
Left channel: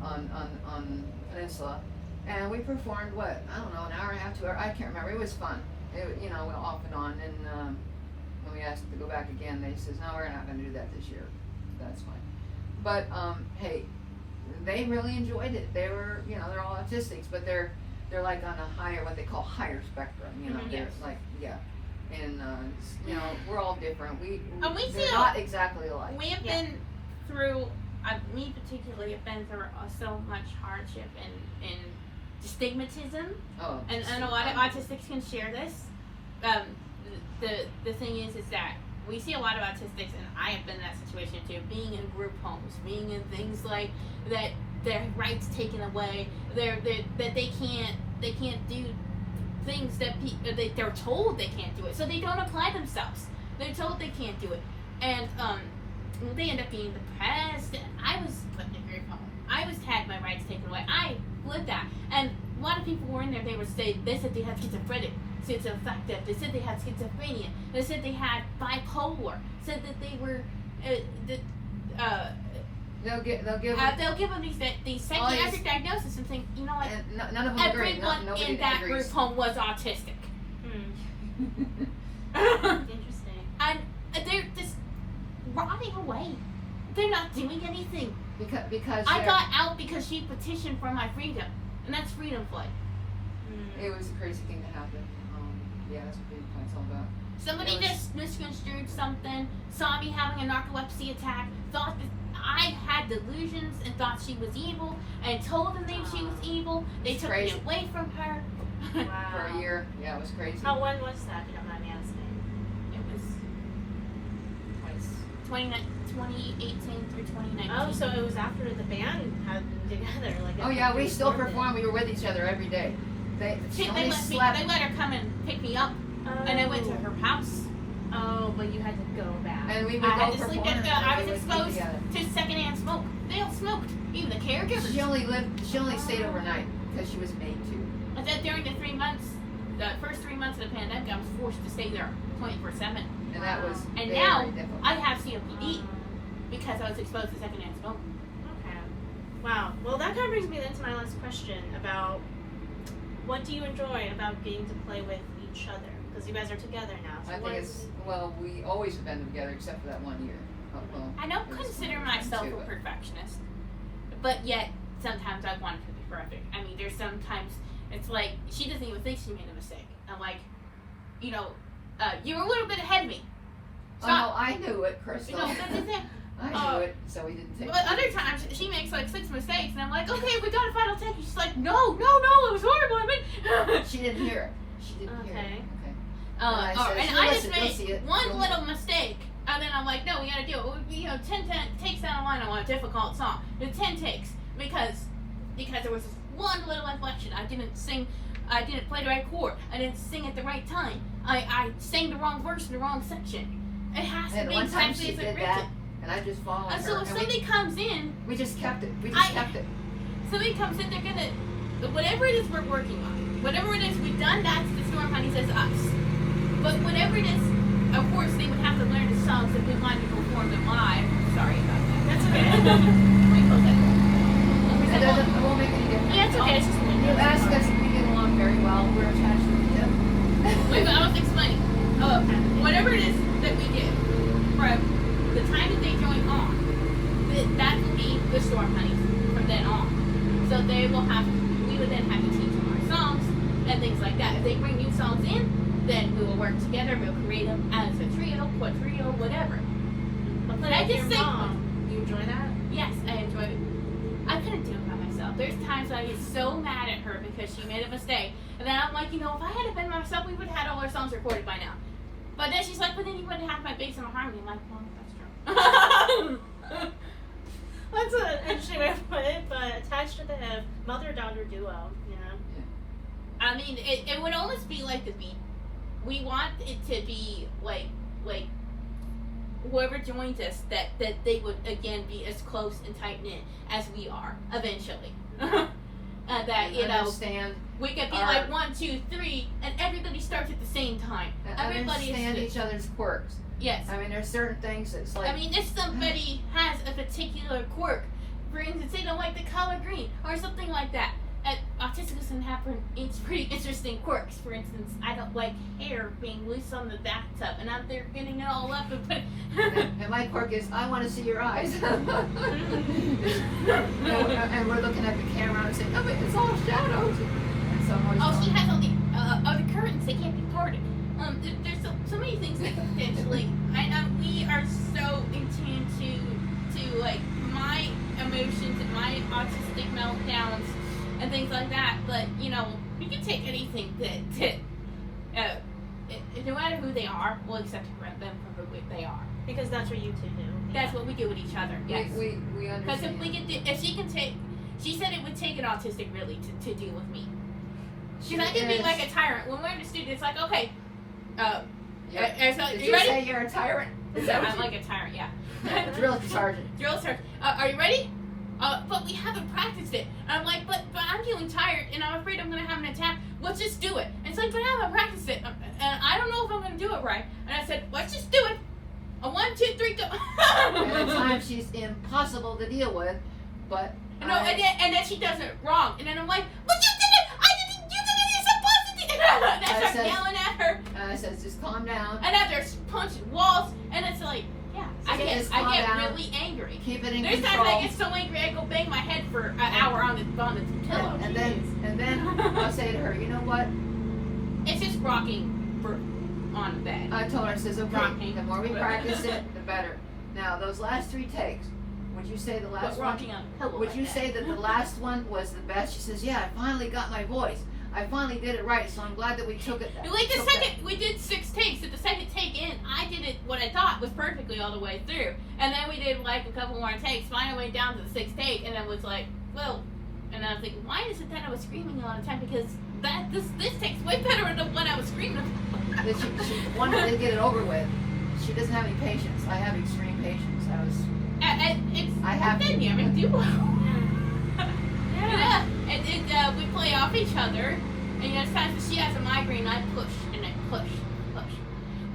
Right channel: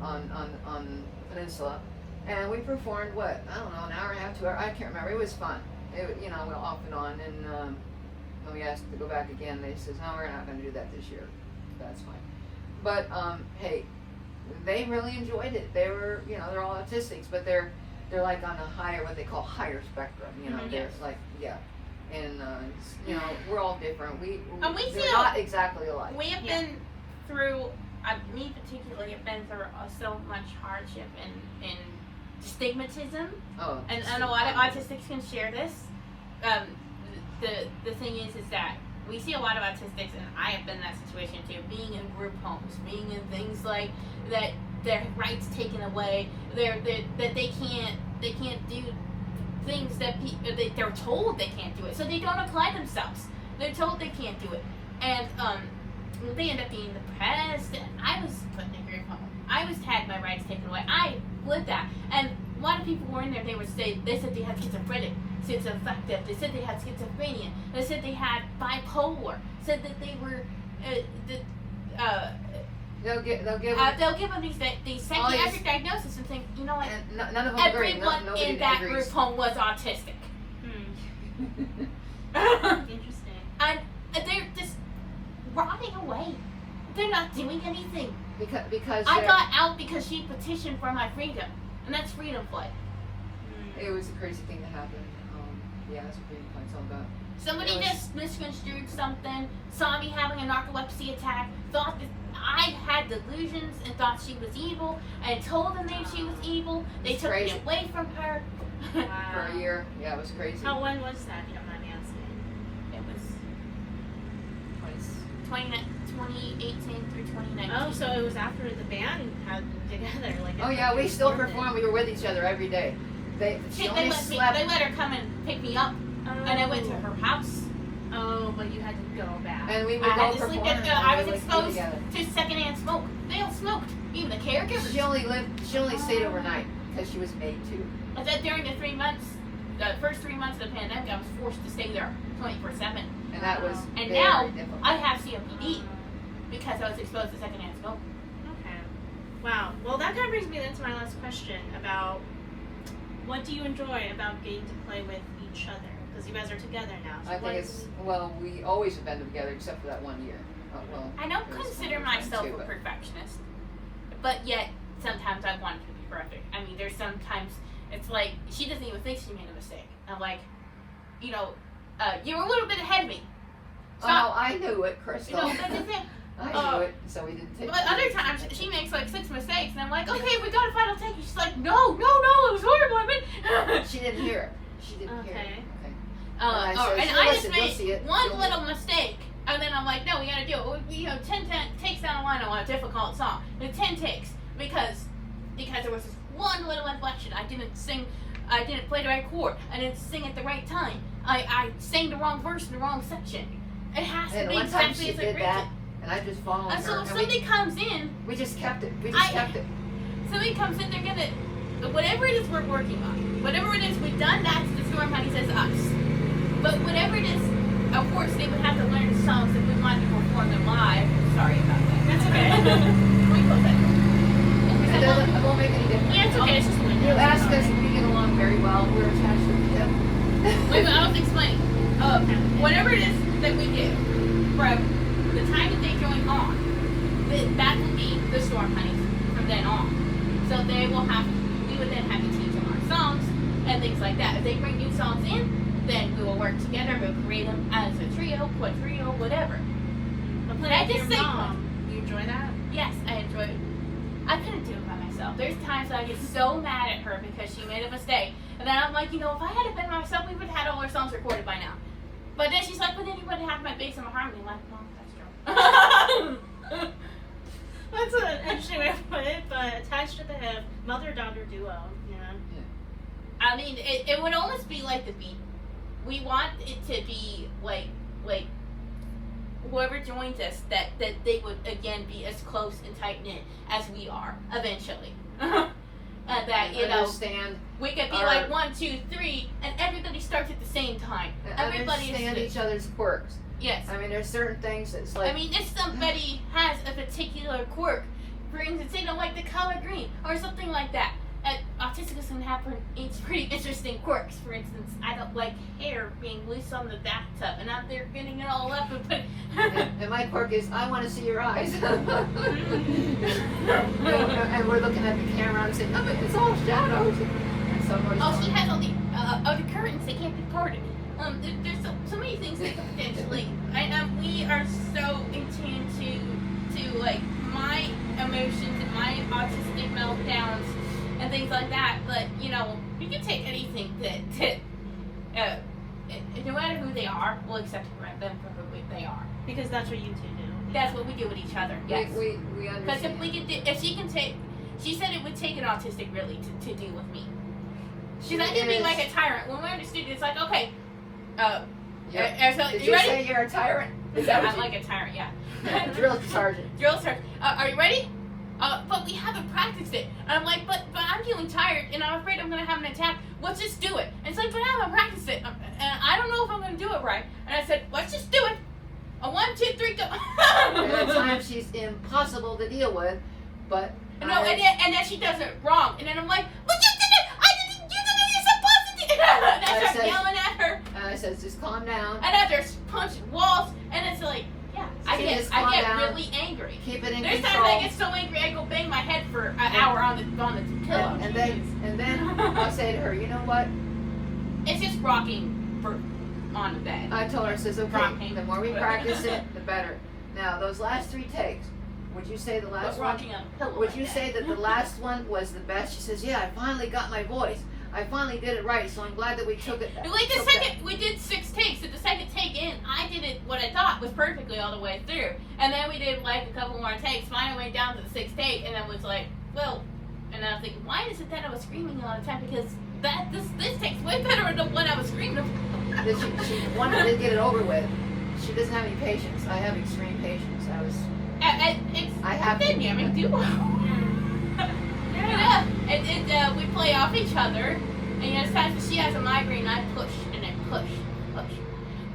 Peninsula, and we performed what, I don't know, an hour and a half, 2 hours. I can't remember. It was fun. It, you know, went off and on. And when we asked to go back again, they says, no, we're not going to do that this year. That's fine. But hey, they really enjoyed it. They were, you know, they're all autistics, but they're like on a higher, what they call higher spectrum. You know, they're like, yeah. And you know, we're all different. And we they're feel- not exactly alike. We have been through, me particularly, have been through so much hardship and stigmatism. Oh, And a lot of autistics can share this. The thing is that we see a lot of autistics, and I have been in that situation too, being in group homes, being in things like that, their rights taken away, that they can't do things that they're told they can't do it, so they don't apply themselves. They're told they can't do it, and they end up being depressed. I was put in a group home. I was had my rights taken away. I lived that, and a lot of people were in there. They said they had schizophrenic, schizoaffective. They said they had schizophrenia. They said they had bipolar. Said that they were they'll give them, they'll give them these psychiatric diagnoses and think, you know what? and none of them agree. Everyone Nobody in that agrees. group home was autistic. Interesting. And they're just rotting away. They're not doing anything. because I they're- got out because she petitioned for my freedom, and that's freedom play. it was a crazy thing to happen. Yeah, that's what Freedom Play's all about. Somebody It was- just misconstrued something, saw me having a narcolepsy attack, thought that I had delusions and thought she was evil, and told them that she was evil. They It's took crazy. me away from her. Wow. For a year, yeah, it was crazy. When was that, if you don't mind me asking? It was 2018 through 2019. Oh, so it was after the band had been together, like. Oh yeah, we still perform. We were with each other every day. She They only slept. let her come and pick me up, and I went to her house. Oh, but you had to go back. And we would I go had to sleep perform. at I was and we would be exposed together. to secondhand smoke. They all smoked. Even the caregivers. She only stayed overnight because she was made to. I said during the 3 months, the first 3 months of the pandemic, I was forced to stay there 24/7. And that was And very now difficult. I have COPD because I was exposed to secondhand smoke. Okay. Wow. Well, that kind of brings me then to my last question about what do you enjoy about getting to play with each other? Because you guys are together now. So I what think is- it's, well, we always have been together except for that 1 year. Oh, well, I don't it was consider one time myself too, a but- perfectionist, but yet sometimes I want it to be perfect. I mean, there's sometimes it's like she doesn't even think she made a mistake. I'm like, you know, you're a little bit ahead of me. Oh, no, I knew it, Crystal. You know, that's the thing. I knew it, so we didn't take But it. other times she makes like 6 mistakes, and I'm like, okay, we got a final take. And she's like, no, it was horrible. I mean, She didn't hear it. She didn't hear it. Okay. Okay. and said, I "You'll just listen, you'll see made it, one you'll little mistake, and then I'm like, no, we gotta do it. Well, you know, 10 takes down the line on a difficult song. The 10 takes because there was this one little inflection. I didn't play the right chord. I didn't sing at the right time. I sang the wrong verse in the wrong section. It has to And be one time exactly she as did it's that, written. and I just followed And her. so if and somebody comes in, we just kept it. We just kept it. somebody comes in, they're gonna, whatever it is we're working on, whatever it is we've done, that's the Storm Honeys as us. But whatever it is, of course, they would have to learn the songs if we wanted to perform them live. Sorry about that. That's okay. Can we close that door? It won't make any difference. Yeah, it's okay. It's just a window. You It's asked all us right. if we get along very well. We're attached to the hip. Wait, but I was explaining. Whatever it is that we do, from the time that they join on, that will be the Storm Honeys from then on. So we would then have to teach them our songs and things like that. If they bring new songs in, then we will work together. We'll create them as a trio, quadrio, whatever. But I playing with just your say- mom, you enjoy that? Yes, I enjoy it. I couldn't do it by myself. There's times I get so mad at her because she made a mistake. And then I'm like, you know, if I had been myself, we would have had all our songs recorded by now. But then she's like, but then you wouldn't have my bass and my harmony. I'm like, well, that's true. That's an interesting way to put it, but attached to the hip, mother-daughter duo, you know? I mean, it would almost be like the beat. We want it to be like whoever joins us, that they would again be as close and tight knit as we are eventually. That you know, Understand. we could be our- like 1, 2, 3, and everybody starts at the same time. Everybody Understand is each other's quirks. yes. I mean, there's certain things that's like. I mean, if somebody has a particular quirk, for instance, they don't like the color green or something like that. Autistic can have pretty interesting quirks. For instance, I don't like hair being loose on the bathtub, and out there getting it all up and put. and my quirk is, I want to see your eyes. And we're looking at the camera and saying, no, but it's all shadows. So much Oh, fun. she has all the curtains. They can't be parted. There's so many things they could potentially. We are so in tune to like my emotions and my autistic meltdowns and things like that. But you know, we can take anything that no matter who they are, we'll accept them for who they are. Because that's what you two do. That's what we do with each other. Yes. We Because understand. if we could, if she can take, she said it would take an autistic really to deal with me. Because I can be like a tyrant. When we're in the studio, it's like, okay, so, Did you you ready? say you're a tyrant? Is that I'm what like a tyrant, yeah. you Drill sergeant. Drill sergeant. Are you ready? But we haven't practiced it. And I'm like, but I'm feeling tired, and I'm afraid I'm going to have an attack. Let's just do it. And it's like, but I haven't practiced it. And I don't know if I'm going to do it right. And I said, let's just do it. 1, 2, 3, go. And at times she's impossible to deal with, but. No, and then she does it wrong. And then I'm like, but you did it! You did it! You're supposed to do it! And I I start said- yelling at her. And I says, just calm down. And after punching walls. And it's like, yeah, I Just calm get down. really angry. Keep it in There's times I control. get so angry I go bang my head for an hour on the pillow. And then I'll say to her, you know what? It's just rocking on the bed. I told her, I says, okay, Rocking. the more we practice it, the better. Now, those last 3 takes, would you say the But last one? rocking on a pillow. Would like you that. say that the last one was the best? She says, yeah, I finally got my voice. I finally did it right, so I'm glad that we took it. We did 6 takes. So the second take in, I did it what I thought was perfectly all the way through. And then we did like a couple more takes. Finally went down to the 6th take, and then was like, well, and then I'm thinking, why is it that I was screaming all the time? Because this takes way better than what I was screaming. That she wanted to get it over with. She doesn't have any patience. I have extreme patience. I have a to. dynamic duo. Yeah. We play off each other, and it's times when she has a migraine, I push and I push.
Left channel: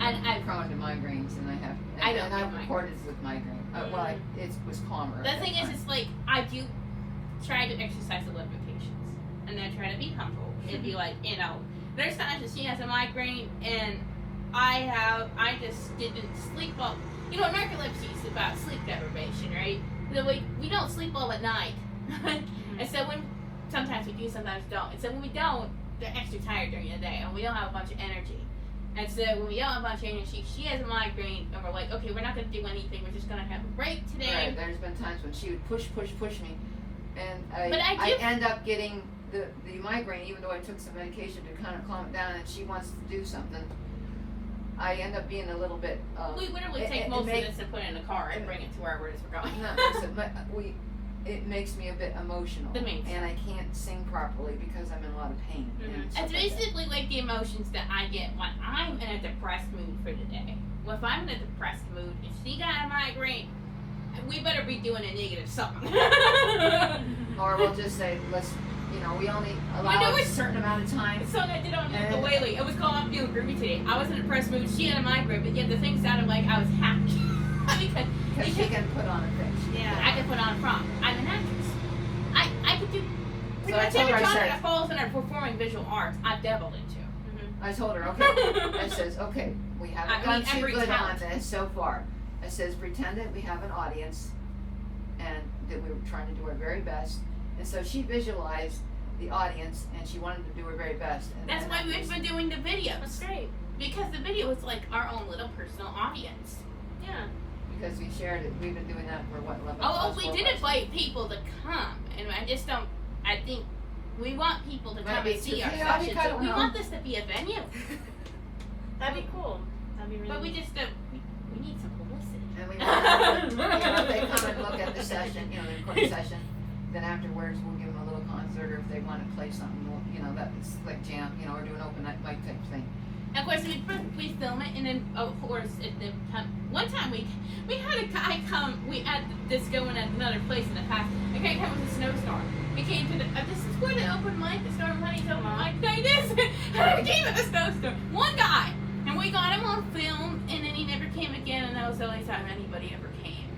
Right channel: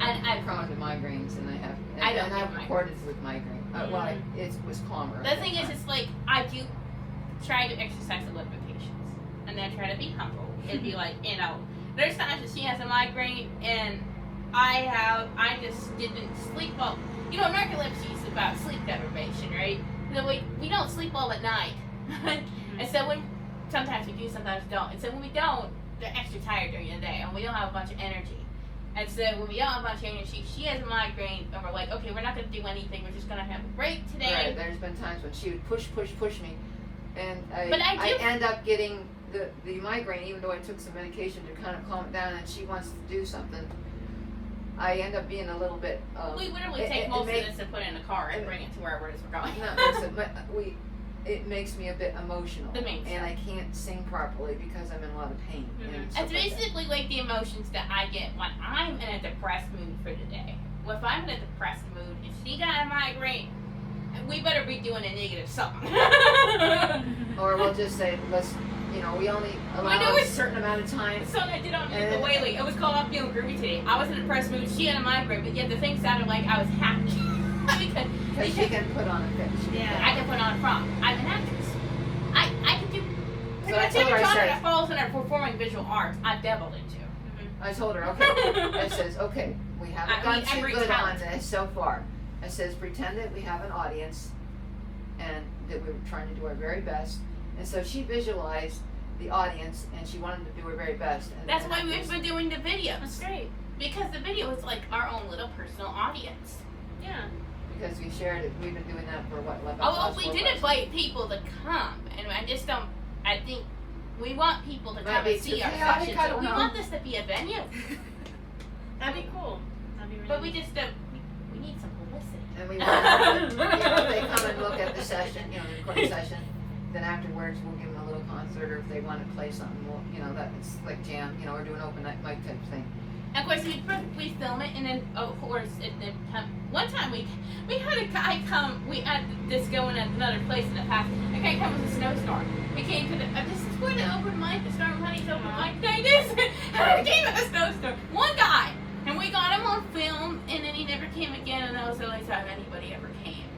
And I'm prone to migraines, and I have. I don't and get I've recorded with migraine. Well, it was calmer. the thing is, it's like I do try to exercise a little bit patience, and then try to be humble. It'd be like, there's times that she has a migraine, and I just didn't sleep well. Narcolepsy is about sleep deprivation, right? So we don't sleep well at night, and so sometimes we do, sometimes we don't. And so when we don't, they're extra tired during the day, and we don't have a bunch of energy. And so when we don't have a bunch of energy, she has a migraine, and we're like, okay, we're not going to do anything. We're just going to have a break today. Right. There's been times when she would push me, and But I end up getting the migraine, even though I took some medication to kind of calm it down, and she wants to do something. I end up being a little bit. We literally take most of this and put it in the car and bring it to wherever it is we're going. No, listen, it makes me a bit emotional, It means and I can't sing properly because I'm in a lot of pain. And stuff It's like that. basically like the emotions that I get when I'm in a depressed mood for the day. Well, if I'm in a depressed mood and she got a migraine, we better be doing a negative something. Or we'll just say, we only allow a certain amount of time. So I did on the Whaley. It was called I'm feeling groovy today. I was in a depressed mood. She had a migraine, but yet the thing sounded like I was happy. Because she can put on a pitch. Yeah. I can put on a front. I'm an actress. I can do pretty So I much told her, every I genre said- that falls under performing visual arts, I've dabbled into. I told her, okay. I says, okay, we haven't I done mean, too every good talent. on this so far. I says, pretend that we have an audience and that we were trying to do our very best. And so she visualized the audience and she wanted to do her very best. And That's and why that we've was- been doing the videos. That's great. Because the video is like our own little personal audience. Yeah. Because we shared it, we've been doing that for what, 11 Oh, months, we 12 did months? invite people to come, and I think we want people to Might come be and see too our chaotic, sessions. I So don't we know. want this to be a venue, That'd be cool. That'd be really but we just don't. We need some publicity. And we want if they come and look at the session, the recording session, then afterwards we'll give them a little concert, or if they want to play something, that's like jam, or do an open mic type thing. And of course, we film it, and then of course, one time we had a guy come. We had this going at another place in the past. A guy come with a snowstorm. We came to this is where the open mic, the Storm Honey's open mic thing is. And we came with a snowstorm. One guy, and we got him on film, and then he never came again, and that was the only time anybody ever came.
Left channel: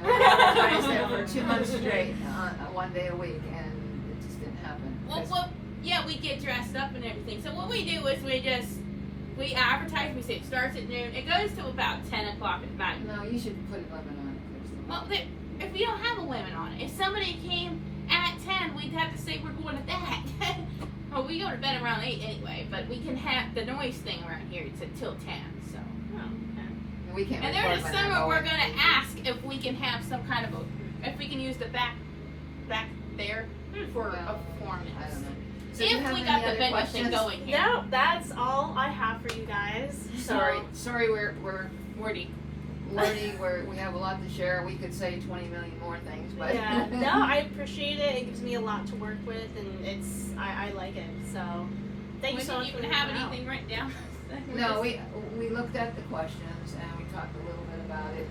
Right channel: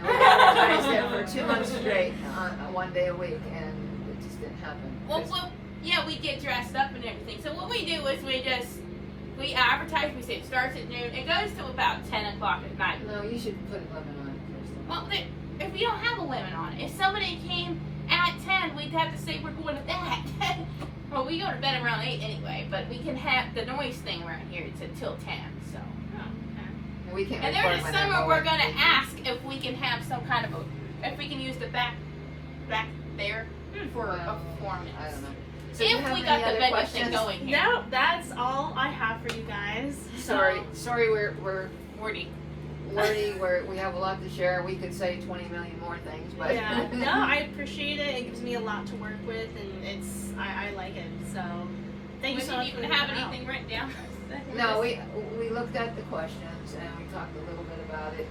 And we advertised it for 2 months straight, one day a week, and it just didn't happen. Well, yeah, we get dressed up and everything. So what we do is we advertise. We say it starts at noon. It goes to about 10 o'clock at night. No, you should put 11 on it Well, if we don't have a limit on it, if somebody came at 10, we'd have to say we're going to that. Well, we go to bed around 8 anyway, but we can have the noise thing around here. It's until 10. So. Oh, okay. And we can't And record there's a when they're summer we're going. gonna ask if we can have some kind of if we can use the back there for a performance. I don't know. So do you If have we any got the other venue questions? thing going here. No, that's all I have for you guys. Sorry, we're Wordy. wordy, we have a lot to share. We could say 20 million more things, but Yeah. No, I appreciate it. It gives me a lot to work with, and I like it. So thank We you so didn't much for even the have help. anything written down. No, we looked at the questions and we talked a little bit about it.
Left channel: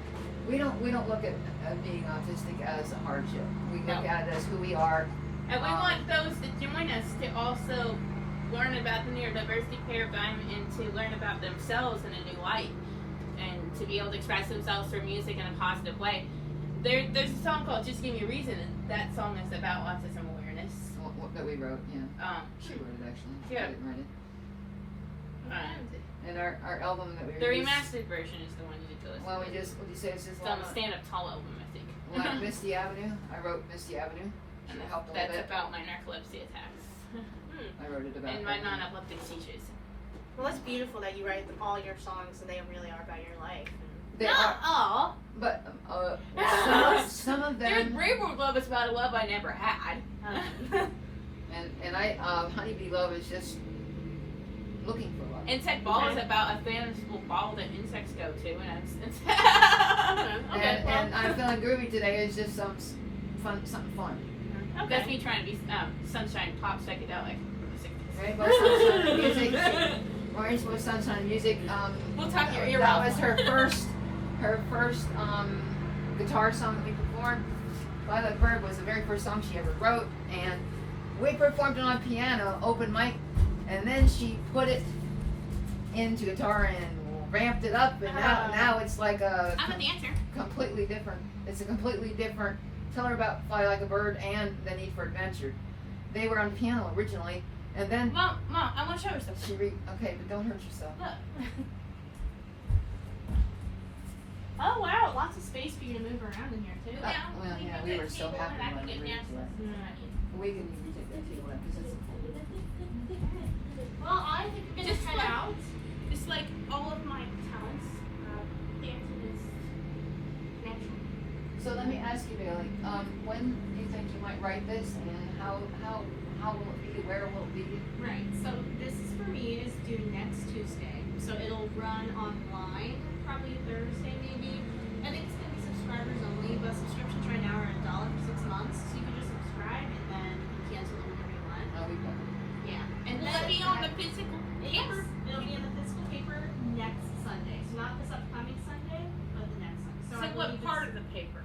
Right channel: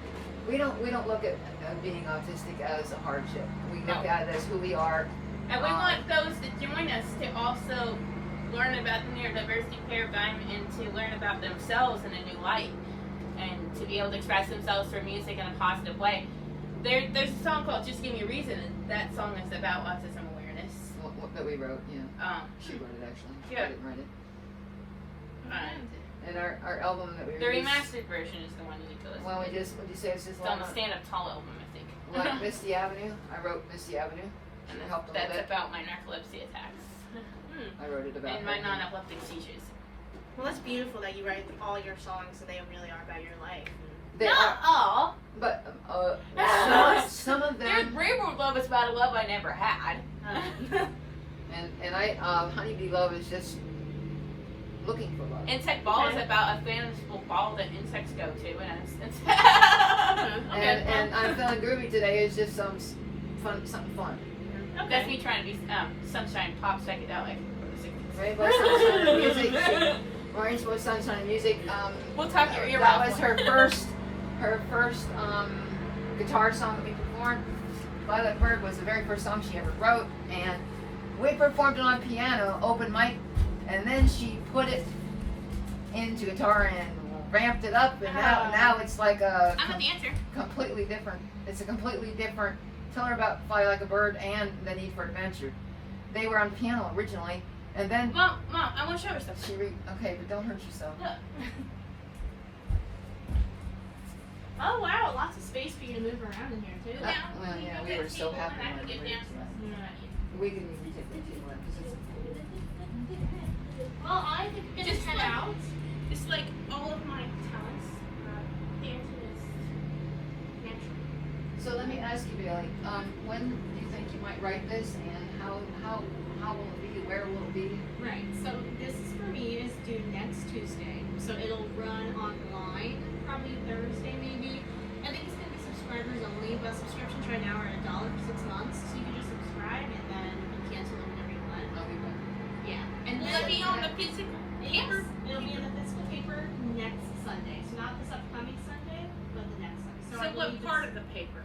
We don't look at being autistic as a hardship. We look No. at it as who we are. And we want those that join us to also learn about the neurodiversity paradigm and to learn about themselves in a new light and to be able to express themselves through music in a positive way. There's a song called Just Give Me a Reason, and that song is about autism awareness. That we wrote, yeah. She wrote it actually. Yeah. I didn't write it. And And our album that we the released. remastered version is the one you need to listen Well, to. would you say it's just It's on the stand-up tall album, I think. like Misty Avenue? I wrote Misty Avenue. And It helped a little that's bit. about my narcolepsy attacks I wrote it about and my that. non-epileptic seizures. Well, it's beautiful that you write all your songs, and they really are about your life. They Not are, all. but some of There's them, Rainbow Love is about a love I never had. and I Honeybee Love is just looking for love. Insect Ball is Okay. about a fanciful ball that insects go to, and it's And I'm feeling groovy today is just something fun. that's me trying to be sunshine pop psychedelic. Rainbow Sunshine Music. Rainbow Sunshine Music. We'll tuck your ear That off. was her first guitar song that we performed. Fly Like a Bird was the very first song she ever wrote, and we performed it on piano, open mic, and then she put it into guitar and ramped it up, and now it's like a I'm a dancer. completely different. It's a completely different. Tell her about Fly Like a Bird and The Need for Adventure. They were on piano originally, and then Mom, I want to show her something. okay, but don't hurt yourself. Look. Oh wow, lots of space for you to move around in here too. Well, yeah, we were so happy when we were we didn't even take that too well. Well, I think we're gonna Just head like- out. It's like all of my talents. Dancing is natural. So let me ask you, Bailey, when do you think you might write this, and how will it be? Where will it be? Right. So this is for me is due next Tuesday. So it'll run online probably Thursday maybe. I think it's gonna be subscribers only, but subscriptions right now are $1 for 6 months. So you can just subscribe and then you can cancel it whenever you want. I'll be back. Yeah. And will it be on the physical paper? It'll be in the physical paper next Sunday. So not this upcoming Sunday, but the next Sunday. So I what believe part it's- of the paper?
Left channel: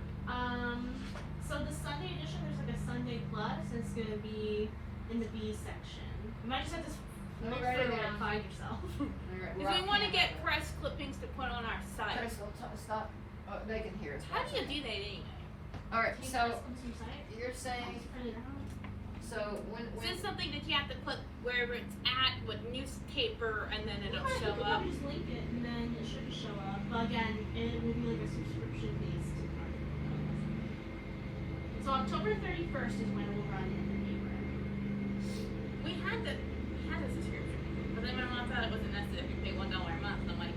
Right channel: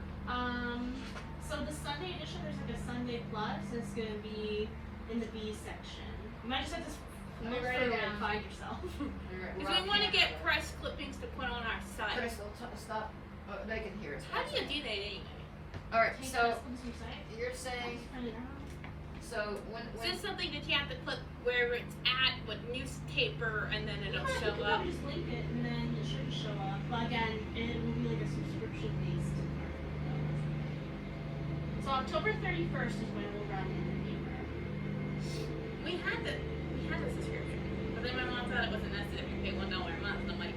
So the Sunday edition, there's like a Sunday Plus. It's gonna be in the B section. You might just have to Let me look write it through it down. and find yourself. Because we want to get press clippings to put on our site. Crystal, stop. Oh, they can hear us. How do you do that anyway? All right. Take So this on some site. you're saying Print it out. so when Is this something that you have to put where it's at with newspaper and then it'll Yeah, show you can up? just link it and then it should show up. But again, it will be like a subscription based article. So October 31st is when it will run in the paper. We had a subscription, but then my mom thought it wasn't necessary to pay $1 a month. And I'm like,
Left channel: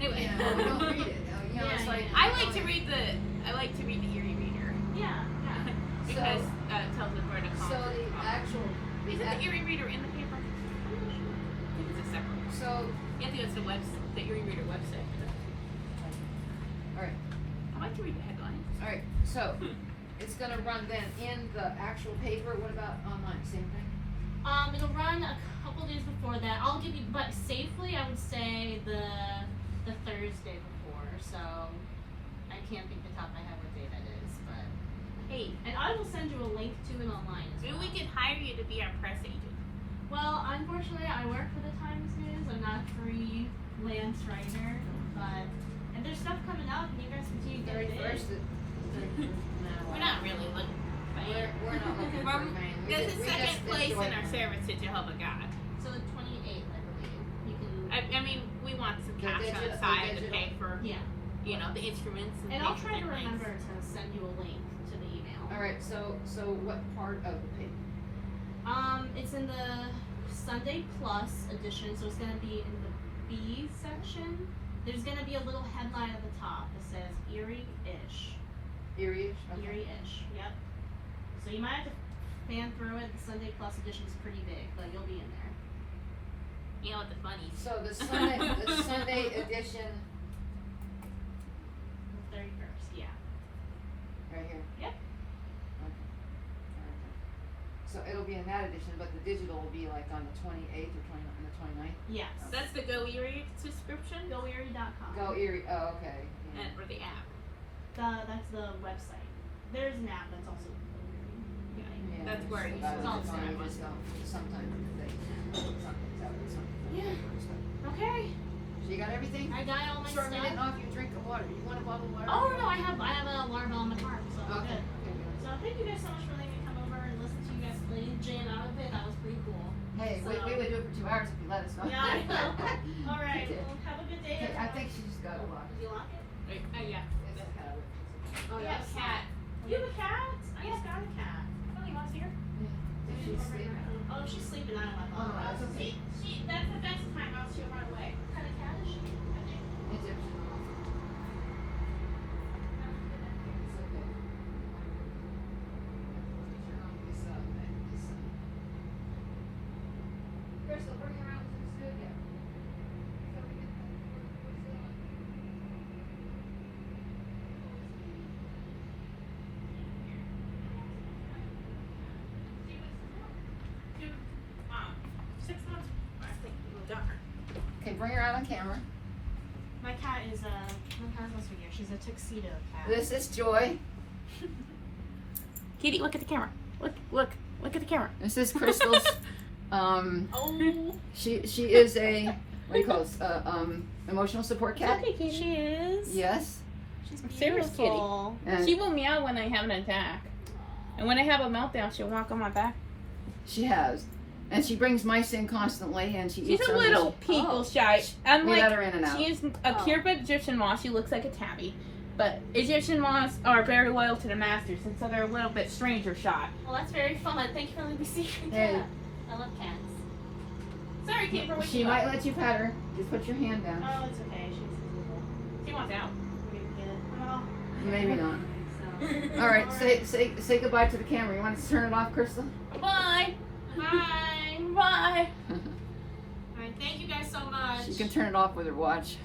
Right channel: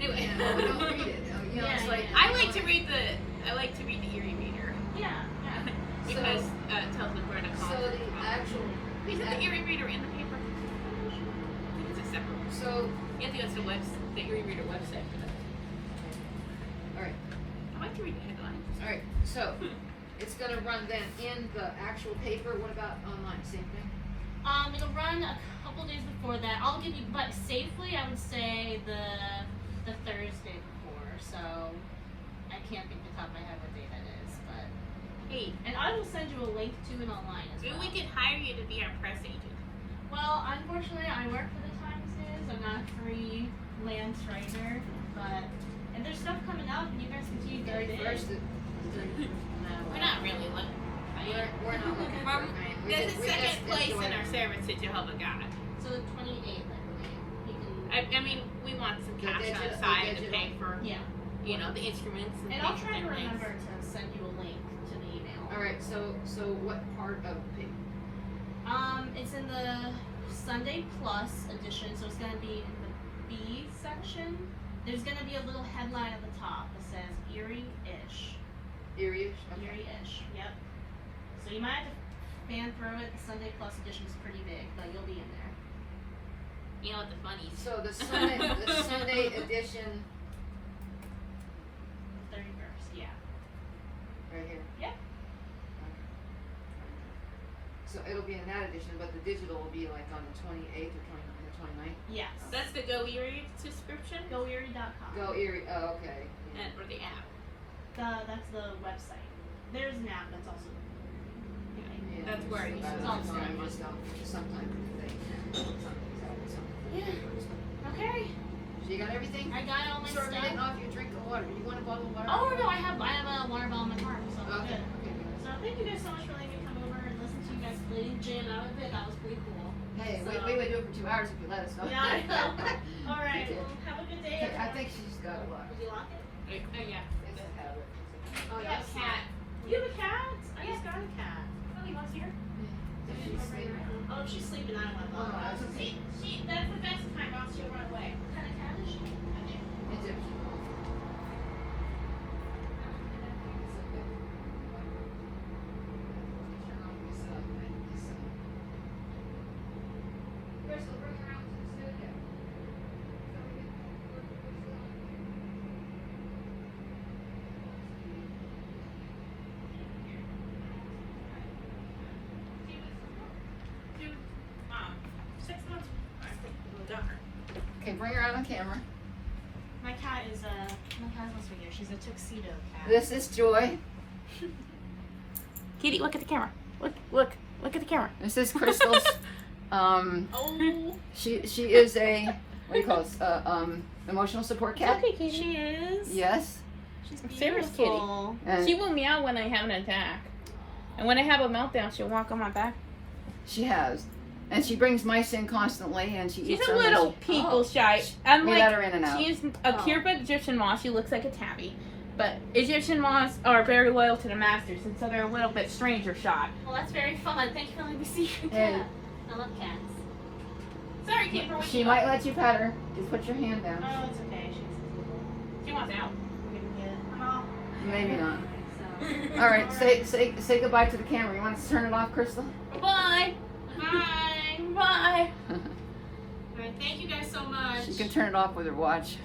anyway. yeah, don't read it. You know, it's Yeah, like yeah. I like to read the Erie Reader Yeah, yeah. because it tells them where to call. So the actual Isn't the Erie Reader in the paper? I think it's a separate one. so You have to go to the Erie Reader website for that. Alright. I like to read the headlines. all right. So it's gonna run then in the actual paper. What about online? Same thing. It'll run a couple days before that. I'll give you, but safely, I would say the Thursday before. So I can't think the top of my head what day that is, but Hey, and I will send you a link to it online as maybe well. we could hire you to be our press agent. Well, unfortunately, I work for the Times News. I'm not a freelance writer, but if there's stuff coming up, and you guys continue to get it. 31st. We're not really looking. We're not looking for a name. We There's just- a we second just place enjoy in our it. service to Jehovah God. So the 28th, I believe. You can. I mean, we want some The cash on digital- the side the to digital. pay for, Yeah. you know, the instruments and And I'll things try to and things. remember to send you a link to the email. All right. So what part of the paper? It's in the Sunday Plus edition, so it's gonna be in the B section. There's gonna be a little headline at the top that says Erie-ish. Erie-ish? Okay. Erie-ish. Yep. So you might have to fan through it. The Sunday Plus edition is pretty big, but you'll be in there. You know what the funny is? So the Sunday edition The 31st. Yeah. right here. Yep. Okay. So it'll be in that edition, but the digital will be like on the 28th or the 29th. Yes. That's the Go Erie subscription? GoErie.com. Go Erie. Oh, okay. Or the app. That's the website. There's an app that's also. Yeah, That's where it that's is. all It's all fine. fine. Just sometimes they Okay. So you got everything? I got all my Sorry, we stuff. didn't know if you drink the water. You want a bottle of water? Oh no, I have a water bottle in my car, so I'm Okay. good. So thank you guys so much for letting me come over and listen to you guys play jam out with it. That was pretty cool. Hey, we would do it for 2 hours if you let us know. Yeah, I know. All right. Okay. Well, have a good day. Okay, I think she's got a lot. Did you lock it? Yeah. It's a habit. Oh Yeah, cat. You have a cat? I just got a cat. Oh, you want here? Does she sleep? Oh, if she's sleeping, I don't want Oh, to. that's okay. That's the best time, or else she'll run away. What kind of cat is she? It's okay. Crystal, bring her out to the studio. Dude, 6 months. I think we'll done her. Okay, bring her out on camera. My cat is with you. She's a tuxedo cat. This is Joy. Kitty, look at the camera. Look at the camera. This is Crystal's. Oh, She is a what do you call this? Emotional support cat. Okay, Kitty. she is. Yes. She's Sarah's beautiful. And She will meow when I have an attack. And when I have a meltdown, she'll walk on my back. she has, and she brings mice in constantly, and she She's eats a them. and little she- people Oh. shy. We let Unlike, her in and out. she is a purebred Egyptian moth. She looks like a tabby. But Egyptian moths are very loyal to the masters, and so they're a little bit stranger shot. Well, that's very fun. Thank you for letting me see your Hey. cat. I love cats. Sorry, Kate, for waking She you might up. let you pet her. Just put your hand down. Oh, it's okay. She's She wants out. Maybe not. so. All right, say goodbye to the camera. You want to turn it off, Crystal? Bye. Hi. Bye. All right. Thank you guys so much. She can turn it off with her watch.